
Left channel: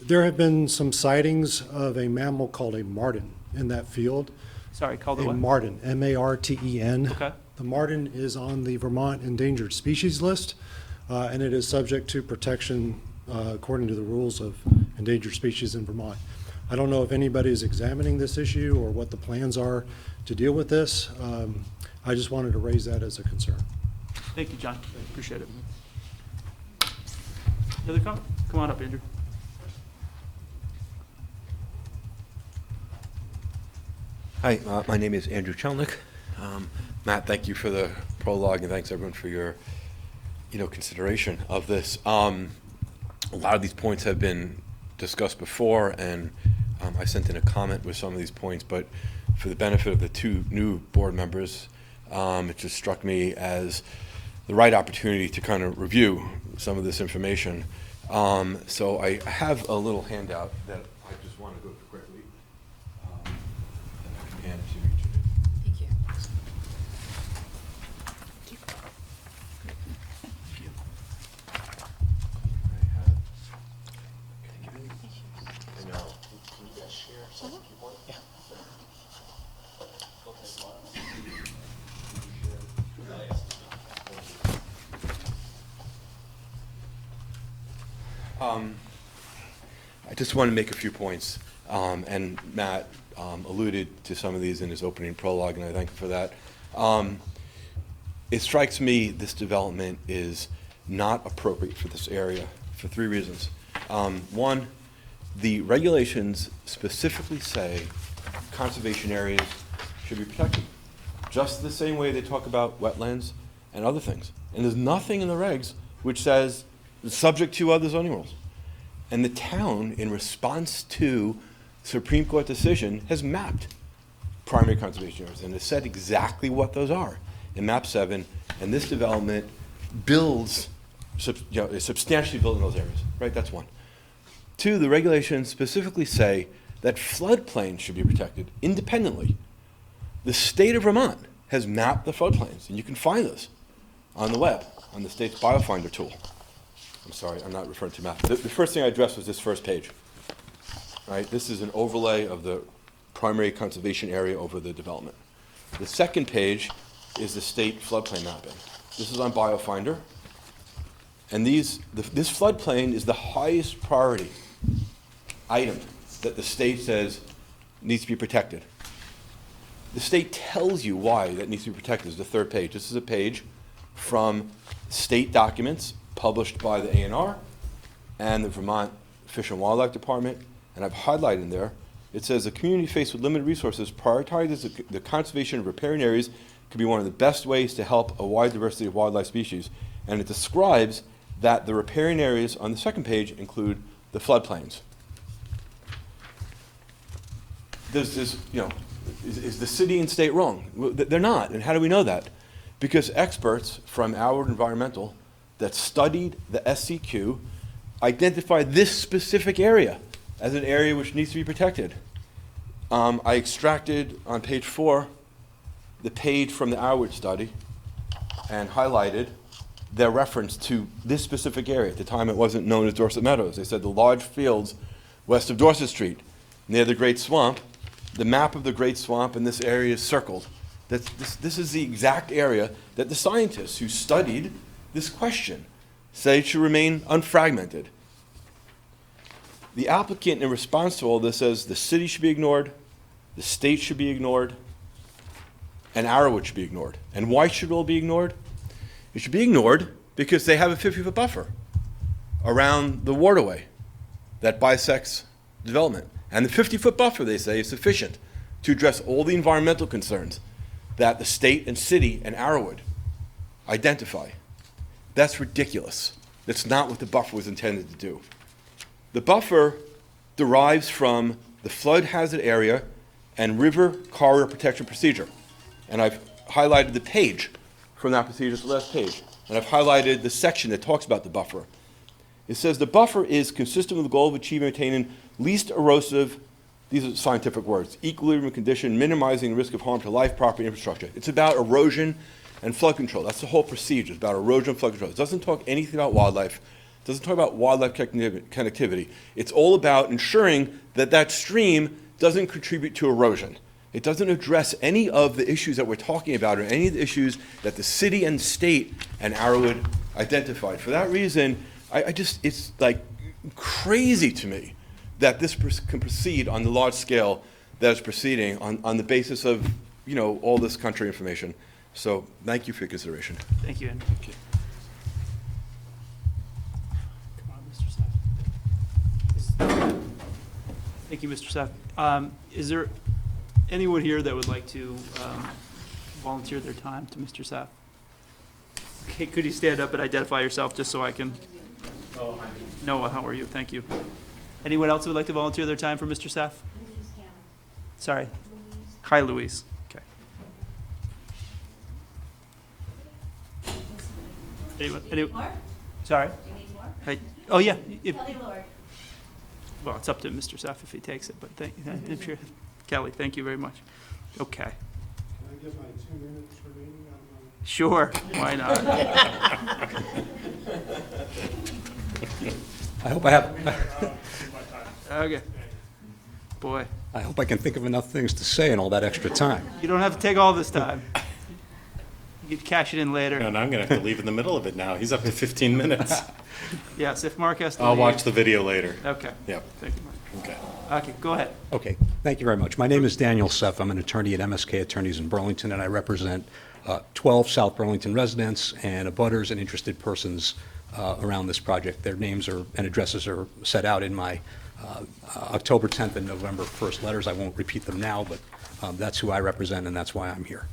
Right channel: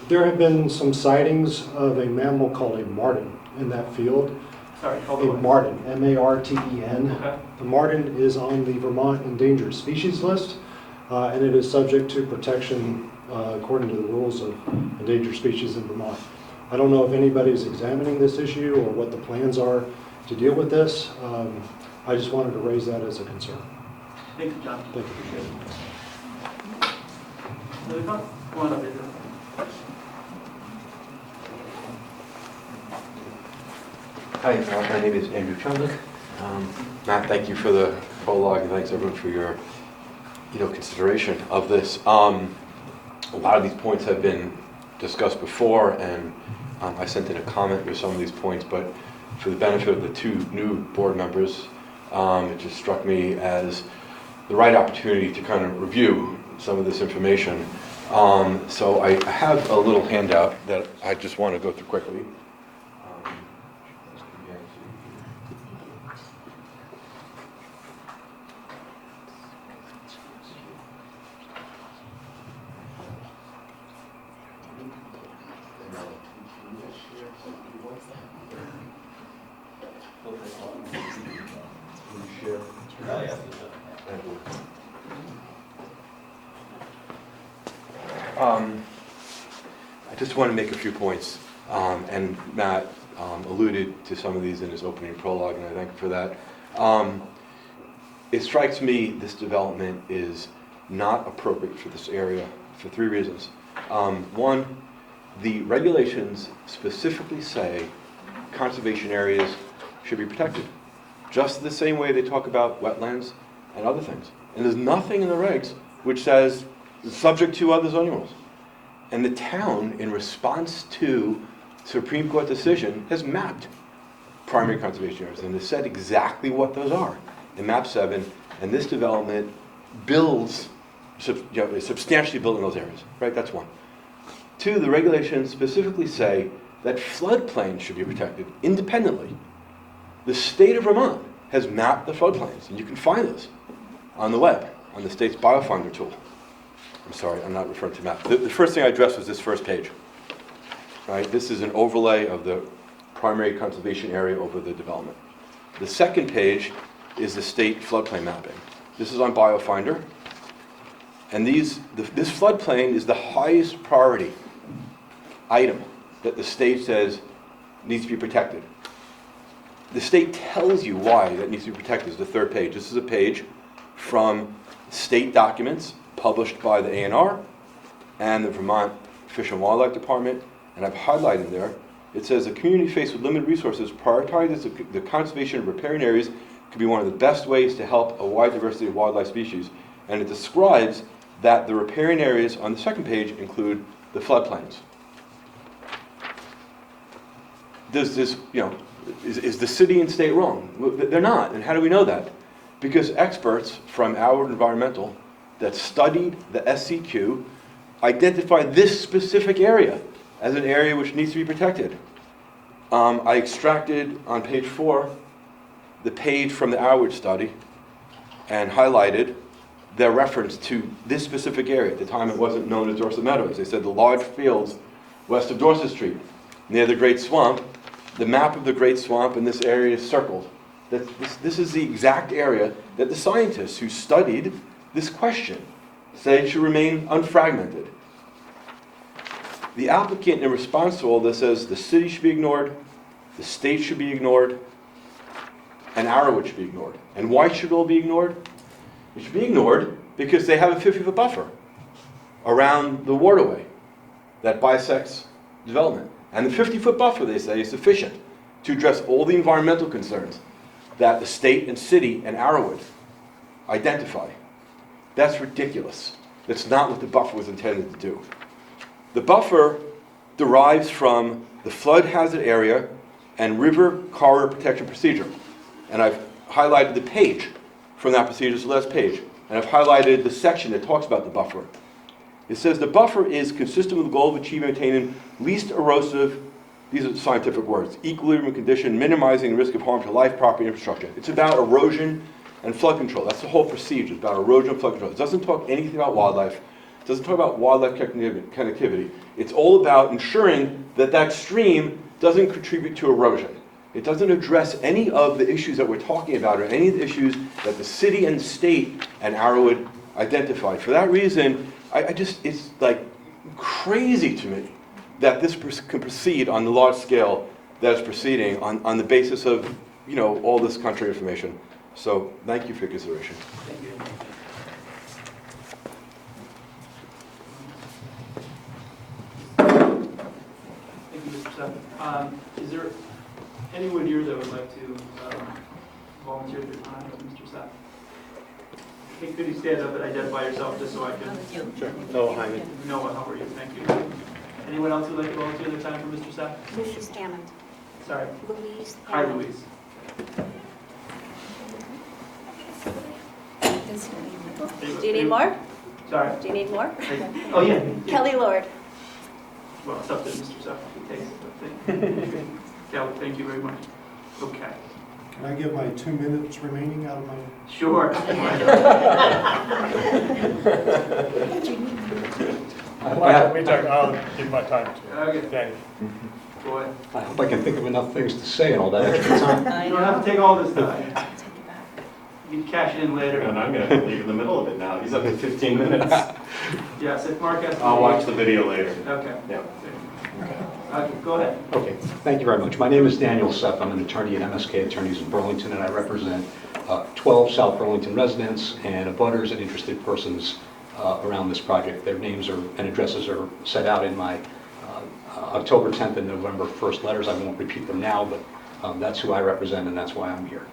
There have been some sightings of a mammal called a marten in that field. Sorry, called a marten, M-A-R-T-E-N. Okay. The marten is on the Vermont endangered species list, and it is subject to protection according to the rules of endangered species in Vermont. I don't know if anybody's examining this issue or what the plans are to deal with this. I just wanted to raise that as a concern. Thank you, John. Thank you. Appreciate it. Did they come? Come on up here. Hi, my name is Andrew Chalnick. Matt, thank you for the prologue, and thanks everyone for your, consideration of this. A lot of these points have been discussed before, and I sent in a comment with some of these points, but for the benefit of the two new board members, it just struck me as the right opportunity to kind of review some of this information. So I have a little handout that I just want to go through quickly. I just want to make a few points, and Matt alluded to some of these in his opening prologue, and I thank him for that. It strikes me this development is not appropriate for this area for three reasons. One, the regulations specifically say conservation areas should be protected, just the same way they talk about wetlands and other things. And there's nothing in the regs which says it's subject to other zoning rules. And the town, in response to Supreme Court decision, has mapped primary conservation areas and has said exactly what those are in map 7. And this development builds is substantially built in those areas, right? That's one. Two, the regulations specifically say that floodplains should be protected independently. The state of Vermont has mapped the floodplains, and you can find those on the web, on the state's BioFinder tool. I'm sorry, I'm not referring to map. The first thing I addressed was this first page. Right? This is an overlay of the primary conservation area over the development. The second page is the state floodplain mapping. This is on BioFinder. And this floodplain is the highest priority item that the state says needs to be protected. The state tells you why that needs to be protected. This is the third page. This is a page from state documents published by the ANR and the Vermont Fish and Wildlife Department, and I've highlighted there. It says a community faced with limited resources prioritizes the conservation of riparian areas could be one of the best ways to help a wide diversity of wildlife species, and it describes that the riparian areas on the second page include the floodplains. Is the city and state wrong? Well, they're not, and how do we know that? Because experts from Howard Environmental that studied the SCQ identified this specific area as an area which needs to be protected. I extracted on page 4 the page from the Howard study and highlighted their reference to this specific area. At the time it wasn't known as Dorset Meadows. They said the large fields west of Dorset Street near the Great Swamp. The map of the Great Swamp in this area is circled. This is the exact area that the scientists who studied this question say it should remain unfragmented. The applicant, in response to all this, says the city should be ignored, the state should be ignored, and Arrowwood should be ignored. And why should it all be ignored? It should be ignored because they have a 50-foot buffer around the waterway that bisects development. And the 50-foot buffer, they say, is sufficient to address all the environmental concerns that the state and city and Arrowwood identify. That's ridiculous. That's not what the buffer was intended to do. The buffer derives from the flood hazard area and river corridor protection procedure. And I've highlighted the page from that procedure, it's the last page. And I've highlighted the section that talks about the buffer. It says the buffer is consistent with the goal of achieving and attaining least erosive, these are the scientific words, equilibrium condition, minimizing the risk of harm to life, property, and infrastructure. It's about erosion and flood control. That's the whole procedure. It's about erosion and flood control. It doesn't talk anything about wildlife. It doesn't talk about wildlife connectivity. It's all about ensuring that that stream doesn't contribute to erosion. It doesn't address any of the issues that we're talking about or any of the issues that the city and state and Arrowwood identified. For that reason, it's like crazy to me that this can proceed on the large scale that it's proceeding on the basis of, all this contrary information. So thank you for your consideration. Thank you. Thank you, Mr. Seff. Is there anyone here that would like to volunteer their time to Mr. Seff? Okay, could you stand up and identify yourself just so I can? Sure. Noah, hi. Noah, how are you? Thank you. Anyone else who would like to volunteer their time for Mr. Seff? Louise Hammond. Sorry. Louise. Hi, Louise. Do you need more? Sorry. Do you need more? Oh, yeah. Kelly Lord. Well, it's up to Mr. Seff if he takes it, but thank you. Kelly, thank you very much. Okay. Can I give my 2 minutes remaining out of my... Sure. Why I'll give my time. Okay. Danny. Boy. I hope I can think of enough things to say in all that extra time. You don't have to take all this time. You can cash it in later. No, I'm going to have to leave in the middle of it now. He's up to 15 minutes. Yes, if Mark has to. I'll watch the video later. Okay. Yeah. Okay, go ahead. Okay, thank you very much. My name is Daniel Seff. I'm an attorney at MSK Attorneys in Burlington, and I represent 12 South Burlington residents and abutters and interested persons around this project. Their names and addresses are set out in my October 10th and November 1st letters. I won't repeat them now, but that's who I represent, and that's why I'm here.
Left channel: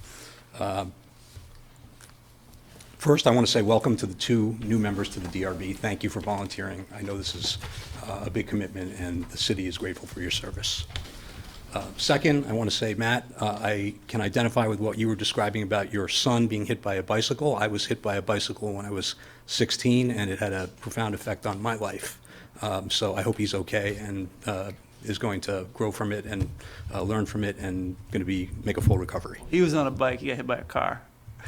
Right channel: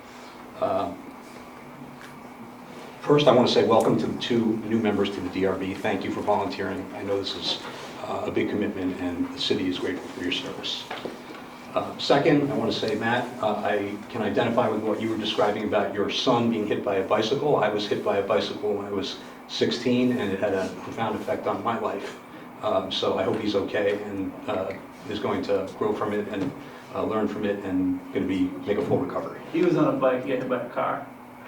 First, I want to say welcome to the 2 new members to the DRB. Thank you for volunteering. I know this is a big commitment, and the city is grateful for your service. Second, I want to say, Matt, I can identify with what you were describing about your son being hit by a bicycle. I was hit by a bicycle when I was 16, and it had a profound effect on my life. So I hope he's okay and is going to grow from it and learn from it and going to make a full recovery. He was on a bike, he got hit by a car.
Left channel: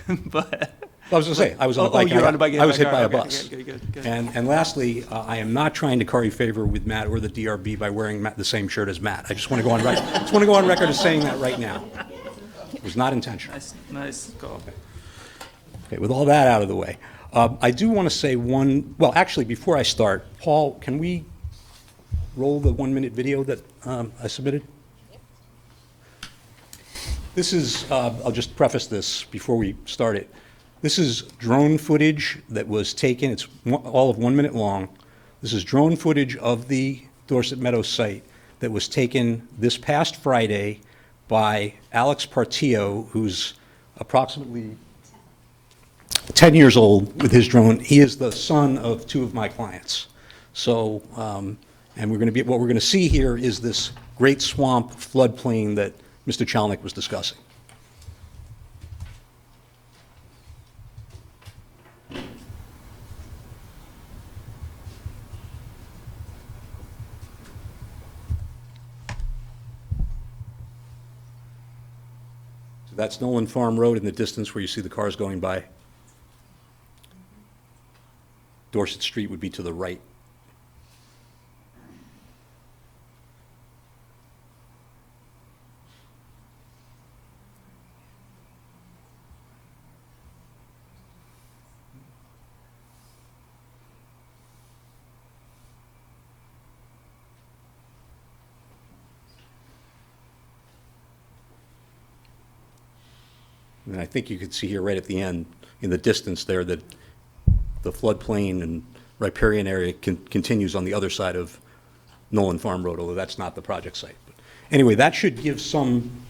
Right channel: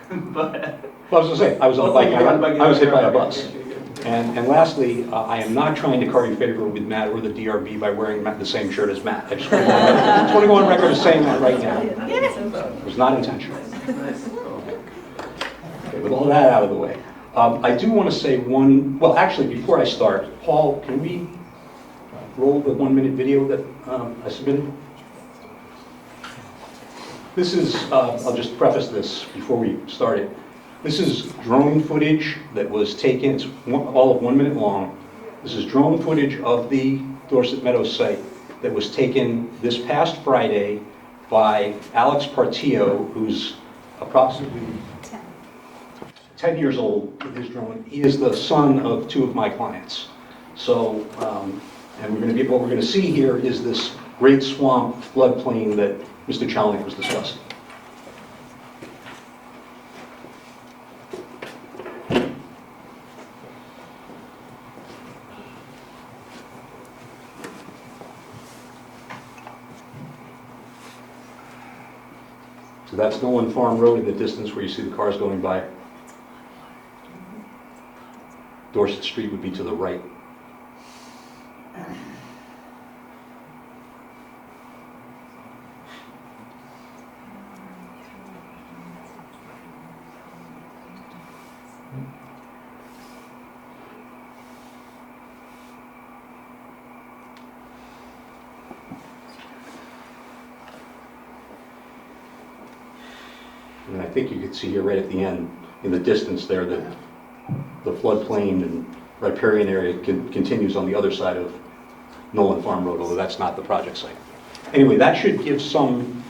But Well, I was going to say, I was on a bike, you were on a bike, I was hit by a okay, bus. okay, good. And lastly, I am not trying to curry favor with Matt or the DRB by wearing the same shirt as Matt. I just want to go on record as saying that right now. It was not intentional. Nice. Okay, with all that out of the way, I do want to say well, actually, before I start, Paul, can we roll the 1-minute video that I submitted? This is, I'll just preface this before we start it. This is drone footage that was taken, it's all of 1 minute long. This is drone footage of the Dorset Meadows site that was taken this past Friday by Alex Partillo, who's approximately 10 years old with his drone. He is the son of 2 of my clients. So, and what we're going to see here is this great swamp floodplain that Mr. Chalnick was discussing. So that's Nolan Farm Road in the distance where you see the cars going by. Dorset Street would be to the right. And I think you can see here right at the end, in the distance there, that the floodplain and riparian area continues on the other side of Nolan Farm Road, although that's not the project site. Anyway, that should give some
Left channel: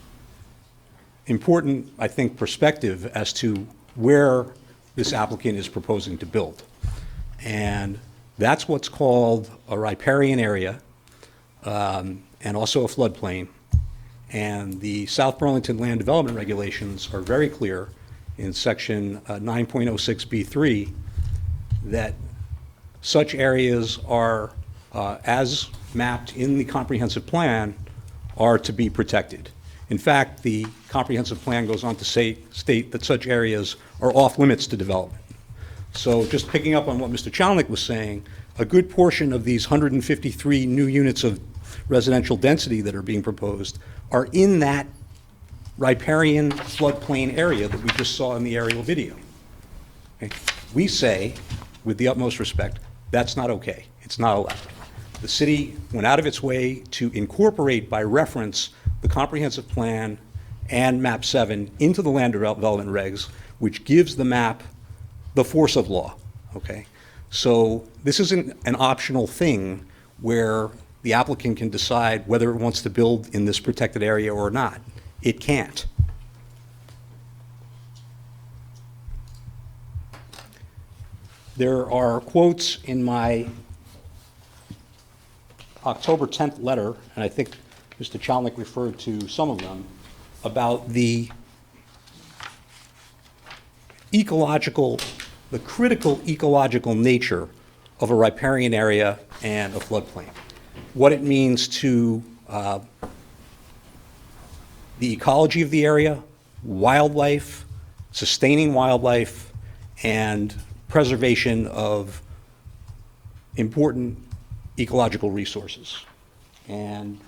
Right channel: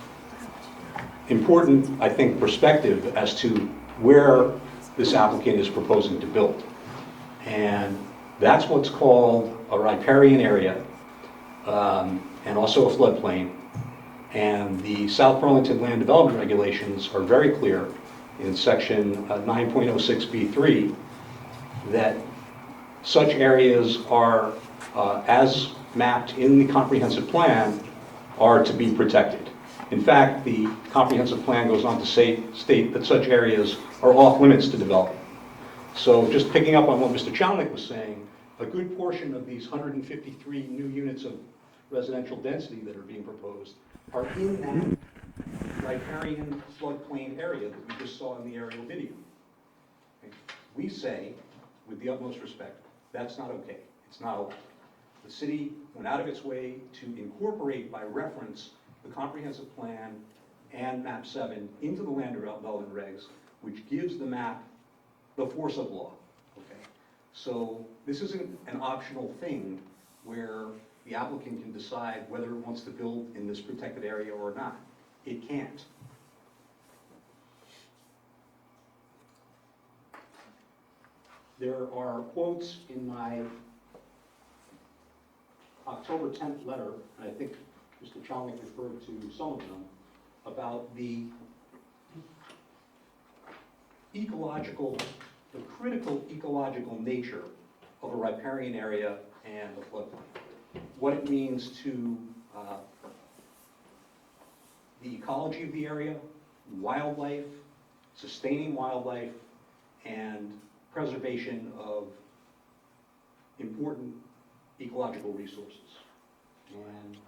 important, I think, perspective as to where this applicant is proposing to build. And that's what's called a riparian area, and also a floodplain. And the South Burlington Land Development Regulations are very clear in section 9.06B3 that such areas are, as mapped in the comprehensive plan, are to be protected. In fact, the comprehensive plan goes on to state that such areas are off limits to development. So just picking up on what Mr. Chalnick was saying, a good portion of these 153 new units of residential density that are being proposed are in that riparian floodplain area that we just saw in the aerial video. Okay? We say, with the utmost respect, that's not okay. It's not allowed. The city went out of its way to incorporate by reference the comprehensive plan and map 7 into the land development regs, which gives the map the force of law. Okay? So this isn't an optional thing where the applicant can decide whether it wants to build in this protected area or not. It can't. There are quotes in my October 10th letter, and I think Mr. Chalnick referred to some of them, about the critical ecological nature of a riparian area and a floodplain. What it means to the ecology of the area, wildlife, sustaining wildlife, and preservation of important ecological resources. And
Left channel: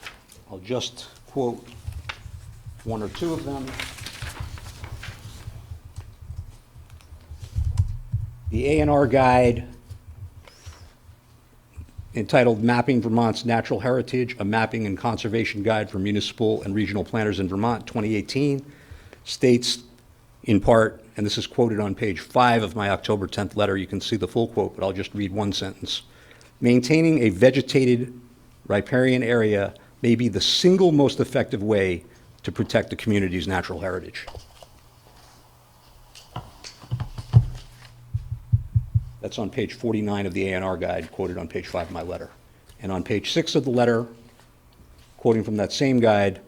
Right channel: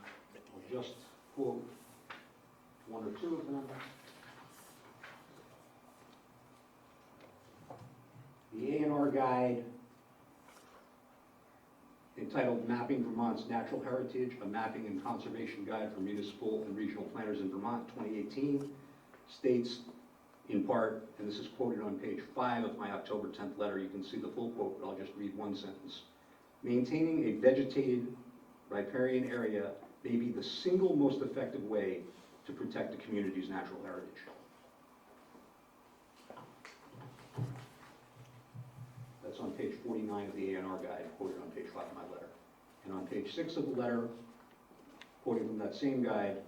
I'll just quote 1 or 2 of them. The A&R guide entitled Mapping Vermont's Natural Heritage, a Mapping and Conservation Guide for Municipal and Regional Planners in Vermont, 2018, states in part, and this is quoted on page 5 of my October 10th letter, you can see the full quote, but I'll just read one sentence. Maintaining a vegetated riparian area may be the single most effective way to protect the community's natural heritage. That's on page 49 of the A&R guide, quoted on page 5 of my letter. And on page 6 of the letter, quoting from that same guide,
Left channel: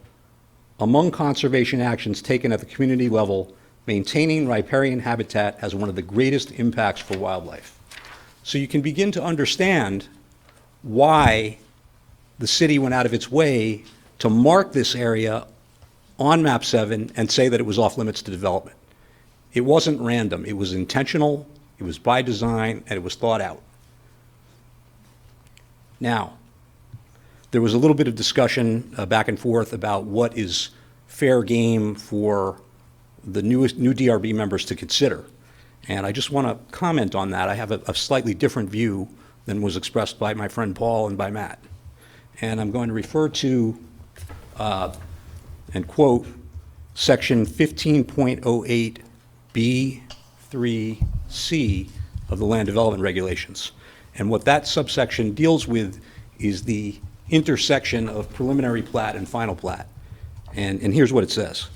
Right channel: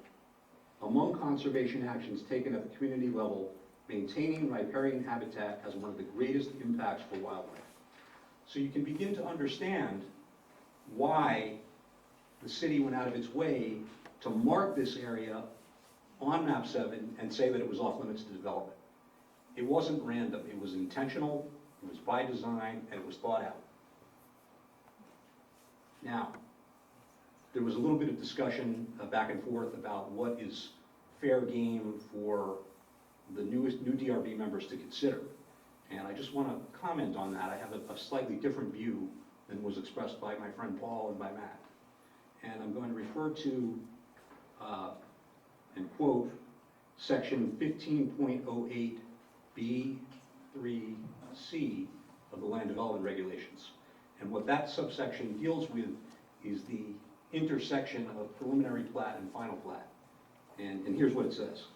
among conservation actions taken at the community level, maintaining riparian habitat has one of the greatest impacts for wildlife. So you can begin to understand why the city went out of its way to mark this area on map 7 and say that it was off limits to development. It wasn't random, it was intentional, it was by design, and it was thought out. Now, there was a little bit of discussion back and forth about what is fair game for the new DRB members to consider. And I just want to comment on that. I have a slightly different view than was expressed by my friend Paul and by Matt. And I'm going to refer to and quote section 15.08B3C of the Land Development Regulations. And what that subsection deals with is the intersection of preliminary plat and final plat. And here's what it says.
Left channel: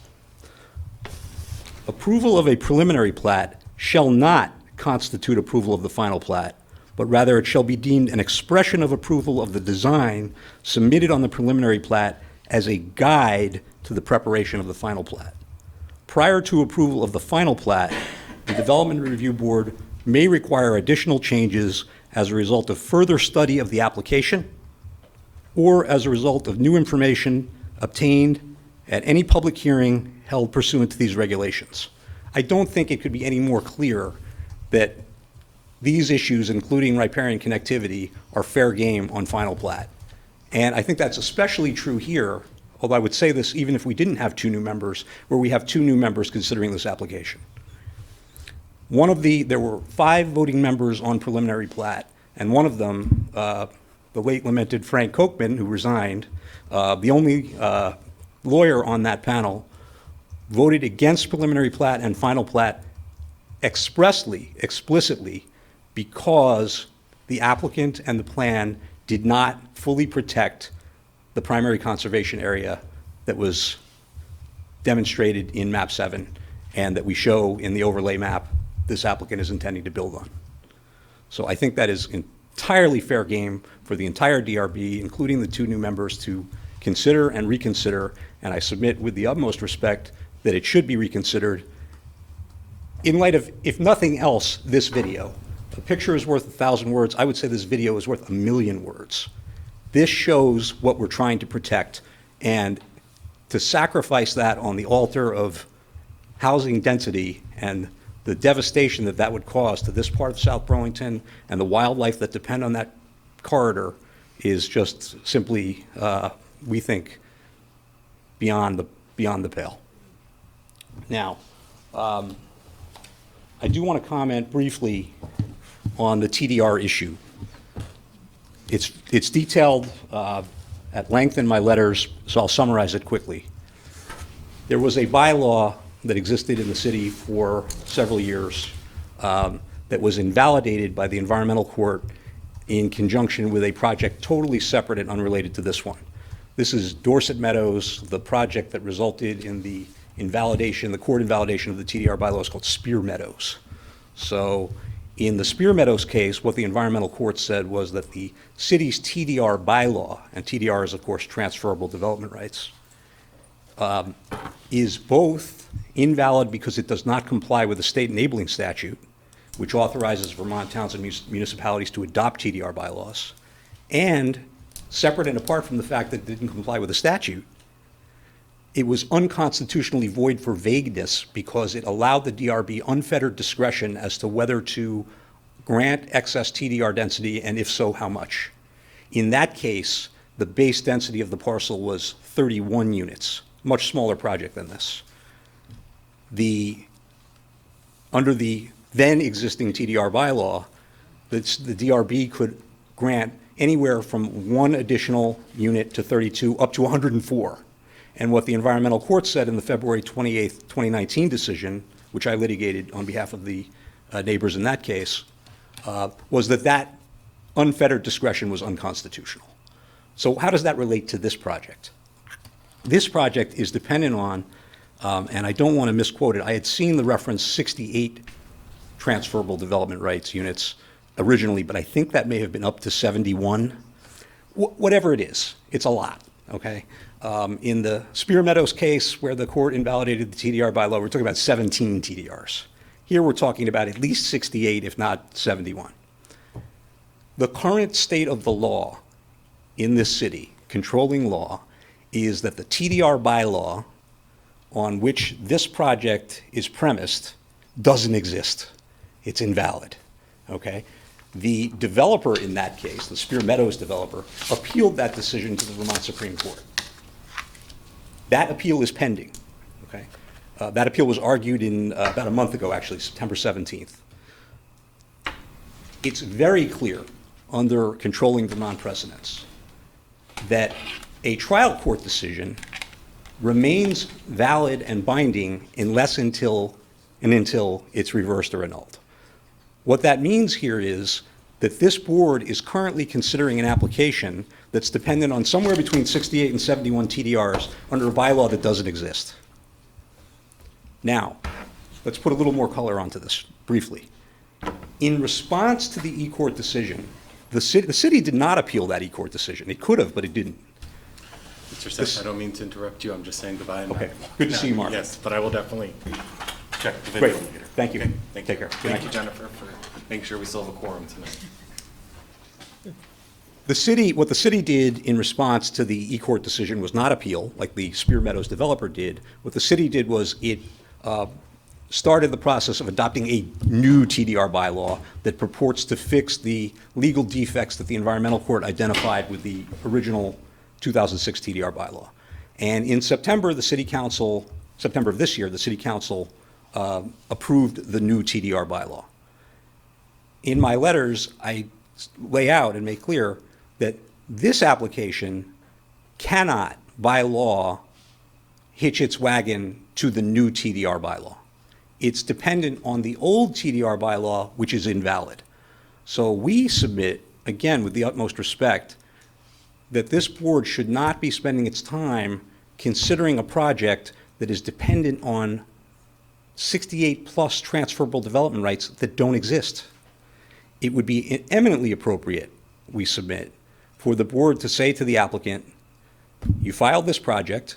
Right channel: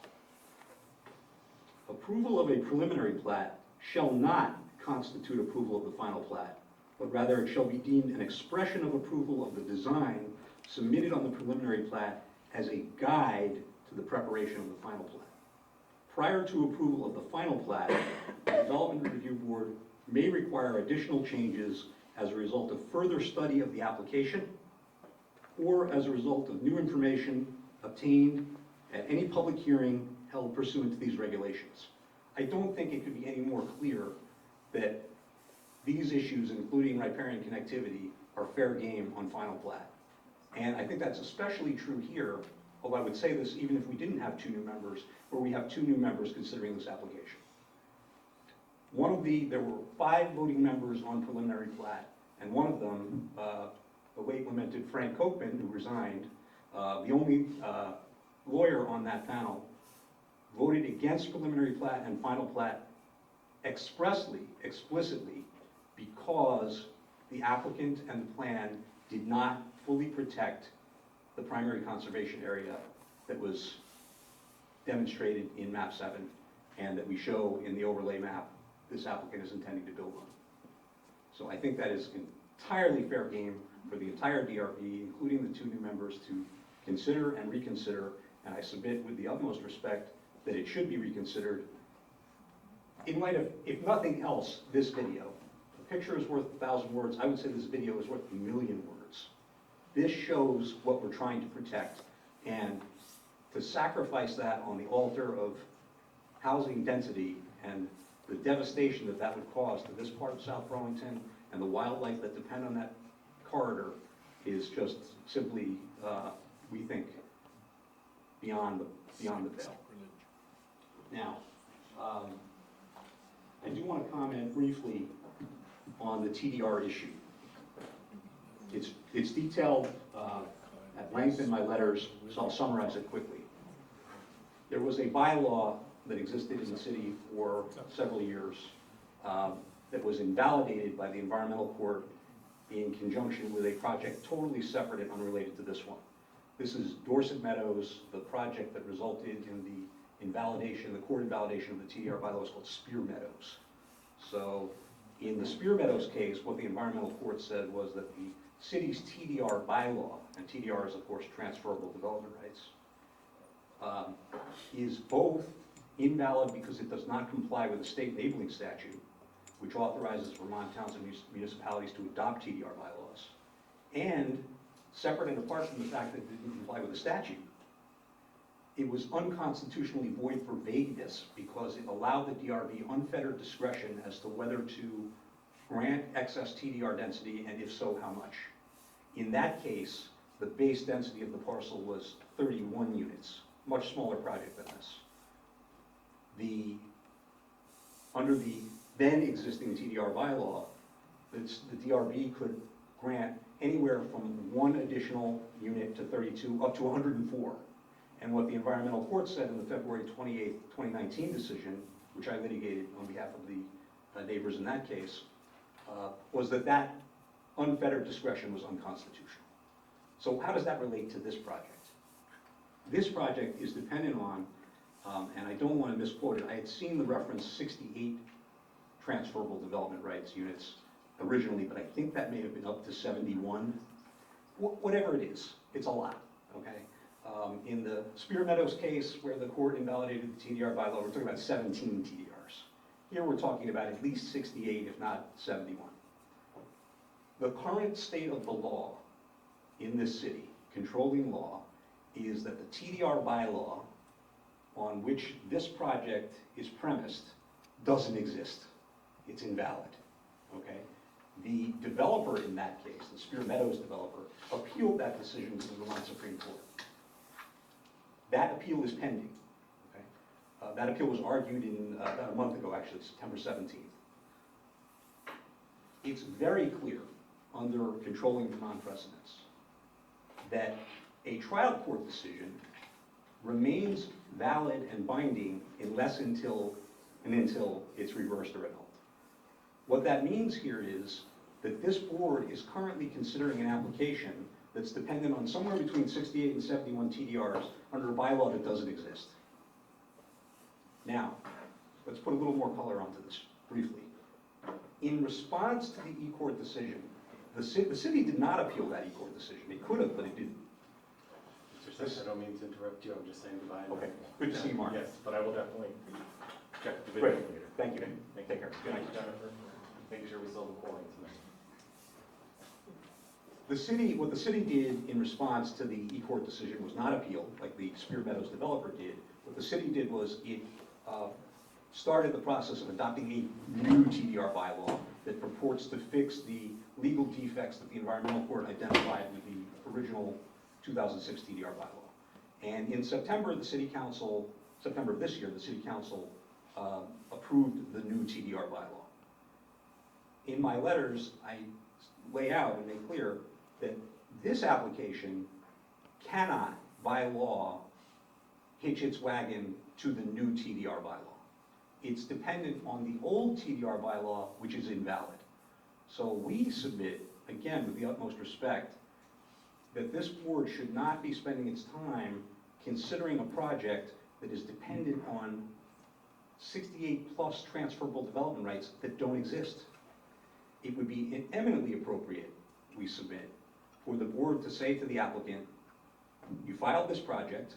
Approval of a preliminary plat shall not constitute approval of the final plat, but rather it shall be deemed an expression of approval of the design submitted on the preliminary plat as a guide to the preparation of the final plat. Prior to approval of the final plat, the Development Review Board may require additional changes as a result of further study of the application or as a result of new information obtained at any public hearing held pursuant to these regulations. I don't think it could be any more clear that these issues, including riparian connectivity, are fair game on final plat. And I think that's especially true here, although I would say this even if we didn't have 2 new members, where we have 2 new members considering this application. There were 5 voting members on preliminary plat, and one of them, the late lamented Frank Kochman, who resigned, the only lawyer on that panel, voted against preliminary plat and final plat explicitly, because the applicant and the plan did not fully protect the primary conservation area that was demonstrated in map 7 and that we show in the overlay map this applicant is intending to build on. So I think that is entirely fair game for the entire DRB, including the 2 new members, to consider and reconsider, and I submit with the utmost respect that it should be reconsidered in light of, if nothing else, this video. A picture is worth 1,000 words. I would say this video is worth 1,000,000 words. This shows what we're trying to protect, and to sacrifice that on the altar of housing density and the devastation that that would cause to this part of South Burlington and the wildlife that depend on that corridor is just simply, we think, beyond the pale. Now, I do want to comment briefly on the TDR issue. It's detailed at length in my letters, so I'll summarize it quickly. There was a bylaw that existed in the city for several years that was invalidated by the environmental court in conjunction with a project totally separate and unrelated to this one. This is Dorset Meadows, the project that resulted in the invalidation, the court invalidation of the TDR bylaw is called Spear Meadows. So in the Spear Meadows case, what the environmental court said was that the city's TDR bylaw, and TDR is of course transferable development rights, is both invalid because it does not comply with the state enabling statute, which authorizes Vermont towns and municipalities to adopt TDR bylaws, and separate and apart from the fact that it didn't comply with the statute, it was unconstitutionally void for vagueness because it allowed the DRB unfettered discretion as to whether to grant excess TDR density, and if so, how much. In that case, the base density of the parcel was 31 units, much smaller project than this. Under the then existing TDR bylaw, the DRB could grant anywhere from 1 additional unit to 32 up to 104. And what the environmental court said in the February 28th, 2019 decision, which I litigated on behalf of the neighbors in that case, was that that unfettered discretion was unconstitutional. So how does that relate to this project? This project is dependent on, and I don't want to misquote it, I had seen the reference 68 transferable development rights units originally, but I think that may have been up to 71. Whatever it is, it's a lot, okay? In the Spear Meadows case, where the court invalidated the TDR bylaw, we're talking about 17 TDRs. Here we're talking about at least 68, if not 71. The current state of the law in this city, controlling law, is that the TDR bylaw on which this project is premised doesn't exist. It's invalid, okay? The developer in that case, the Spear Meadows developer, appealed that decision to the Vermont Supreme Court. That appeal is pending, okay? That appeal was argued in about a month ago, actually, September 17th. It's very clear under controlling Vermont precedents that a trial court decision remains valid and binding unless until it's reversed or annulled. What that means here is that this board is currently considering an application that's dependent on somewhere between 68 and 71 TDRs under a bylaw that doesn't exist. Now, let's put a little more color onto this briefly. In response to the E-Court decision, the city did not appeal that E-Court decision. It could have, but it didn't. Mr. Seth, I don't mean to interrupt you. I'm just saying goodbye. Okay. Good to see you, Mark. Yes, but I will definitely check the video Great. later. Thank you. Okay, thank Take care. Good Thank night. you, Jennifer, for making sure we still have a quorum tonight. What the city did in response to the E-Court decision was not appeal, like the Spear Meadows developer did. What the city did was it started the process of adopting a new TDR bylaw that purports to fix the legal defects that the environmental court identified with the original 2006 TDR bylaw. And in September of this year, the city council approved the new TDR bylaw. In my letters, I lay out and make clear that this application cannot, by law, hitch its wagon to the new TDR bylaw. It's dependent on the old TDR bylaw, which is invalid. So we submit, again, with the utmost respect, that this board should not be spending its time considering a project that is dependent on 68 plus transferable development rights that don't exist. It would be eminently appropriate, we submit, for the board to say to the applicant, you filed this project,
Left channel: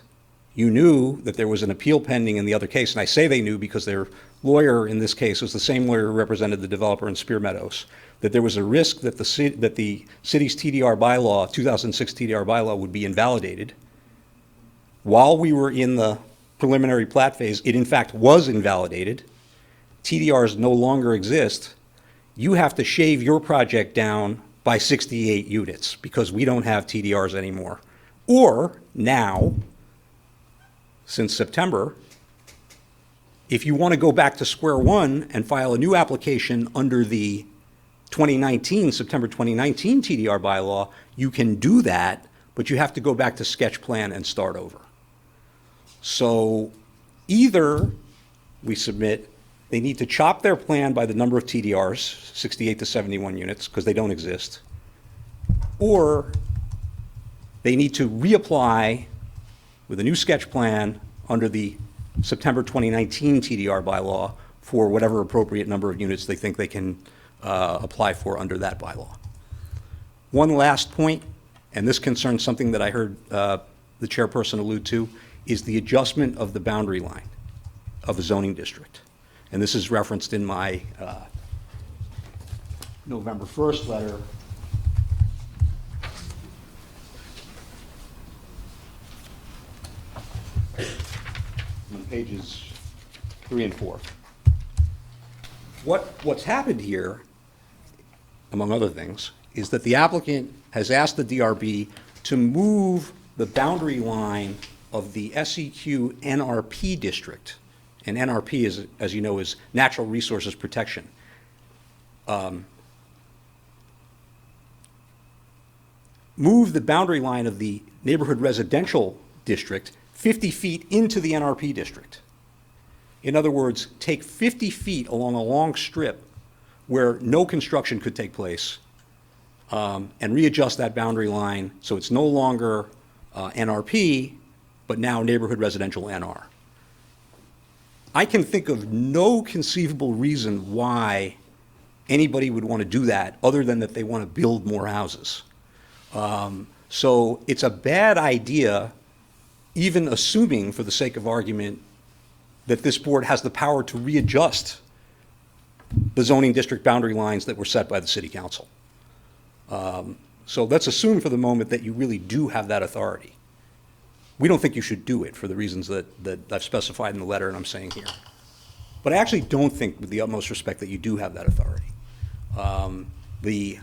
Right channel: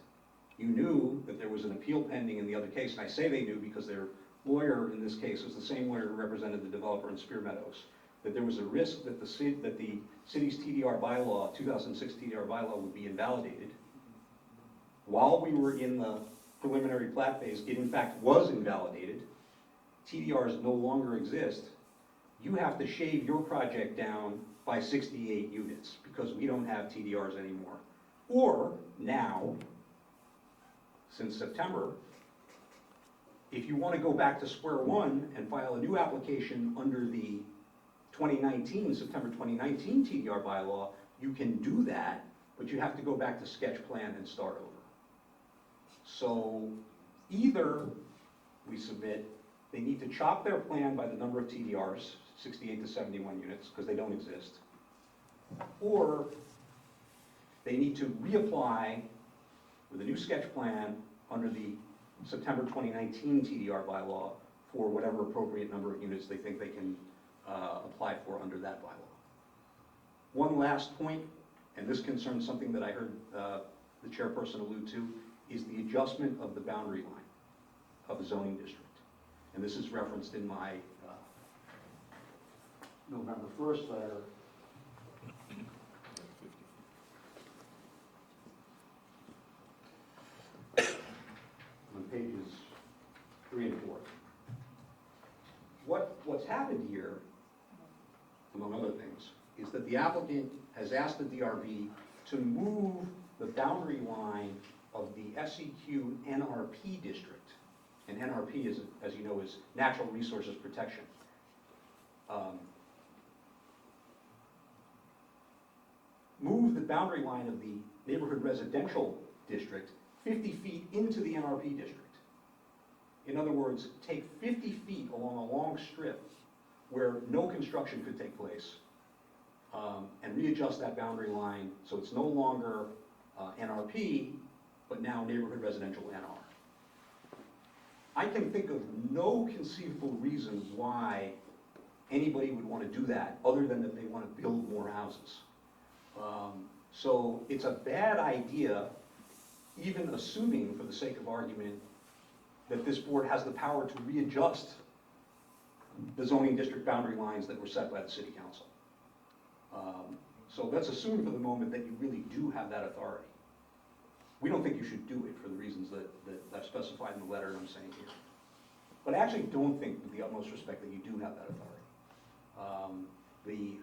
you knew that there was an appeal pending in the other case, and I say they knew because their lawyer in this case was the same lawyer who represented the developer in Spear Meadows, that there was a risk that the city's TDR bylaw, 2006 TDR bylaw, would be invalidated. While we were in the preliminary plat phase, it in fact was invalidated. TDRs no longer exist. You have to shave your project down by 68 units because we don't have TDRs anymore. Or now, since September, if you want to go back to square one and file a new application under the September 2019 TDR bylaw, you can do that, but you have to go back to sketch plan and start over. So either we submit they need to chop their plan by the number of TDRs, 68 to 71 units, because they don't exist, or they need to reapply with a new sketch plan under the September 2019 TDR bylaw for whatever appropriate number of units they think they can apply for under that bylaw. One last point, and this concerns something that I heard the chairperson allude to, is the adjustment of the boundary line of the zoning district. And this is referenced in my November 1st letter. On pages 3 and 4. What's happened here, among other things, is that the applicant has asked the DRB to move the boundary line of the SEQ NRP district. And NRP, is, as you know, is Natural Resources Protection. Move the boundary line of the neighborhood residential district 50 feet into the NRP district. In other words, take 50 feet along a long strip where no construction could take place and readjust that boundary line so it's no longer NRP, but now neighborhood residential NR. I can think of no conceivable reason why anybody would want to do that other than that they want to build more houses. So it's a bad idea, even assuming for the sake of argument that this board has the power to readjust the zoning district boundary lines that were set by the city council. So let's assume for the moment that you really do have that authority. We don't think you should do it for the reasons that I've specified in the letter and I'm saying here. But I actually don't think, with the utmost respect, that you do have that authority. The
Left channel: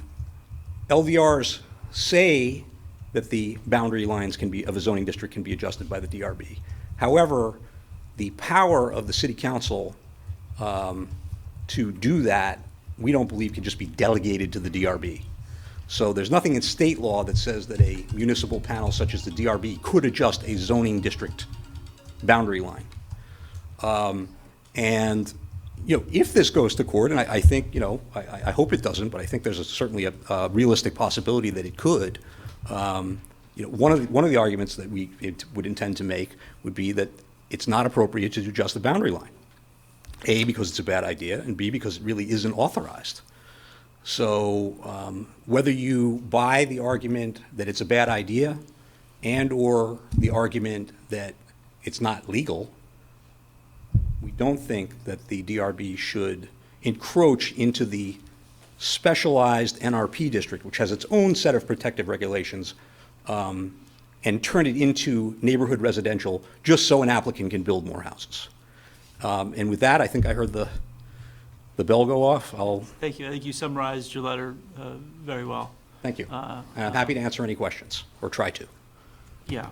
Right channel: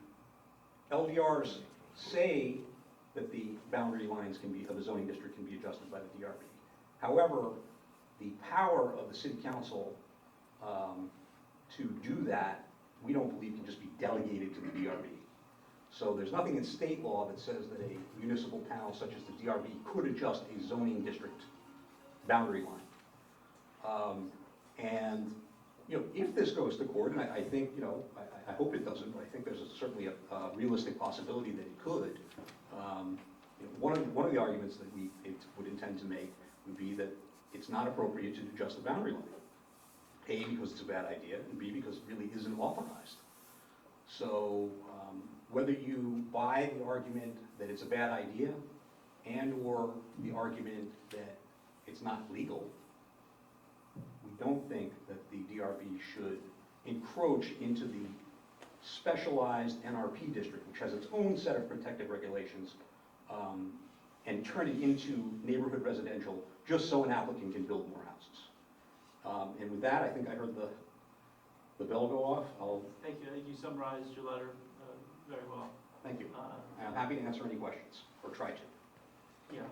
LVRs say that the boundary lines of a zoning district can be adjusted by the DRB. However, the power of the city council to do that, we don't believe can just be delegated to the DRB. So there's nothing in state law that says that a municipal panel such as the DRB could adjust a zoning district boundary line. And if this goes to court, and I think, I hope it doesn't, but I think there's certainly a realistic possibility that it could. One of the arguments that we would intend to make would be that it's not appropriate to adjust the boundary line. A, because it's a bad idea, and B, because it really isn't authorized. So whether you buy the argument that it's a bad idea and/or the argument that it's not legal, we don't think that the DRB should encroach into the specialized NRP district, which has its own set of protective regulations, and turn it into neighborhood residential just so an applicant can build more houses. And with that, I think I heard the bell go off. Thank you. I think you summarized your letter very well. Thank you. And I'm happy to answer any questions, or try to. Yeah.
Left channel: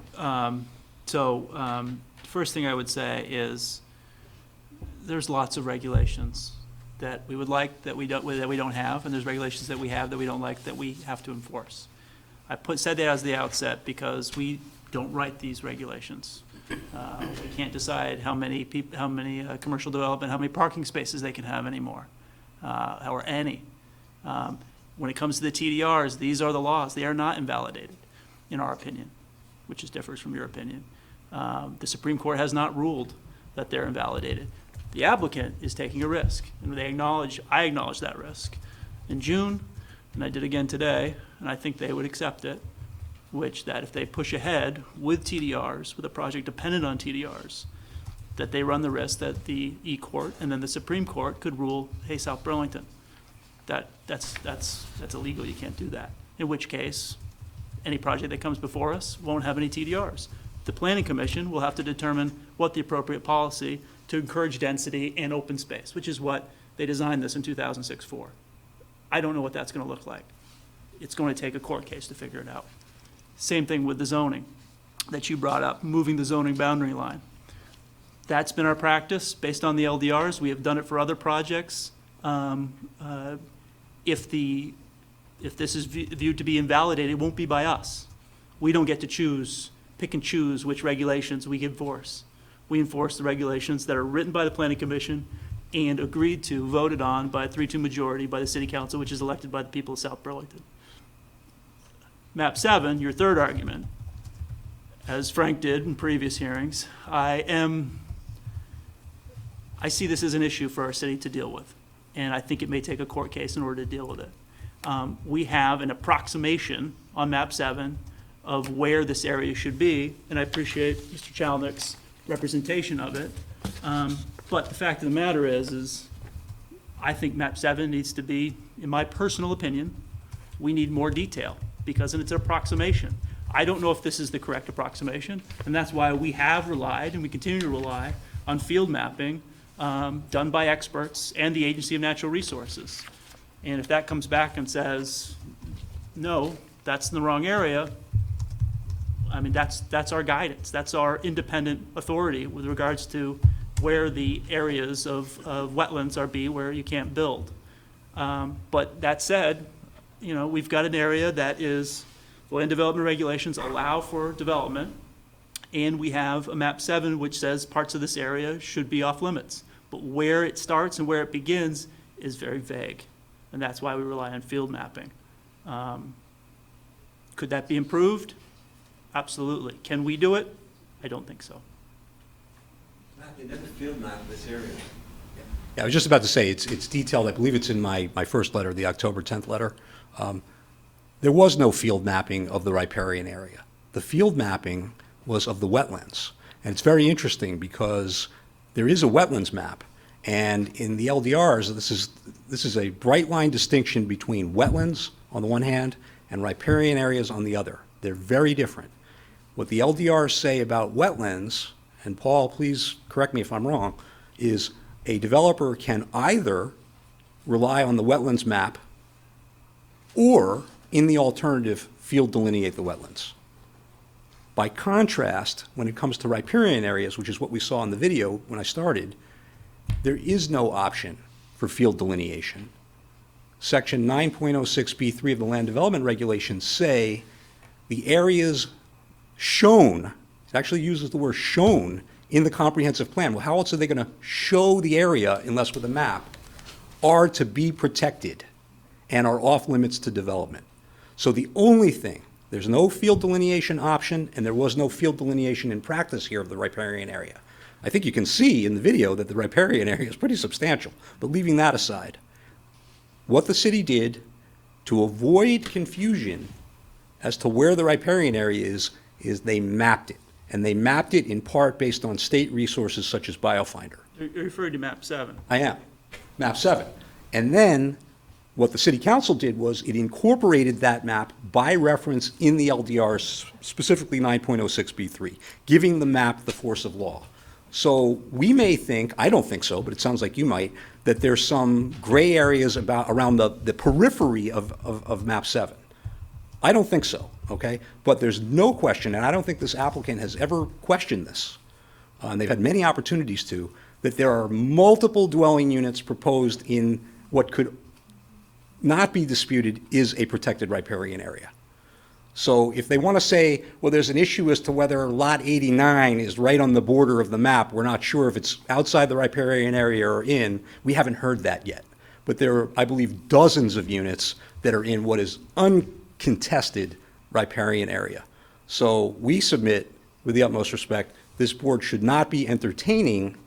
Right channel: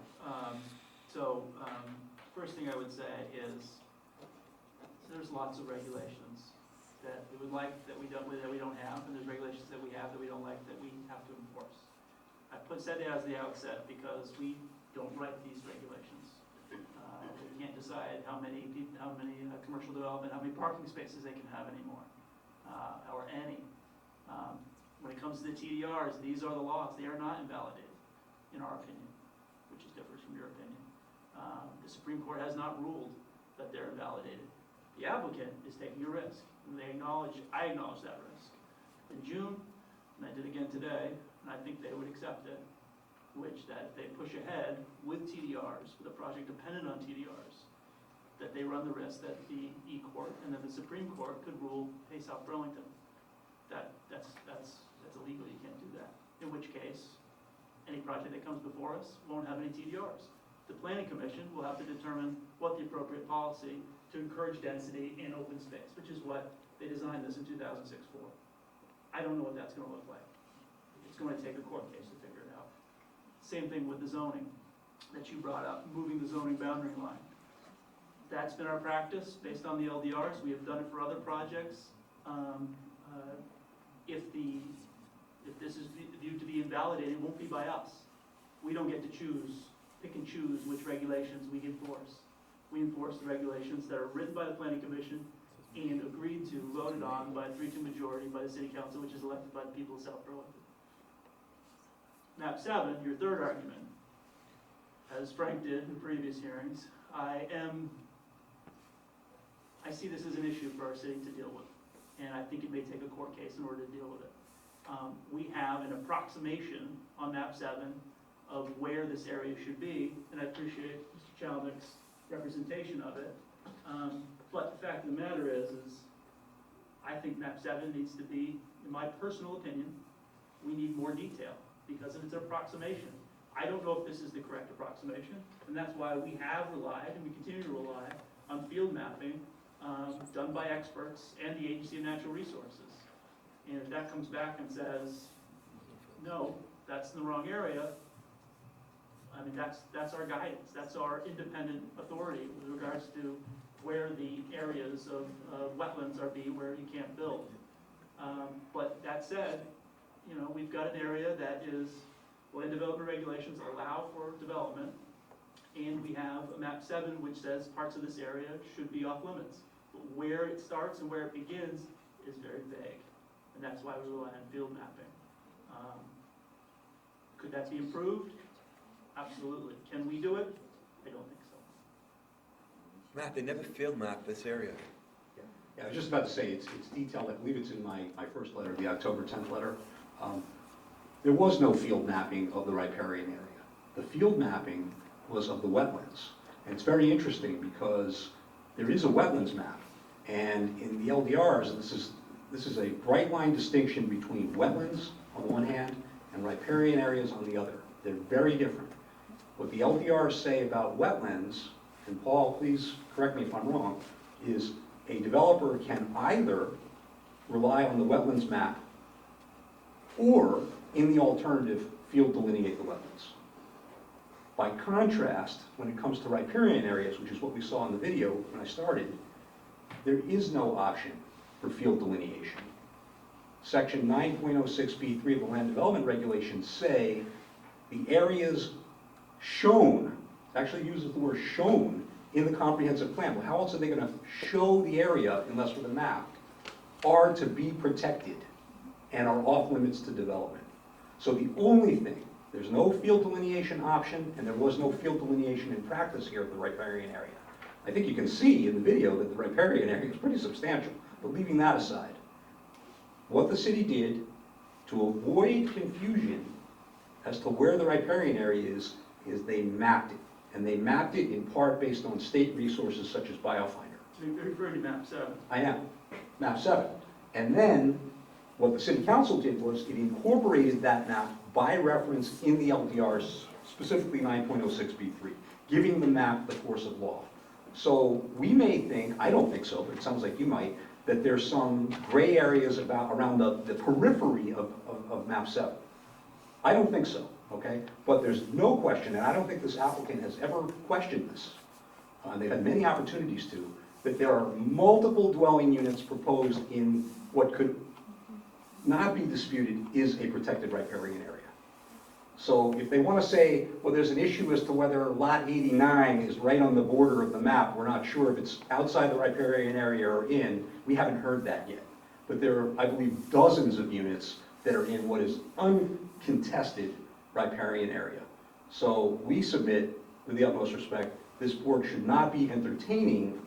First thing I would say is there's lots of regulations that we would like that we don't have, and there's regulations that we have that we don't like that we have to enforce. I said that as the outset because we don't write these regulations. We can't decide how many commercial development, how many parking spaces they can have anymore, or any. When it comes to the TDRs, these are the laws. They are not invalidated, in our opinion, which differs from your opinion. The Supreme Court has not ruled that they're invalidated. The applicant is taking a risk, and I acknowledge that risk. In June, and I did again today, and I think they would accept it, that if they push ahead with TDRs, with a project dependent on TDRs, that they run the risk that the E-Court and then the Supreme Court could rule, hey, South Burlington, that's illegal, you can't do that. In which case, any project that comes before us won't have any TDRs. The Planning Commission will have to determine what the appropriate policy to encourage density and open space, which is what they designed this in 2006 for. I don't know what that's going to look like. It's going to take a court case to figure it out. Same thing with the zoning that you brought up, moving the zoning boundary line. That's been our practice based on the LDRs. We have done it for other projects. If this is viewed to be invalidated, it won't be by us. We don't get to pick and choose which regulations we enforce. We enforce the regulations that are written by the Planning Commission and agreed to, voted on by a 3-2 majority by the City Council, which is elected by the people of South Burlington. Map 7, your third argument, as Frank did in previous hearings, I see this as an issue for our city to deal with, and I think it may take a court case in order to deal with it. We have an approximation on Map 7 of where this area should be, and I appreciate Mr. Chalnick's representation of it. But the fact of the matter is I think Map 7 needs to be, in my personal opinion, we need more detail because it's an approximation. I don't know if this is the correct approximation, and that's why we have relied and we continue to rely on field mapping done by experts and the Agency of Natural Resources. And if that comes back and says, no, that's in the wrong area, I mean, that's our guidance. That's our independent authority with regards to where the areas of wetlands where you can't build. But that said, we've got an area that is, land development regulations allow for development, and we have a Map 7 which says parts of this area should be off limits. But where it starts and where it begins is very vague, and that's why we rely on field mapping. Could that be improved? Absolutely. Can we do it? I don't think so. Matt, they never field map this area. Yeah, I was just about to say, it's detailed. I believe it's in my first letter, the October 10th letter. There was no field mapping of the riparian area. The field mapping was of the wetlands. And it's very interesting because there is a wetlands map. And in the LDRs, this is a bright line distinction between wetlands on the one hand and riparian areas on the other. They're very different. What the LDRs say about wetlands, and Paul, please correct me if I'm wrong, is a developer can either rely on the wetlands map or, in the alternative, field delineate the wetlands. By contrast, when it comes to riparian areas, which is what we saw in the video when I started, there is no option for field delineation. Section 9.06B3 of the Land Development Regulations say the areas shown, it actually uses the word shown in the comprehensive plan. Well, how else are they going to show the area unless with a map? Are to be protected and are off limits to development. So the only thing, there's no field delineation option, and there was no field delineation in practice here of the riparian area. I think you can see in the video that the riparian area is pretty substantial, but leaving that aside, what the city did to avoid confusion as to where the riparian area is they mapped it. And they mapped it in part based on state resources such as BioFinder. You're referring to map 7. I am, map 7. And then what the city council did was it incorporated that map by reference in the LDRs, specifically 9.06B3, giving the map the force of law. So we may think, I don't think so, but it sounds like you might, that there's some gray areas around the periphery of map 7. I don't think so, okay? But there's no question, and I don't think this applicant has ever questioned this, and they've had many opportunities to, that there are multiple dwelling units proposed in what could not be disputed is a protected riparian area. So if they want to say, well, there's an issue as to whether lot 89 is right on the border of the map, we're not sure if it's outside the riparian area or in, we haven't heard that yet. But there are, I believe, dozens of units that are in what is uncontested riparian area. So we submit, with the utmost respect, this board should not be entertaining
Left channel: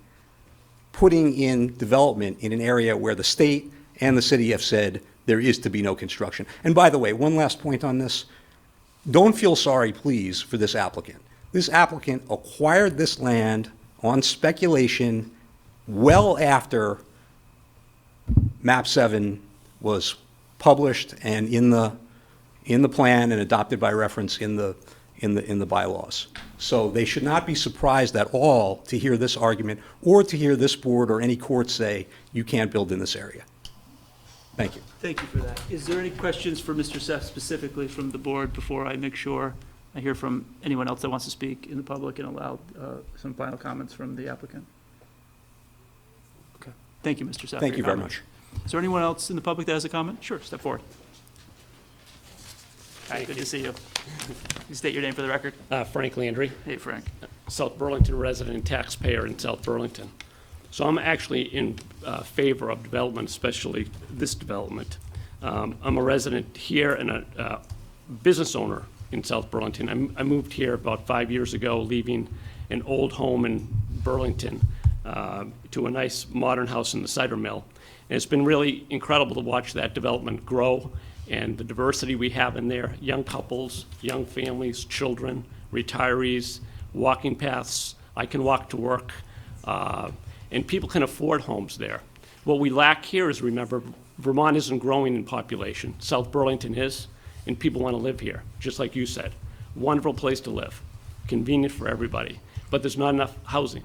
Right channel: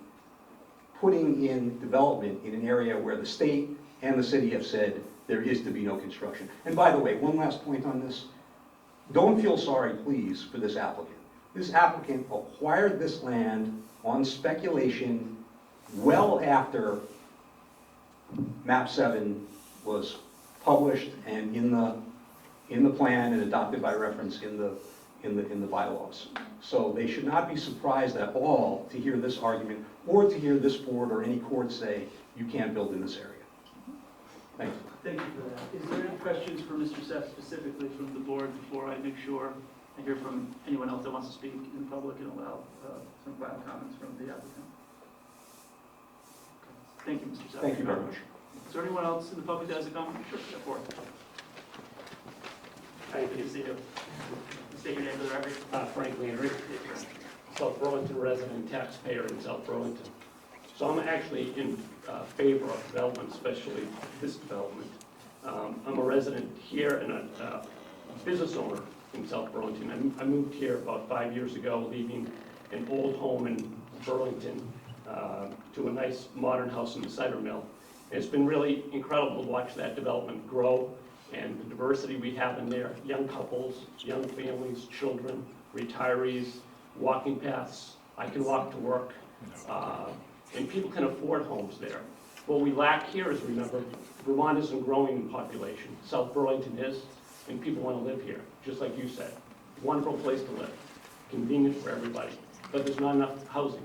putting in development in an area where the state and the city have said there is to be no construction. And by the way, one last point on this. Don't feel sorry, please, for this applicant. This applicant acquired this land on speculation well after map 7 was published and in the plan and adopted by reference in the bylaws. So they should not be surprised at all to hear this argument or to hear this board or any court say you can't build in this area. Thank you. Thank you for that. Is there any questions for Mr. Seff specifically from the board before I make sure I hear from anyone else that wants to speak in the public and allow some final comments from the applicant? Okay. Thank you, Mr. Seff. Thank you very much. Is there anyone else in the public that has a comment? Sure, step forward. Hi, good to see you. You state your name for the record. Frank Landry. Hey, Frank. South Burlington resident and taxpayer in South Burlington. So I'm actually in favor of development, especially this development. I'm a resident here and a business owner in South Burlington. I moved here about 5 years ago, leaving an old home in Burlington to a nice modern house in the cider mill. And it's been really incredible to watch that development grow and the diversity we have in there, young couples, young families, children, retirees, walking paths. I can walk to work. And people can afford homes there. What we lack here is, remember, Vermont isn't growing in population. South Burlington is, and people want to live here, just like you said. Wonderful place to live, convenient for everybody, but there's not enough housing.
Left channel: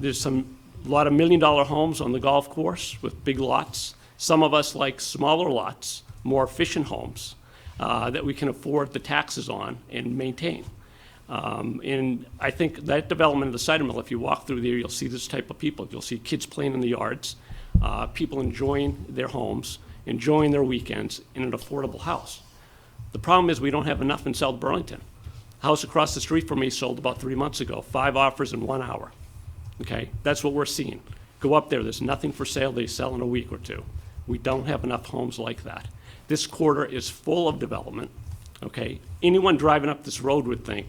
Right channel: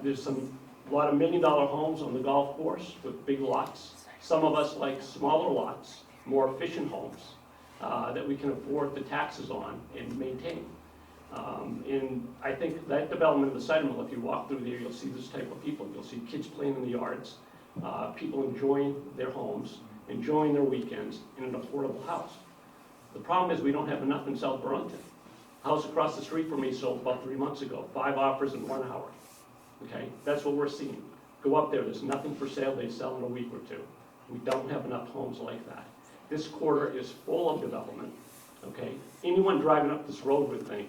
There's a lot of $1 million homes on the golf course with big lots. Some of us like smaller lots, more efficient homes that we can afford the taxes on and maintain. And I think that development of the cider mill, if you walk through there, you'll see this type of people. You'll see kids playing in the yards, people enjoying their homes, enjoying their weekends in an affordable house. The problem is we don't have enough in South Burlington. House across the street from me sold about 3 months ago, 5 offers in 1 hour. Okay, that's what we're seeing. Go up there, there's nothing for sale, they sell in a week or two. We don't have enough homes like that. This quarter is full of development, okay? Anyone driving up this road would think,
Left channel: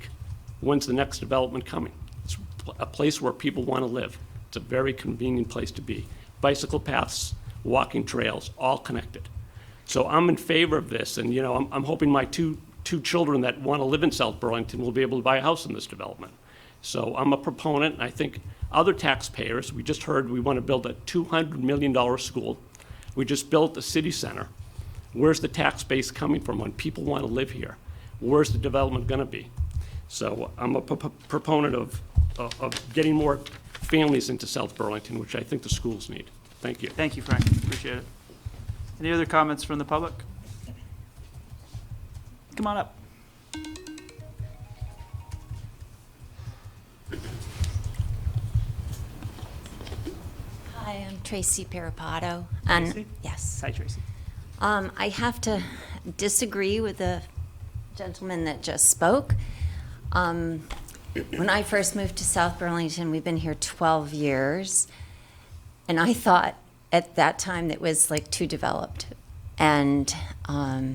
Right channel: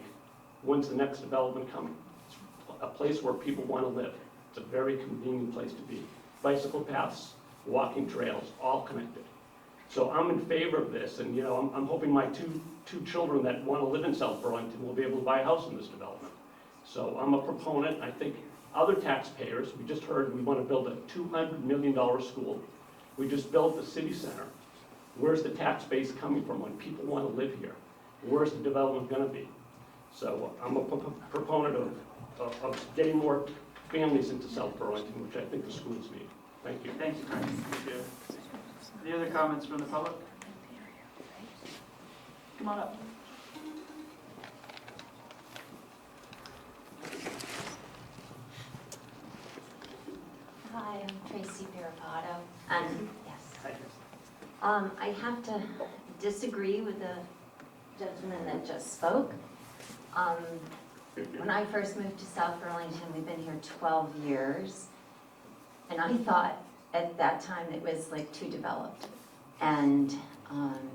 when's the next development coming? It's a place where people want to live. It's a very convenient place to be. Bicycle paths, walking trails, all connected. So I'm in favor of this, and I'm hoping my two children that want to live in South Burlington will be able to buy a house in this development. So I'm a proponent, and I think other taxpayers, we just heard we want to build a $200 million school. We just built the city center. Where's the tax base coming from when people want to live here? Where's the development going to be? So I'm a proponent of getting more families into South Burlington, which I think the schools need. Thank you. Thank you, Frank. Appreciate it. Any other comments from the public? Come on up. Hi, I'm Tracy Pirapato. Tracy? Yes. Hi, Tracy. I have to disagree with the gentleman that just spoke. When I first moved to South Burlington, we've been here 12 years, and I thought at that time it was like too developed. And I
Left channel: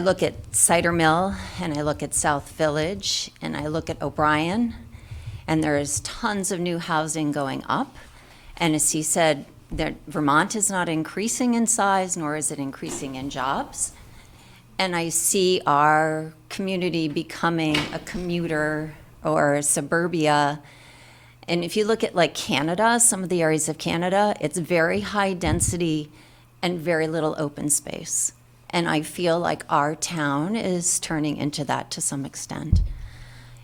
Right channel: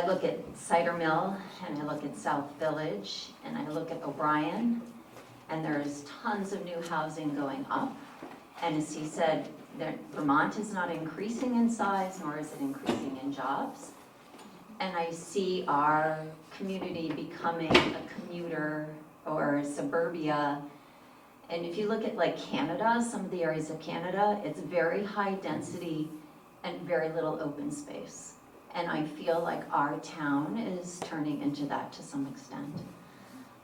look at Cider Mill, and I look at South Village, and I look at O'Brien, and there's tons of new housing going up. And as he said, that Vermont is not increasing in size, nor is it increasing in jobs. And I see our community becoming a commuter or a suburbia. And if you look at like Canada, some of the areas of Canada, it's very high density and very little open space. And I feel like our town is turning into that to some extent.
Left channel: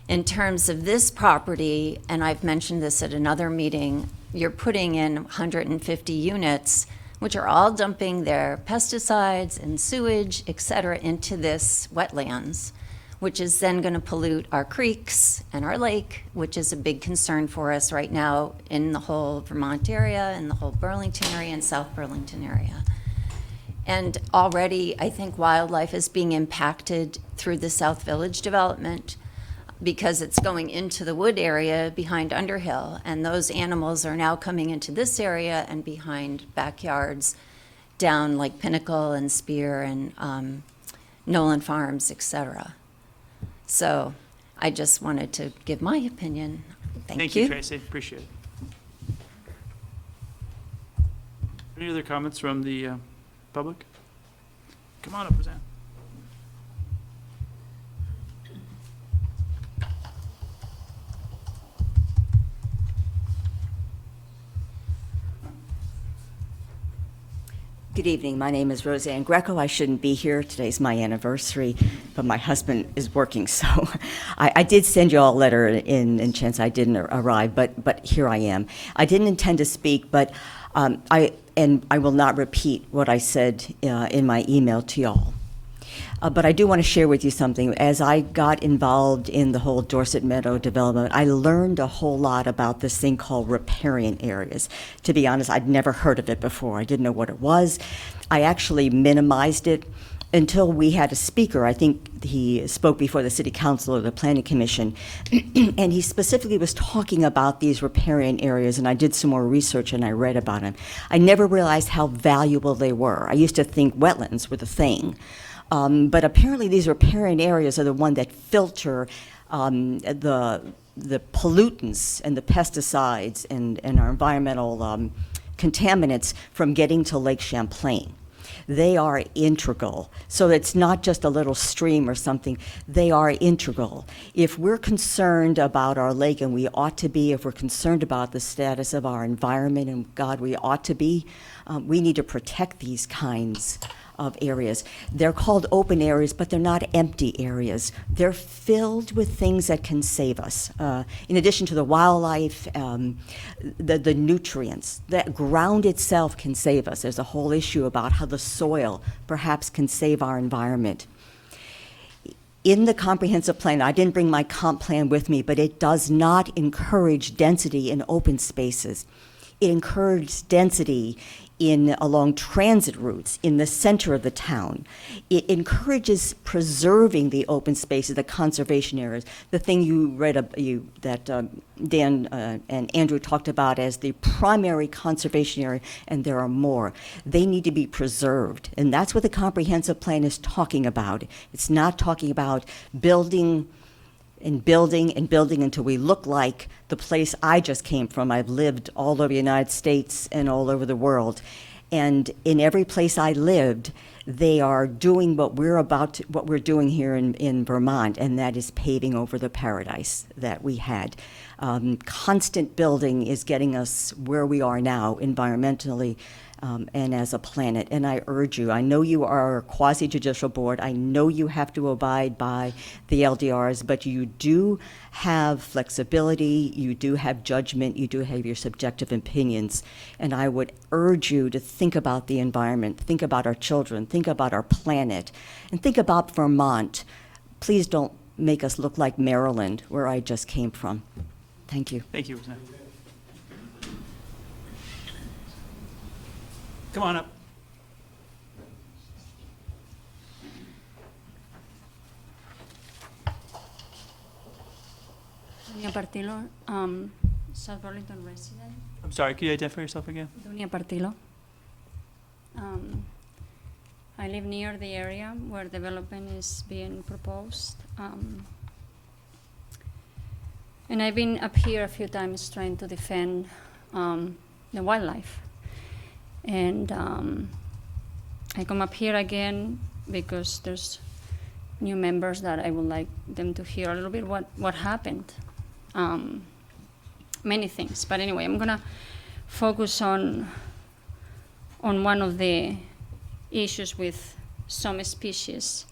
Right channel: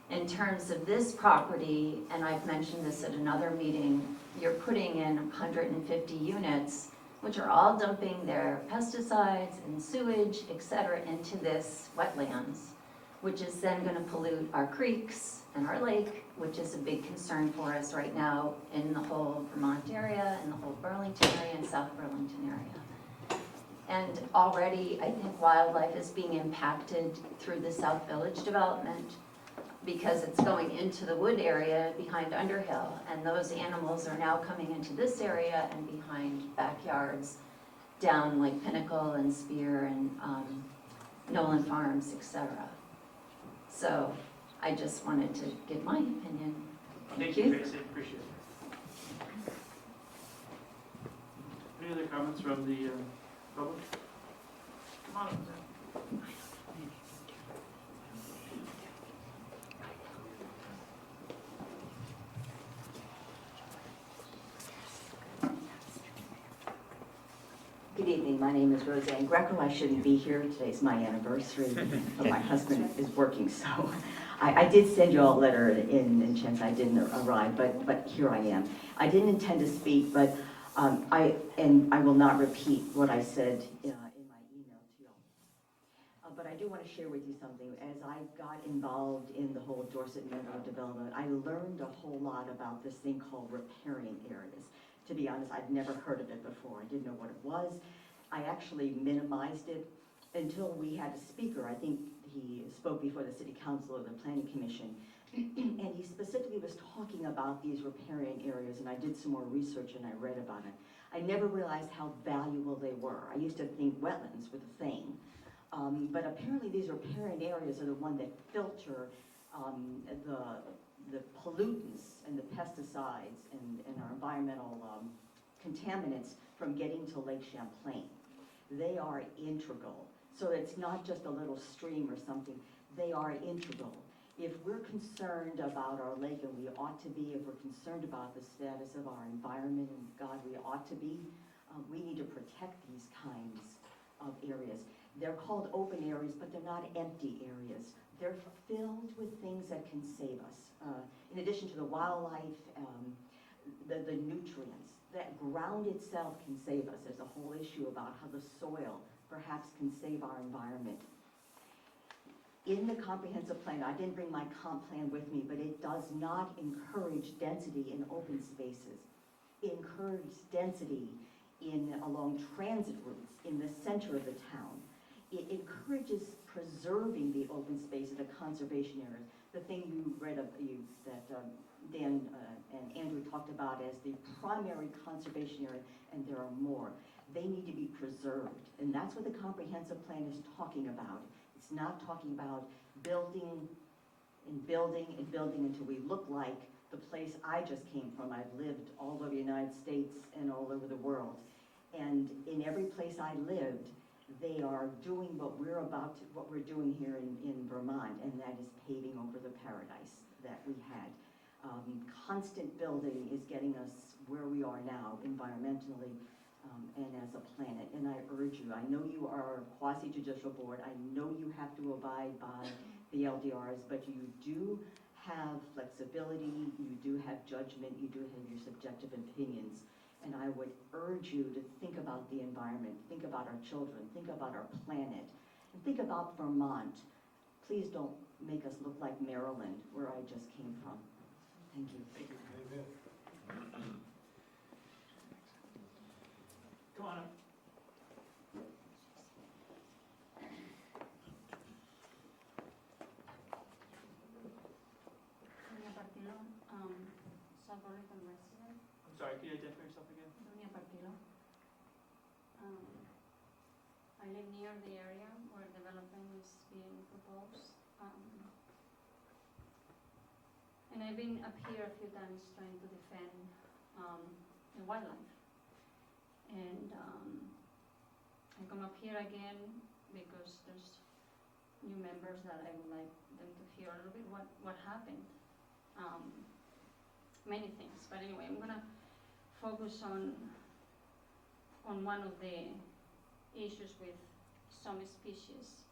In terms of this property, and I've mentioned this at another meeting, you're putting in 150 units, which are all dumping their pesticides and sewage, et cetera, into this wetlands, which is then going to pollute our creeks and our lake, which is a big concern for us right now in the whole Vermont area and the whole Burlington area and South Burlington area. And already, I think wildlife is being impacted through the South Village development because it's going into the wood area behind Underhill, and those animals are now coming into this area and behind backyards down like Pinnacle and Spear and Nolan Farms, etc. So I just wanted to give my opinion. Thank you. Tracy. Appreciate it. Any other comments from the public? Come on up, Roseanne. Good evening. My name is Roseanne Greco. I shouldn't be here. Today's my anniversary, but my husband is working, so I did send you all a letter in chance I didn't arrive, but here I am. I didn't intend to speak, but I will not repeat what I said in my email to y'all. But I do want to share with you something. As I got involved in the whole Dorset Meadow development, I learned a whole lot about this thing called riparian areas. To be honest, I'd never heard of it before. I didn't know what it was. I actually minimized it until we had a speaker. I think he spoke before the City Council or the Planning Commission, and he specifically was talking about these riparian areas, and I did some more research and I read about them. I never realized how valuable they were. I used to think wetlands were the thing. But apparently these riparian areas are the one that filter the pollutants and the pesticides and our environmental contaminants from getting to Lake Champlain. They are integral. So it's not just a little stream or something. They are integral. If we're concerned about our lake, and we ought to be, if we're concerned about the status of our environment, and God, we ought to be, we need to protect these kinds of areas. They're called open areas, but they're not empty areas. They're filled with things that can save us. In addition to the wildlife, the nutrients, the ground itself can save us. There's a whole issue about how the soil perhaps can save our environment. In the comprehensive plan, I didn't bring my comp plan with me, but it does not encourage density in open spaces. It encourages density along transit routes in the center of the town. It encourages preserving the open spaces, the conservation areas, the thing you read that Dan and Andrew talked about as the primary conservation area, and there are more. They need to be preserved, and that's what the comprehensive plan is talking about. It's not talking about building and building and building until we look like the place I just came from. I've lived all over the United States and all over the world. And in every place I lived, they are doing what we're doing here in Vermont, and that is paving over the paradise that we had. Constant building is getting us where we are now environmentally and as a planet. And I urge you, I know you are a quasi-judicial board, I know you have to abide by the LDRs, but you do have flexibility, you do have judgment, you do have your subjective opinions, and I would urge you to think about the environment, think about our children, think about our planet, and think about Vermont. Please don't make us look like Maryland, where I just came from. Thank you. Thank you, Roseanne. Come on up. Dunia Partilo, South Burlington resident. I'm sorry, can you identify yourself again? Dunia Partilo. I live near the area where development is being proposed. And I've been up here a few times trying to defend the wildlife. And I come up here again because there's new members that I would like them to hear a little bit what happened. Many things, but anyway, I'm gonna focus on one of the issues with some species.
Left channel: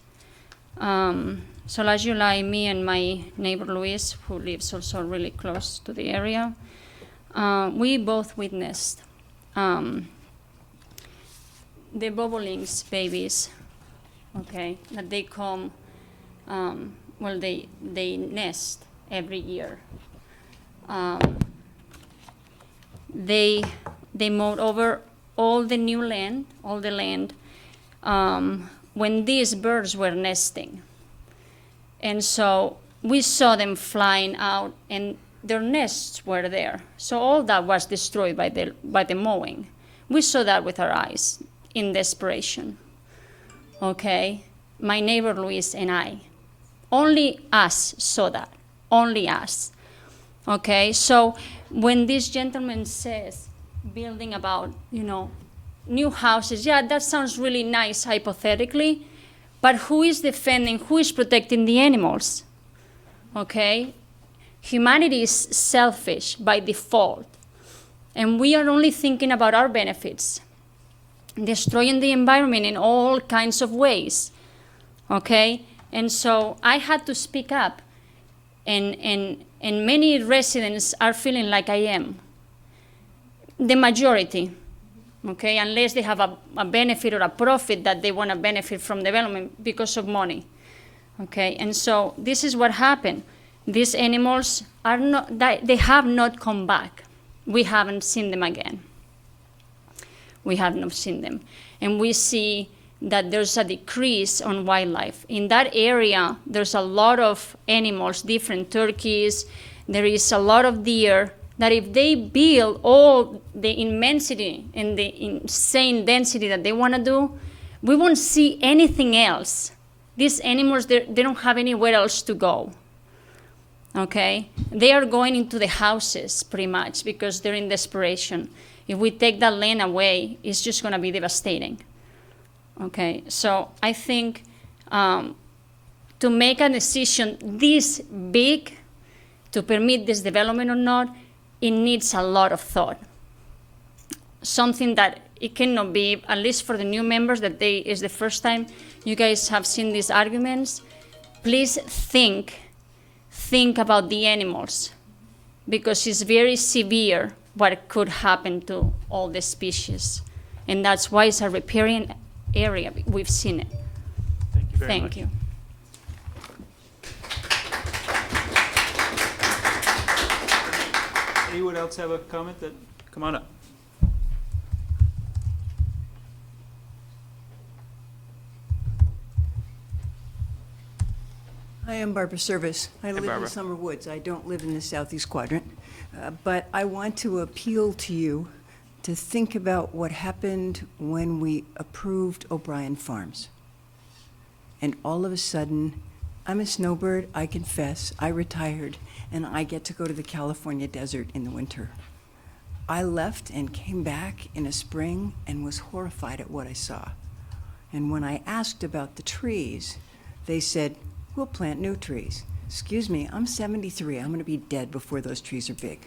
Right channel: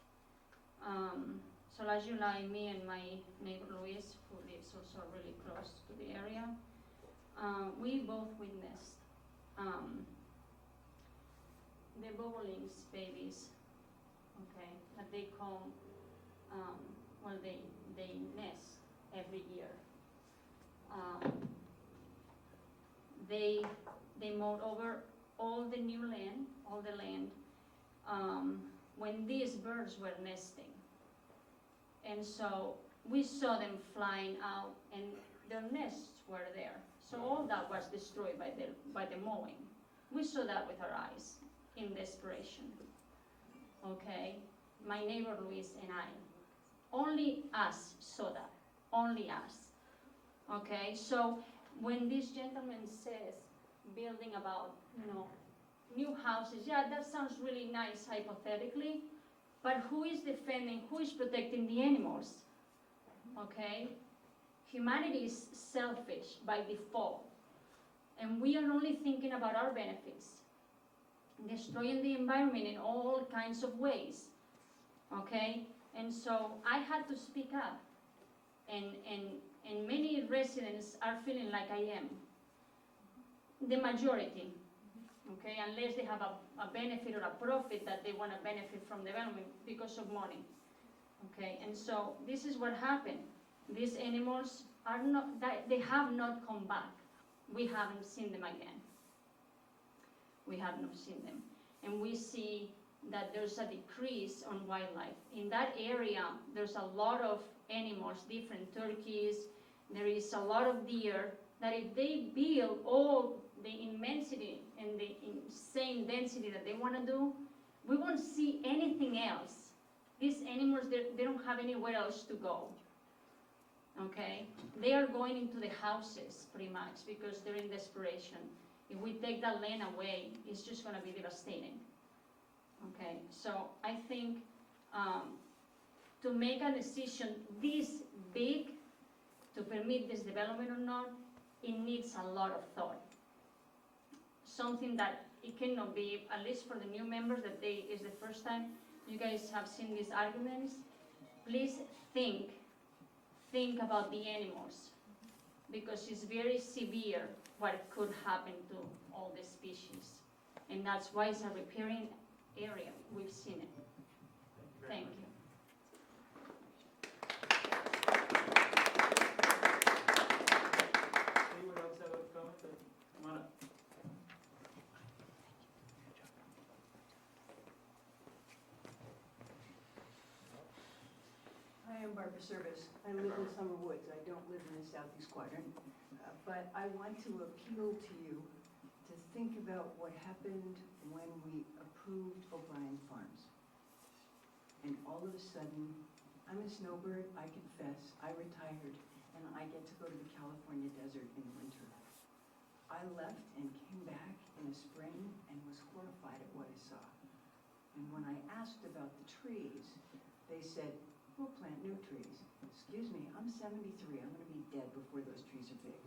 So last July, me and my neighbor Luis, who lives also really close to the area, we both witnessed the bobolinks babies, okay, that they come, well, they nest every year. They mowed over all the new land, all the land, when these birds were nesting. And so we saw them flying out and their nests were there. So all that was destroyed by the mowing. We saw that with our eyes in desperation, okay? My neighbor Luis and I, only us saw that, only us, okay? So when this gentleman says, building about, new houses, yeah, that sounds really nice hypothetically, but who is defending, who is protecting the animals, okay? Humanity is selfish by default, and we are only thinking about our benefits, destroying the environment in all kinds of ways, okay? And so I had to speak up, and many residents are feeling like I am. The majority, okay, unless they have a benefit or a profit that they want to benefit from development because of money, okay? And so this is what happened. These animals are not, they have not come back. We haven't seen them again. We have not seen them. And we see that there's a decrease on wildlife. In that area, there's a lot of animals, different turkeys, there is a lot of deer, that if they build all the immensity and the insane density that they want to do, we won't see anything else. These animals, they don't have anywhere else to go, okay? They are going into the houses pretty much because they're in desperation. If we take that land away, it's just going to be devastating, okay? So I think to make a decision this big to permit this development or not, it needs a lot of thought. Something that it cannot be, at least for the new members, that is the first time you guys have seen these arguments. Please think about the animals, because it's very severe what could happen to all the species. And that's why it's a riparian area. We've seen it. Thank you very much. Thank you. Anyone else have a comment? Come on up. Hi, I'm Barbara Service. I live Barbara. in Summer Woods. I don't live in the southeast quadrant. But I want to appeal to you to think about what happened when we approved O'Brien Farms. And all of a sudden, I'm a snowbird, I confess, I retired, and I get to go to the California desert in the winter. I left and came back in a spring and was horrified at what I saw. And when I asked about the trees, they said, we'll plant new trees. Excuse me, I'm 73. I'm going to be dead before those trees are big.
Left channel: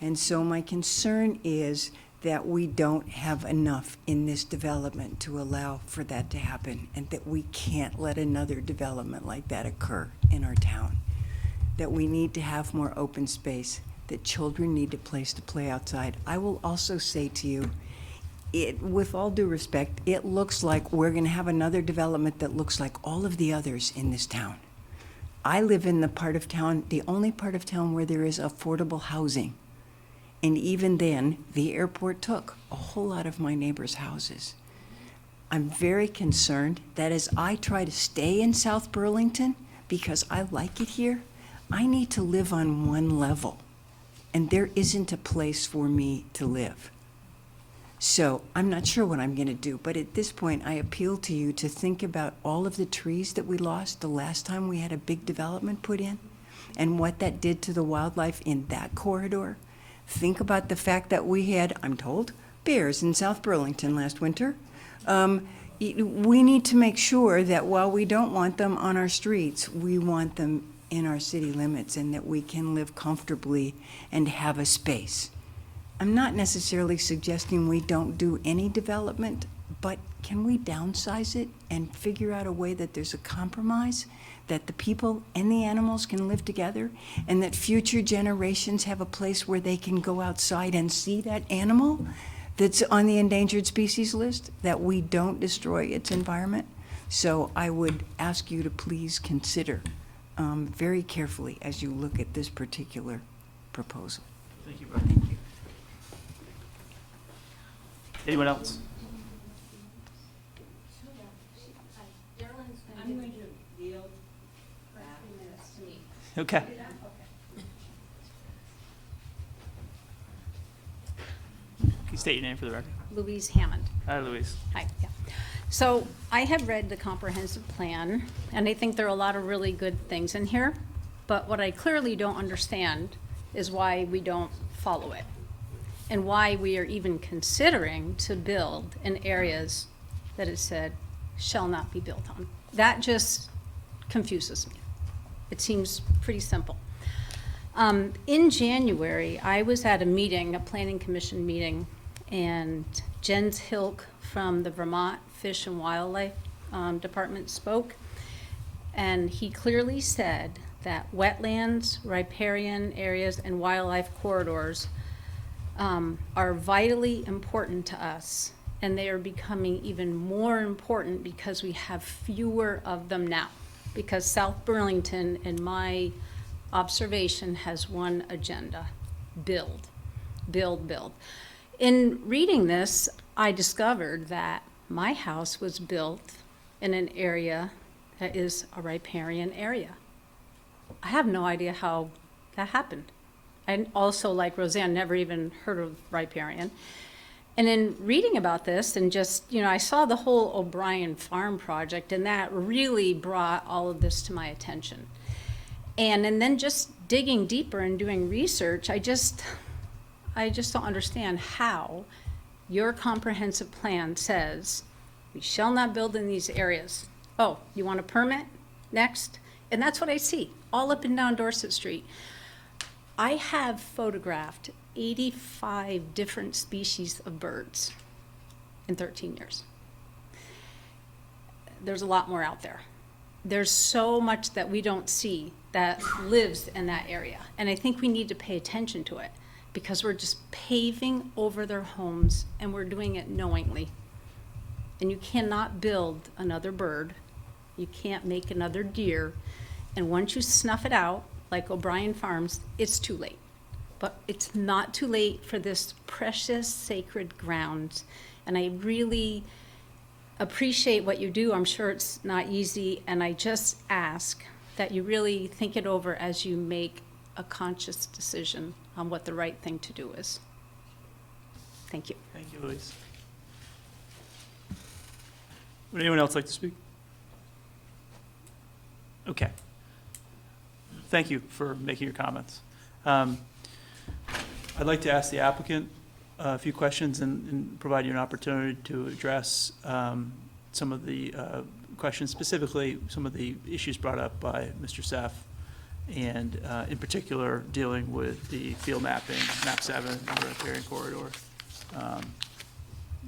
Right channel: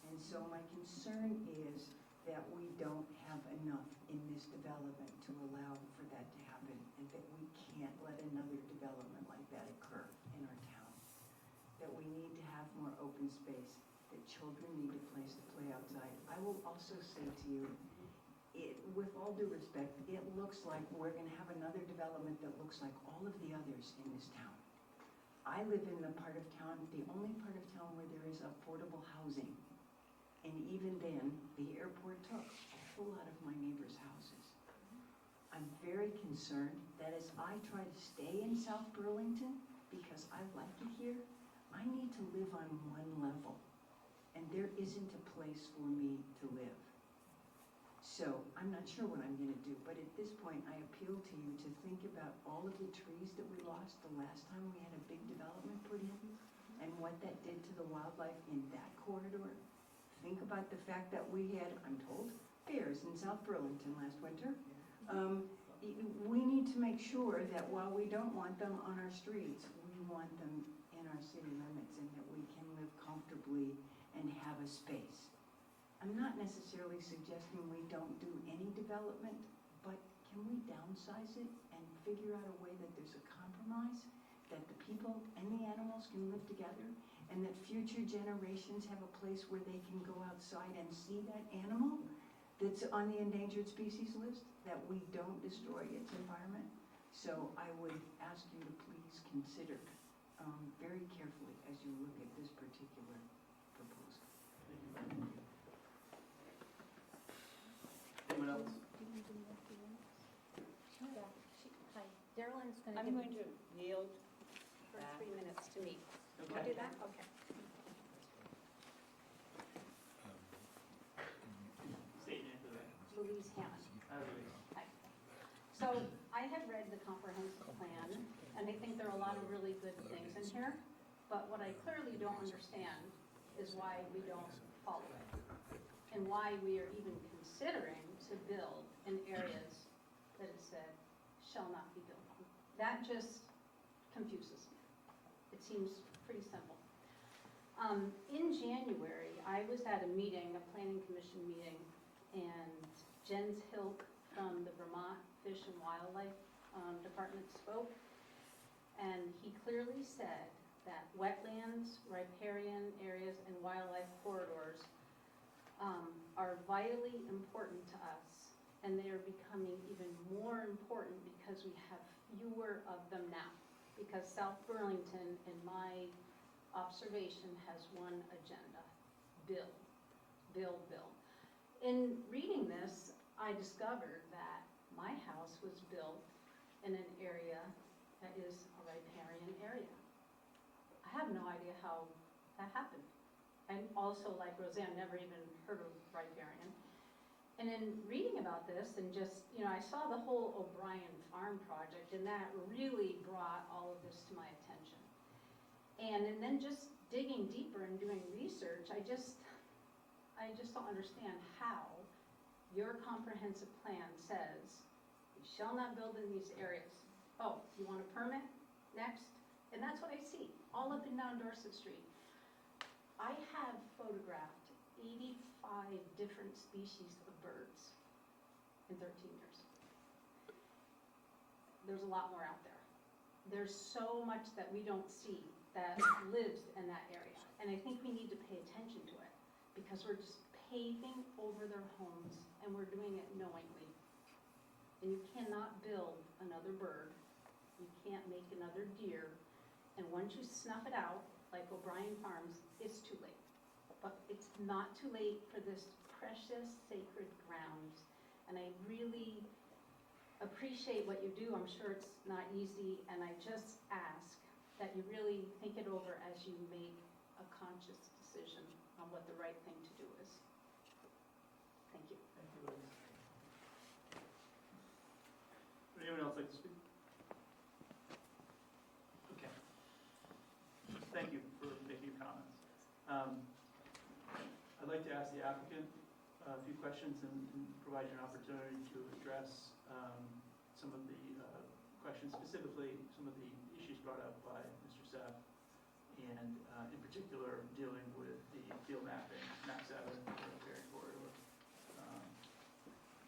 And so my concern is that we don't have enough in this development to allow for that to happen, and that we can't let another development like that occur in our town. That we need to have more open space, that children need a place to play outside. I will also say to you, with all due respect, it looks like we're gonna have another development that looks like all of the others in this town. I live in the part of town, the only part of town where there is affordable housing. And even then, the airport took a whole lot of my neighbors' houses. I'm very concerned that as I try to stay in South Burlington, because I like it here, I need to live on one level. And there isn't a place for me to live. So I'm not sure what I'm gonna do, but at this point, I appeal to you to think about all of the trees that we lost the last time we had a big development put in, and what that did to the wildlife in that corridor. Think about the fact that we had, I'm told, bears in South Burlington last winter. We need to make sure that while we don't want them on our streets, we want them in our city limits, and that we can live comfortably and have a space. I'm not necessarily suggesting we don't do any development, but can we downsize it and figure out a way that there's a compromise, that the people and the animals can live together, and that future generations have a place where they can go outside and see that animal that's on the endangered species list, that we don't destroy its environment? So I would ask you to please consider very carefully as you look at this particular proposal. Thank you, Brett. Thank you. Anyone else? I'm going to yield for 3 minutes to me. Okay. Can you state your name for the record? Louise Hammond. Hi, Louise. Hi, yeah. So I have read the comprehensive plan, and I think there are a lot of really good things in here, but what I clearly don't understand is why we don't follow it, and why we are even considering to build in areas that it said shall not be built on. That just confuses me. It seems pretty simple. In January, I was at a meeting, a planning commission meeting, and Jens Hilk from the Vermont Fish and Wildlife Department spoke, and he clearly said that wetlands, riparian areas, and wildlife corridors are vitally important to us, and they are becoming even more important because we have fewer of them now. Because South Burlington, in my observation, has one agenda: build, build, build. In reading this, I discovered that my house was built in an area that is a riparian area. I have no idea how that happened. And also, like Roseanne, never even heard of riparian. And in reading about this, and just, I saw the whole O'Brien Farm project, and that really brought all of this to my attention. And then just digging deeper and doing research, I just don't understand how your comprehensive plan says we shall not build in these areas. Oh, you want a permit? Next. And that's what I see all up and down Dorset Street. I have photographed 85 different species of birds in 13 years. There's a lot more out there. There's so much that we don't see that lives in that area. And I think we need to pay attention to it, because we're just paving over their homes, and we're doing it knowingly. And you cannot build another bird. You can't make another deer. And once you snuff it out, like O'Brien Farms, it's too late. But it's not too late for this precious, sacred ground. And I really appreciate what you do. I'm sure it's not easy. And I just ask that you really think it over as you make a conscious decision on what the right thing to do is. Thank you. Thank you, Louise. Would anyone else like to speak? Okay. Thank you for making your comments. I'd like to ask the applicant a few questions and provide you an opportunity to address some of the questions, specifically some of the issues brought up by Mr. Seff, and in particular dealing with the field mapping, map 7, and the riparian corridor.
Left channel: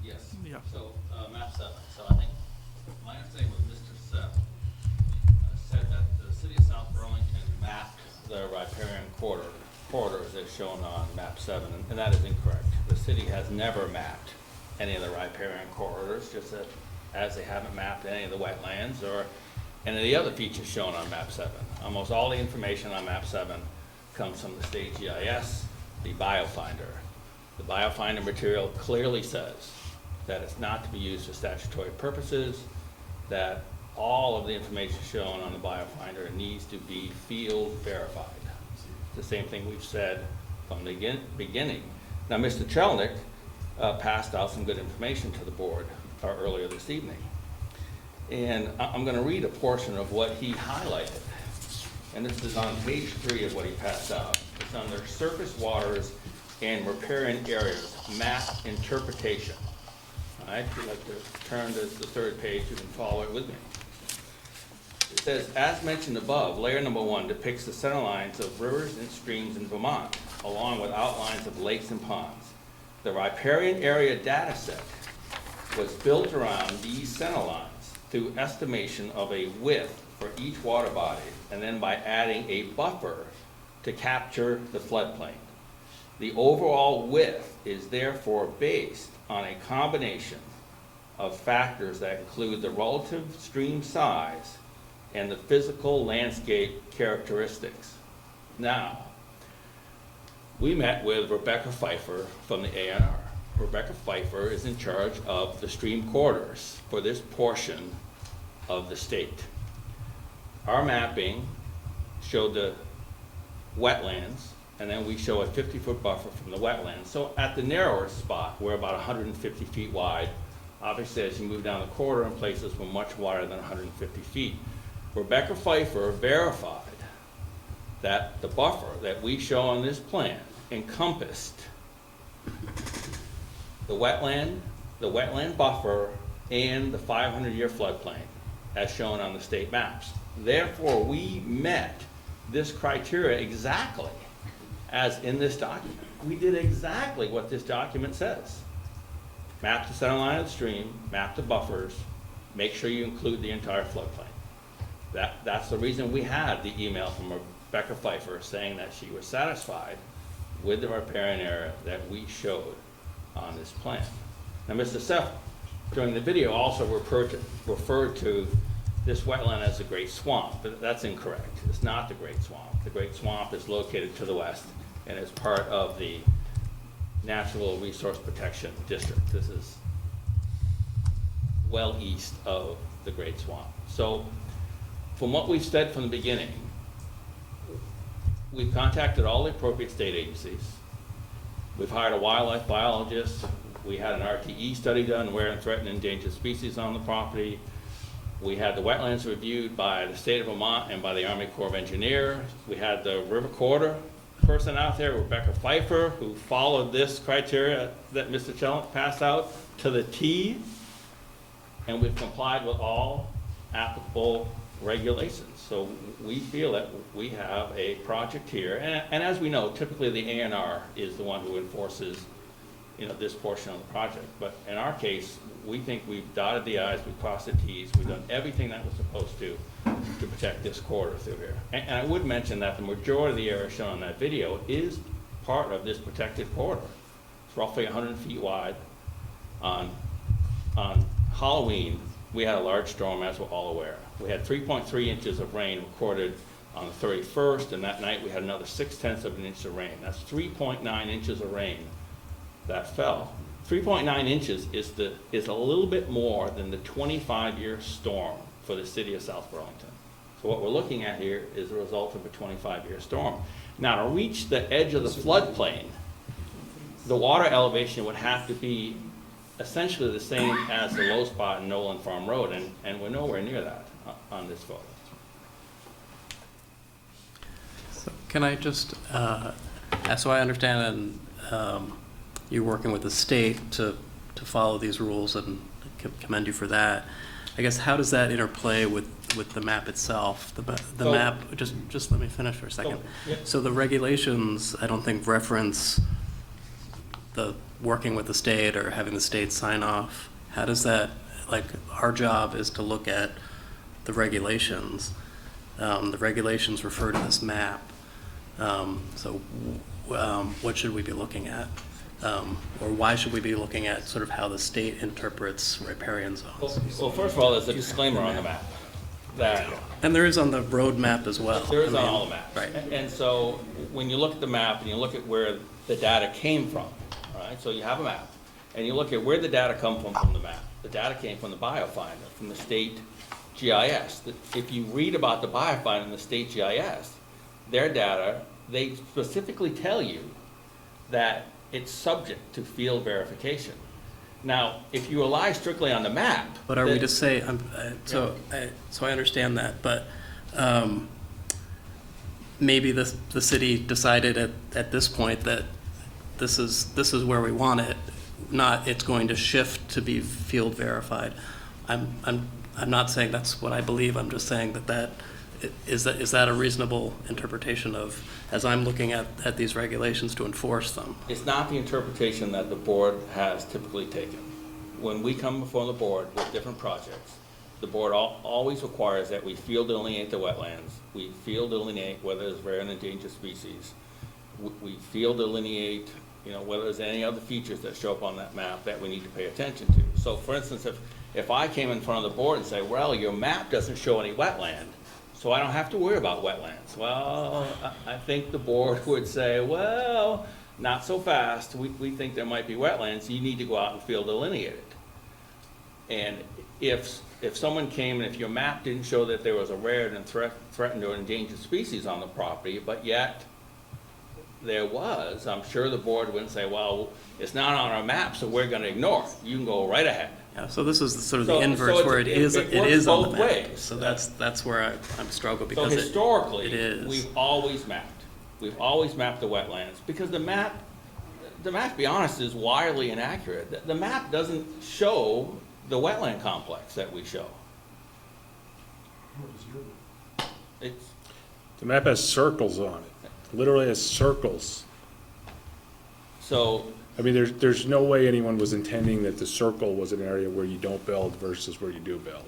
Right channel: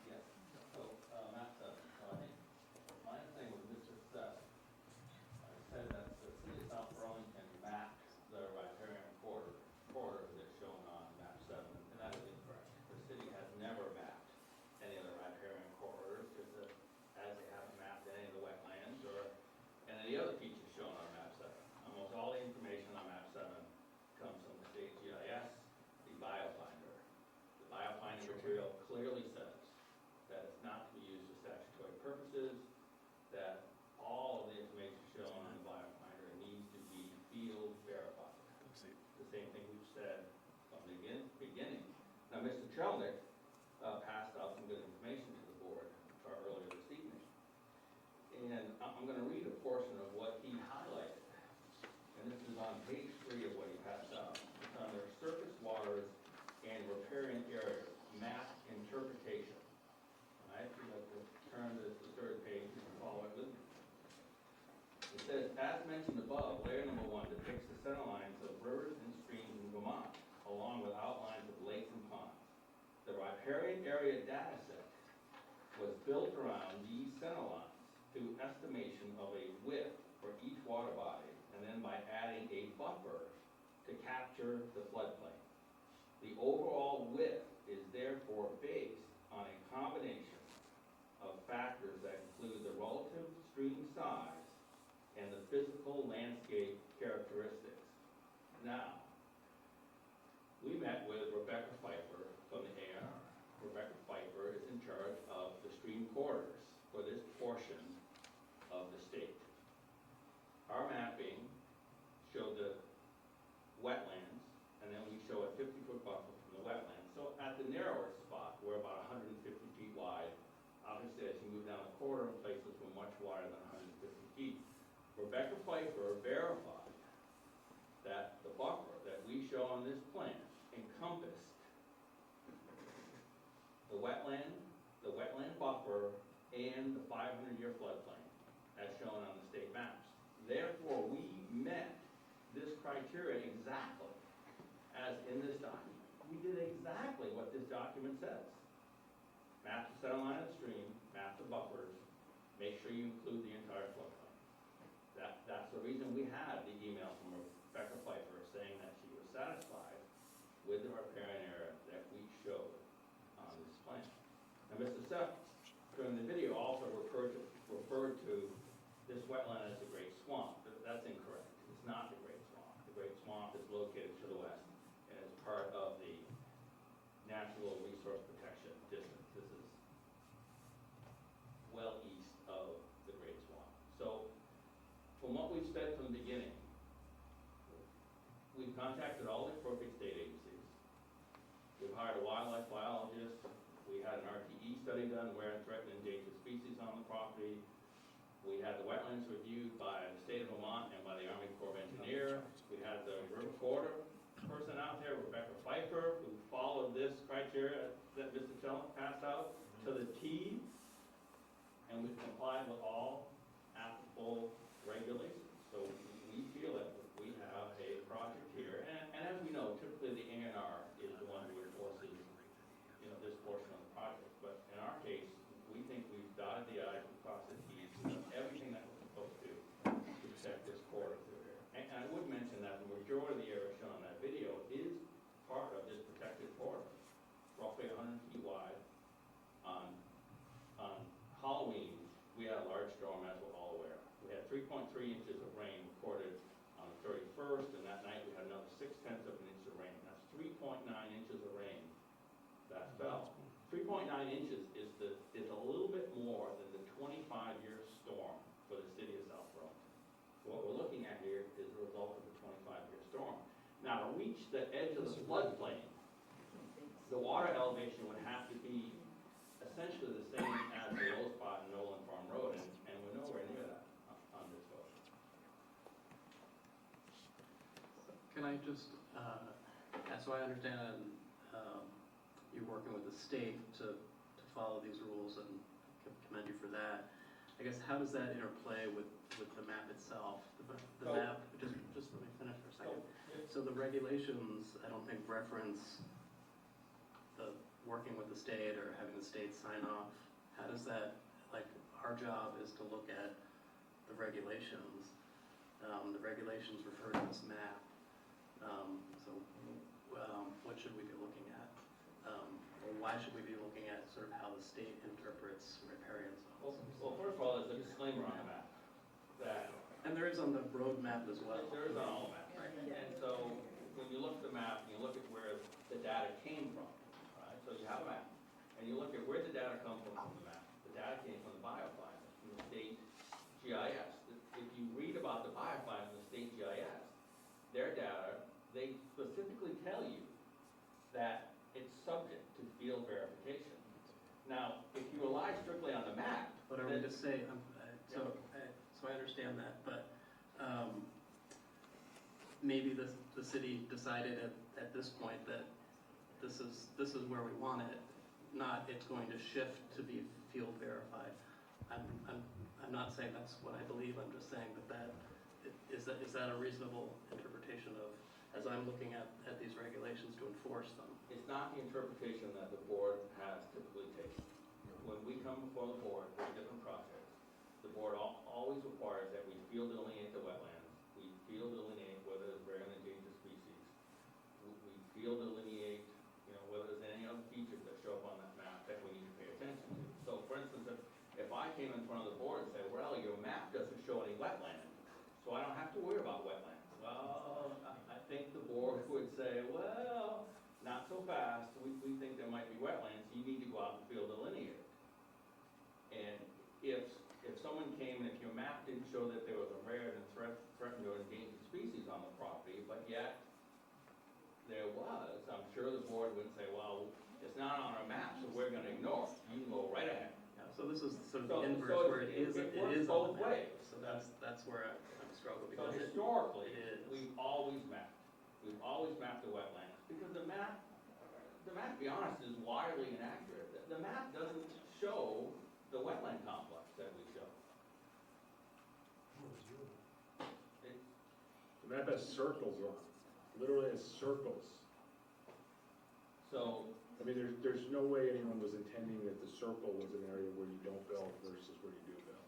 Yes. Yeah. So, map 7. So I think my understanding was Mr. Seth said that the city of South Burlington mapped the riparian corridors as shown on map 7, and that is incorrect. The city has never mapped any of the riparian corridors, just as they haven't mapped any of the wetlands or any of the other features shown on map 7. Almost all the information on map 7 comes from the state GIS, the BioFinder. The BioFinder material clearly says that it's not to be used for statutory purposes, that all of the information shown on the BioFinder needs to be field verified. It's the same thing we've said from the beginning. Now, Mr. Chelnick passed out some good information to the board earlier this evening. And I'm going to read a portion of what he highlighted. And this is on page 3 of what he passed out. It's under surface waters and riparian areas, map interpretation. All right, if you'd like to turn to the 3rd page, you can follow it with me. It says, as mentioned above, layer number 1 depicts the center lines of rivers and streams in Vermont, along with outlines of lakes and ponds. The riparian area data set was built around these center lines through estimation of a width for each water body, and then by adding a buffer to capture the floodplain. The overall width is therefore based on a combination of factors that include the relative stream size and the physical landscape characteristics. Now, we met with Rebecca Pfeiffer from the A&R. Rebecca Pfeiffer is in charge of the stream corridors for this portion of the state. Our mapping showed the wetlands, and then we show a 50-foot buffer from the wetlands. So at the narrower spot, we're about 150 feet wide. Obviously, as you move down the corridor in places, we're much wider than 150 feet. Rebecca Pfeiffer verified that the buffer that we show on this plan encompassed the wetland buffer, and the 500-year floodplain as shown on the state maps. Therefore, we met this criteria exactly as in this document. We did exactly what this document says. Map the center line of the stream, map the buffers, make sure you include the entire floodplain. That's the reason we had the email from Rebecca Pfeiffer saying that she was satisfied with the riparian area that we showed on this plan. Now, Mr. Seth, during the video, also referred to this wetland as the Great Swamp, but that's incorrect. It's not the Great Swamp. The Great Swamp is located to the west and is part of the Natural Resource Protection District. This is well east of the Great Swamp. So, from what we've said from the beginning, we've contacted all the appropriate state agencies. We've hired a wildlife biologist. We had an RTE study done, rare and threatened endangered species on the property. We had the wetlands reviewed by the state of Vermont and by the Army Corps of Engineers. We had the river corridor person out there, Rebecca Pfeiffer, who followed this criteria that Mr. Chelnick passed out to the T. And we've complied with all applicable regulations. So we feel that we have a project here, and as we know, typically the A&R is the one who enforces, this portion of the project. But in our case, we think we've dotted the I's, we've crossed the T's, we've done everything that we're supposed to protect this corridor through here. And I would mention that the majority of the area shown on that video is part of this protected corridor. It's roughly 100 feet wide. On Halloween, we had a large storm, as we're all aware. We had 3.3 inches of rain recorded on the 31st, and that night we had another 0.6 of an inch of rain. That's 3.9 inches of rain that fell. 3.9 inches is a little bit more than the 25-year storm for the city of South Burlington. So what we're looking at here is a result of a 25-year storm. Now, to reach the edge of the floodplain, the water elevation would have to be essentially the same as the low spot in Nolan Farm Road, and we're nowhere near that on this photo. So can I just, so I understand, and you're working with the state to follow these rules, and commend you for that. I guess, how does that interplay with the map itself? The map, just let me finish for a second. Yeah. So the regulations, I don't think reference the working with the state or having the state sign off? How does that, like, our job is to look at the regulations. The regulations refer to this map. What should we be looking at? Or why should we be looking at sort of how the state interprets riparian zones? Well, first of all, there's a disclaimer on the map. That And there is on the road map as well. there is I on mean, all the maps. Right. And so when you look at the map and you look at where the data came from, right? So you have a map and you look at where the data come from the map. The data came from the biofinder, from the state GIS. If you read about the biofinder and the state GIS, their data, they specifically tell you that it's subject to field verification. Now, if you rely strictly on the map. But are we to say, so I understand that, but maybe the city decided at this point that this is where we want it, not it's going to shift to be field verified. I'm not saying that's what I believe, I'm just saying that is that a reasonable interpretation of, as I'm looking at these regulations to enforce them? It's not the interpretation that the board has typically taken. When we come before the board with different projects, the board always requires that we field delineate the wetlands, we field delineate whether there's rare and endangered species, we field delineate, whether there's any other features that show up on that map that we need to pay attention to. So for instance, if I came in front of the board and say, well, your map doesn't show any wetland, so I don't have to worry about wetlands. Well, I think the board would say, well, not so fast. We think there might be wetlands, so you need to go out and field delineate it. And if someone came and if your map didn't show that there was a rare and threatened or endangered species on the property, but yet there was, I'm sure the board wouldn't say, well, it's not on our map, so we're gonna ignore it. You can go right ahead. Yeah, so this is sort of the inverse where it is on the map. Ways. So that's where I'm struggling So because historically, it is. we've always mapped. We've always mapped the wetlands because the map, to be honest, is wildly inaccurate. The map doesn't show the wetland complex that we show. The map has circles on it, literally has circles. So, I mean, there's no way anyone was intending that the circle was an area where you don't build versus where you do build.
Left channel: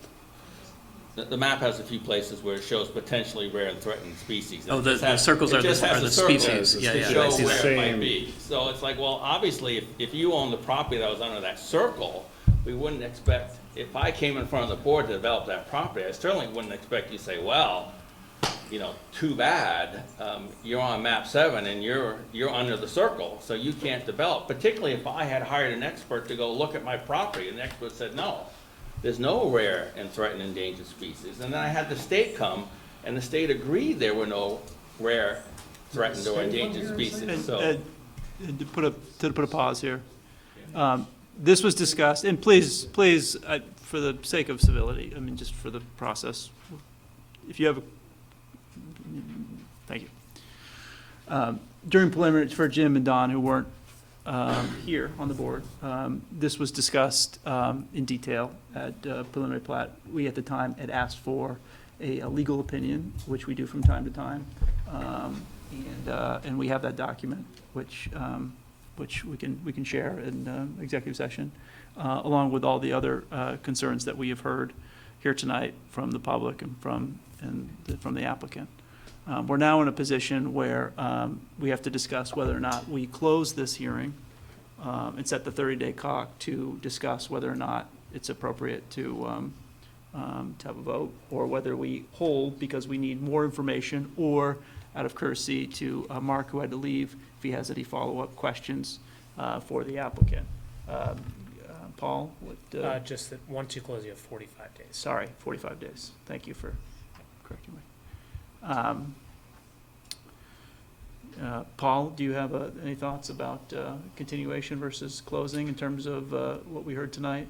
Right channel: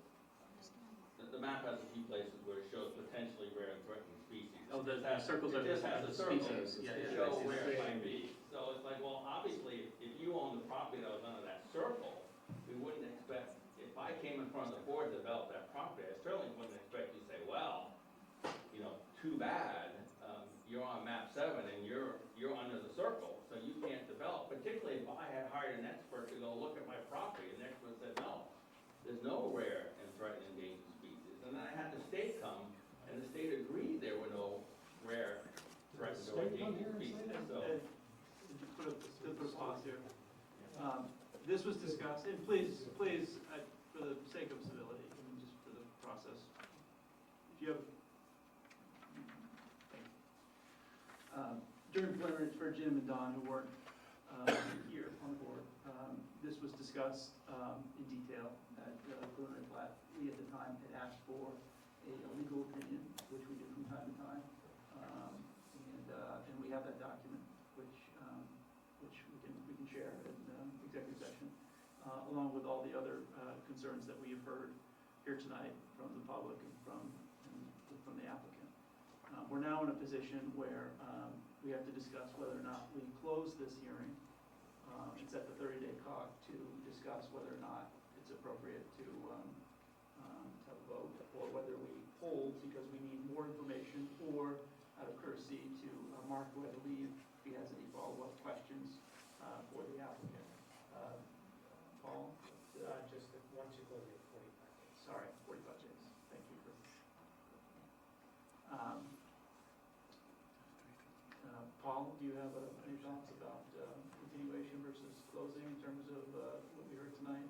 the map has a few places where it shows potentially rare and threatened species. Oh, the circles are the species. Yeah, to yeah, show I see where that. it might be. So it's like, well, obviously, if you own the property that was under that circle, we wouldn't expect, if I came in front of the board to develop that property, I certainly wouldn't expect you to say, well, too bad, you're on map 7 and you're under the circle, so you can't develop. Particularly if I had hired an expert to go look at my property, and the expert said, no, there's no rare and threatened endangered species. And then I had the state come, and the state agreed there were no rare, threatened or endangered species, so. And to put a pause here, this was discussed, and please, for the sake of civility, I mean, just for the process, if you have a, thank you. During preliminary, for Jim and Don, who weren't here on the board, this was discussed in detail at preliminary plat. We, at the time, had asked for a legal opinion, which we do from time to time, and we have that document, which we can share in executive session, along with all the other concerns that we have heard here tonight from the public and from the applicant. We're now in a position where we have to discuss whether or not we close this hearing and set the 30-day clock to discuss whether or not it's appropriate to have a vote, or whether we hold because we need more information, or out of courtesy to Mark, who had to leave, if he has any follow-up questions for the applicant. Paul? Just that once you close, you have 45 days. Sorry, 45 days. Thank you for correcting me. Paul, do you have any thoughts about continuation versus closing in terms of what we heard tonight?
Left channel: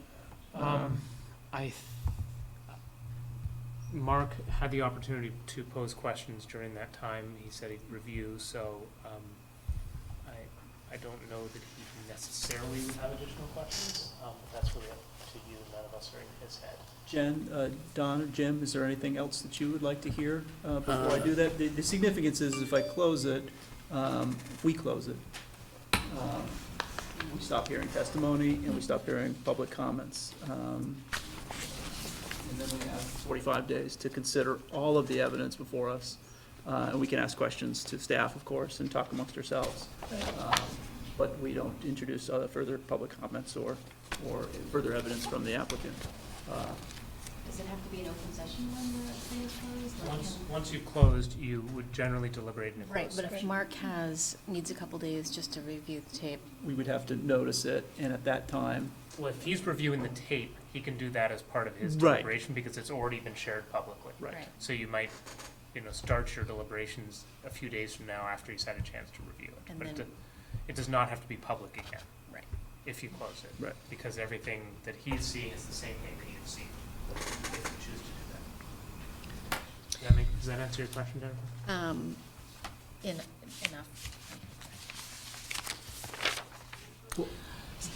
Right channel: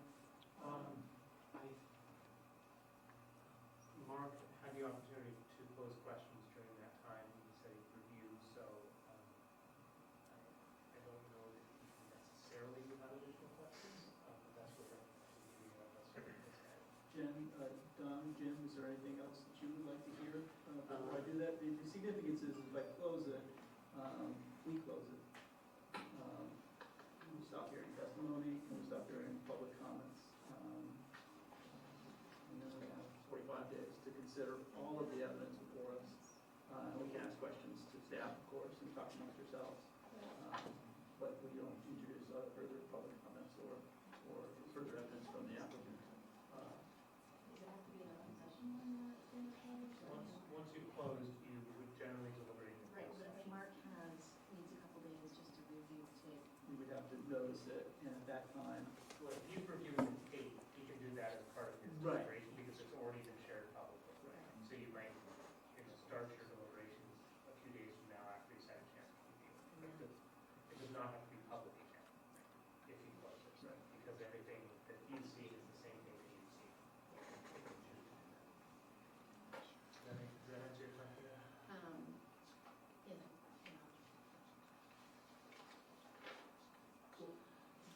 Mark had the opportunity to pose questions during that time. He said he'd review, so I don't know that he necessarily would have additional questions, but that's really up to you. None of us are in his head. Jen, Don, or Jim, is there anything else that you would like to hear before I do that? The significance is if I close it, if we close it, we stop hearing testimony and we stop hearing public comments. And then we have 45 days to consider all of the evidence before us. And we can ask questions to staff, of course, and talk amongst ourselves. But we don't introduce further public comments or further evidence from the applicant. Does it have to be an open session when the thing is closed? Once you've closed, you would generally deliberate in a Right, closed but if session. Mark needs a couple days just to review the tape. We would have to notice it, and at that time, Well, if he's reviewing the tape, he can do that as part of his Right. deliberation because it's already been shared publicly. Right. Right. So you might, start your deliberations a few days from now after he's had a chance to review it. And But then- it does not have to be public again. Right. If you close it. Right. Because everything that he's seeing is the same thing that you've seen, if you choose to do that. Does that answer your question, Jennifer? Enough.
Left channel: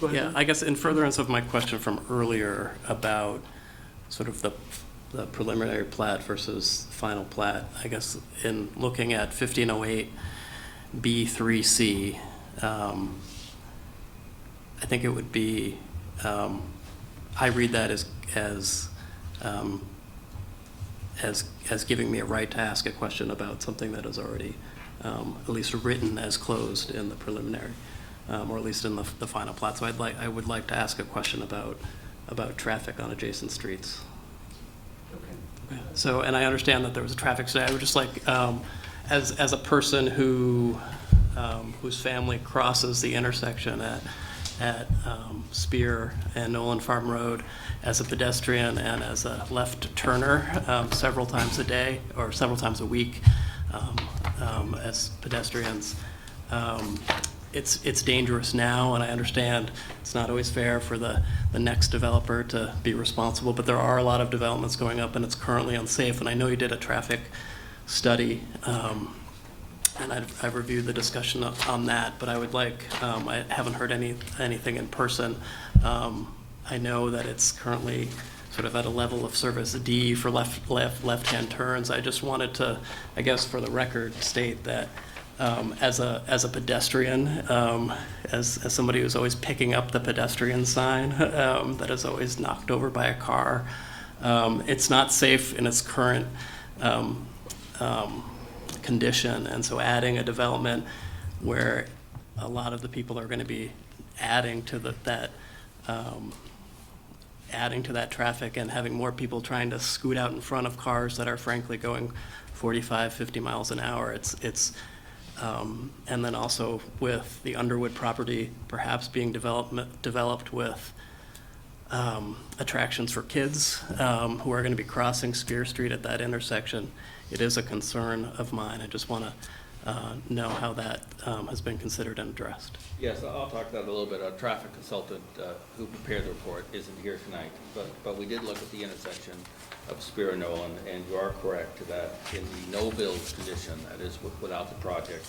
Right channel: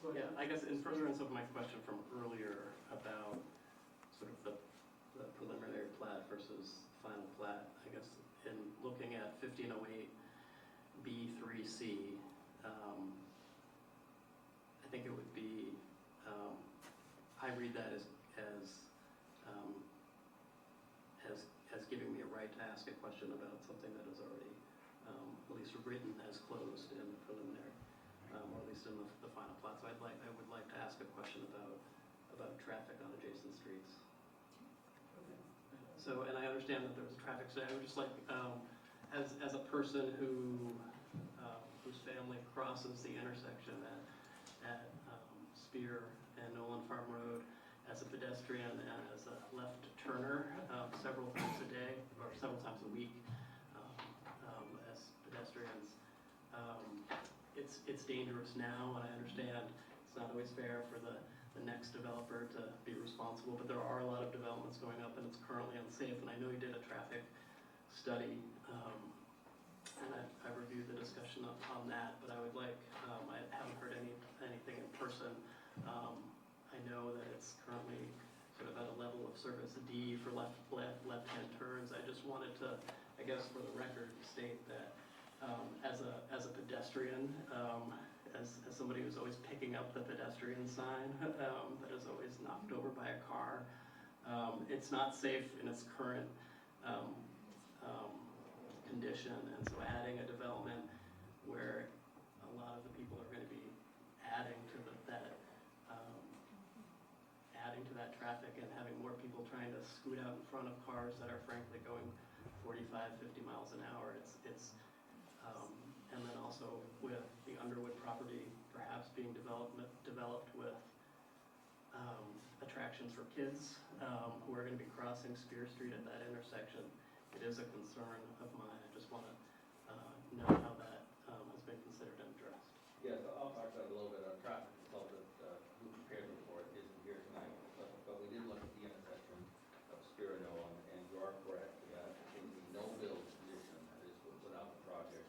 go ahead. Yeah, I guess in furtherance of my question from earlier about sort of the preliminary plat versus final plat, I guess in looking at 1508 B3C, I think it would be, I read that as giving me a right to ask a question about something that is already at least written as closed in the preliminary, or at least in the final plat. So I would like to ask a question about traffic on adjacent streets. Okay. So, and I understand that there was a traffic study. I would just like, as a person whose family crosses the intersection at Spear and Nolan Farm Road as a pedestrian and as a left turner several times a day or several times a week as pedestrians. It's dangerous now, and I understand it's not always fair for the next developer to be responsible, but there are a lot of developments going up and it's currently unsafe. And I know you did a traffic study, and I've reviewed the discussion on that, but I would like, I haven't heard anything in person. I know that it's currently sort of at a level of service D for left-hand turns. I just wanted to, I guess for the record, state that as a pedestrian, as somebody who's always picking up the pedestrian sign that is always knocked over by a car, it's not safe in its current condition. And so adding a development where a lot of the people are going to be adding to that traffic and having more people trying to scoot out in front of cars that are frankly going 45, 50 miles an hour. And then also with the Underwood property perhaps being developed with attractions for kids who are going to be crossing Spear Street at that intersection. It is a concern of mine. I just want to know how that has been considered and addressed. Yes, I'll talk about it a little bit. Our traffic consultant who prepared the report isn't here tonight, but we did look at the intersection of Spear and Nolan, and you are correct that in the no-build condition, that is without the project,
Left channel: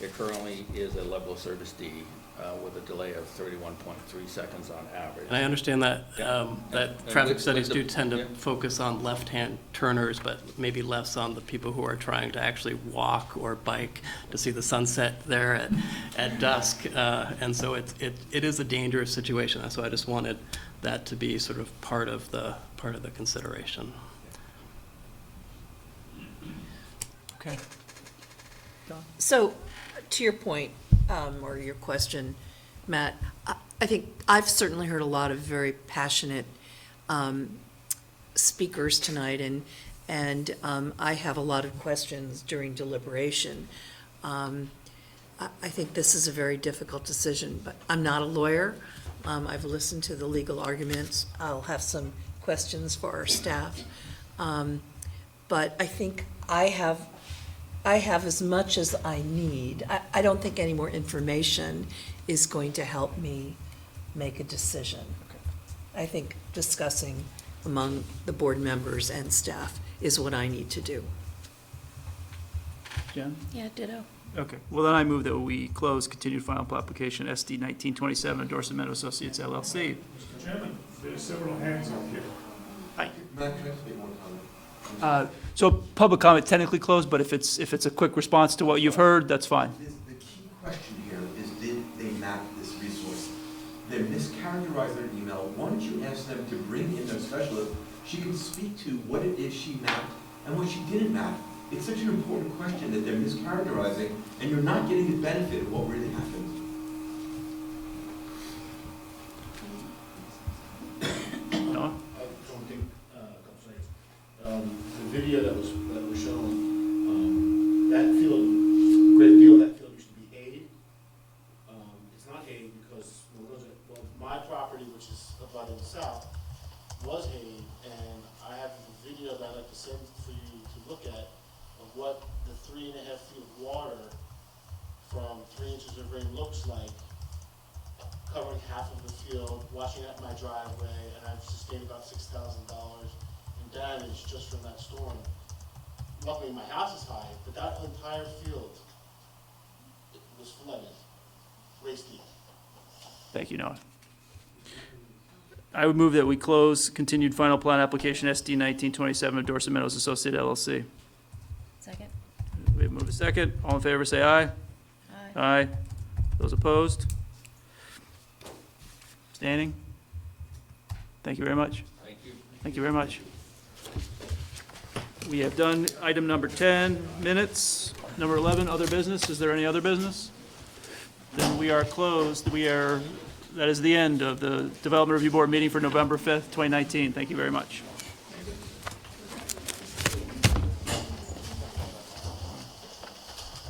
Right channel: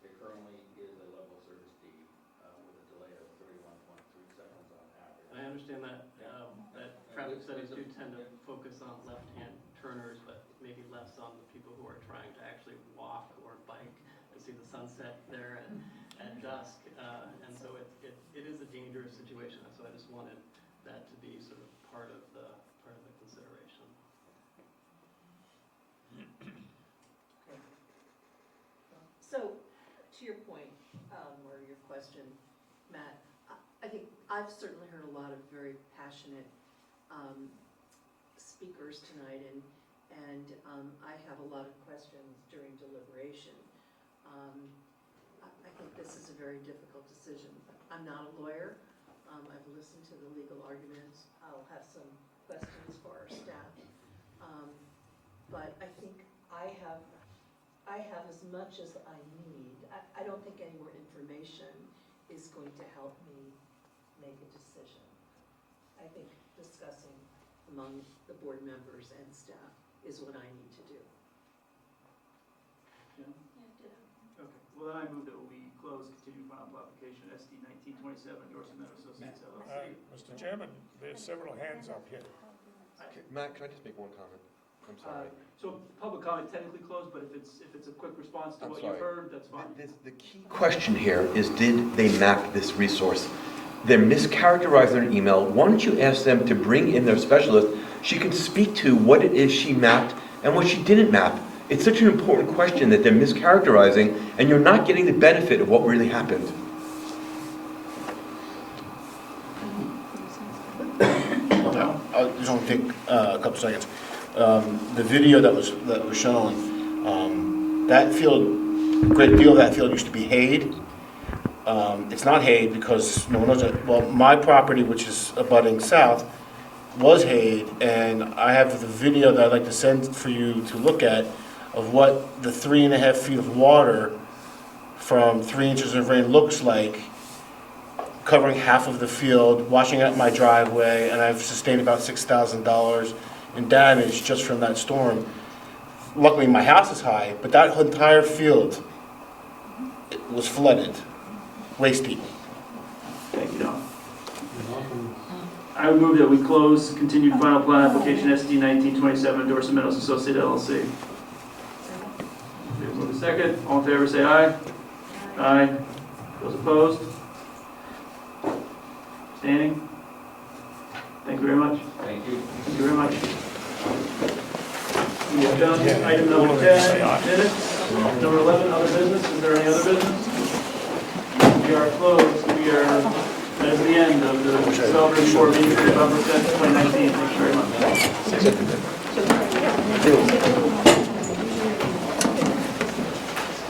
it currently is a level of service D with a delay of 31.3 seconds on average. And I understand that that And traffic with studies the- do tend to yeah. focus on left-hand turners, but maybe less on the people who are trying to actually walk or bike to see the sunset there at dusk. And so it is a dangerous situation. So I just wanted that to be sort of part of the consideration. Okay. So, to your point, or your question, Matt, I think I've certainly heard a lot of very passionate speakers tonight, and I have a lot of questions during deliberation. I think this is a very difficult decision, but I'm not a lawyer. I've listened to the legal arguments. I'll have some questions for our staff. But I think I have as much as I need. I don't think any more information is going to help me make a decision. I think discussing among the board members and staff is what I need to do. Jen? Yeah, ditto. Okay, well then I move that we close continued final application SD 1927 Dorset Meadow Associates LLC. Mr. Chairman, there's several hands up here. Hi. Matt, can I speak one comment? So public comment technically closed, but if it's a quick response to what you've heard, that's fine. The key question here is, did they map this resource? They're mischaracterizing their email. Why don't you ask them to bring in their specialist? She can speak to what it is she mapped and what she didn't map. It's such an important question that they're mischaracterizing, and you're not getting the benefit of what really happened. I just want to take a couple seconds. The video that was shown, that field, a great deal of that field used to be hayed. It's not hayed because no one knows it. Well, my property, which is abutting south, was hayed, and I have the video that I'd like to send for you to look at of what the 3.5 feet of water from 3 inches of rain looks like, covering half of the field, washing out my driveway, and I've sustained about $6,000 in damage just from that storm. Luckily, my house is high, but that entire field was flooded, waist deep. Thank you, Don. I would move that we close continued final plat application SD 1927 Dorset Meadows Associated LLC. We have moved a second. All in favor, say aye. Aye. Those opposed? Abstaining? Thank you very much. Thank you. Thank you very much. We have done item number 10, minutes. Number 11, other business. Is there any other business? We are closed. That is the end of the Development Review Board meeting for November 5th, 2019. Thank you very much.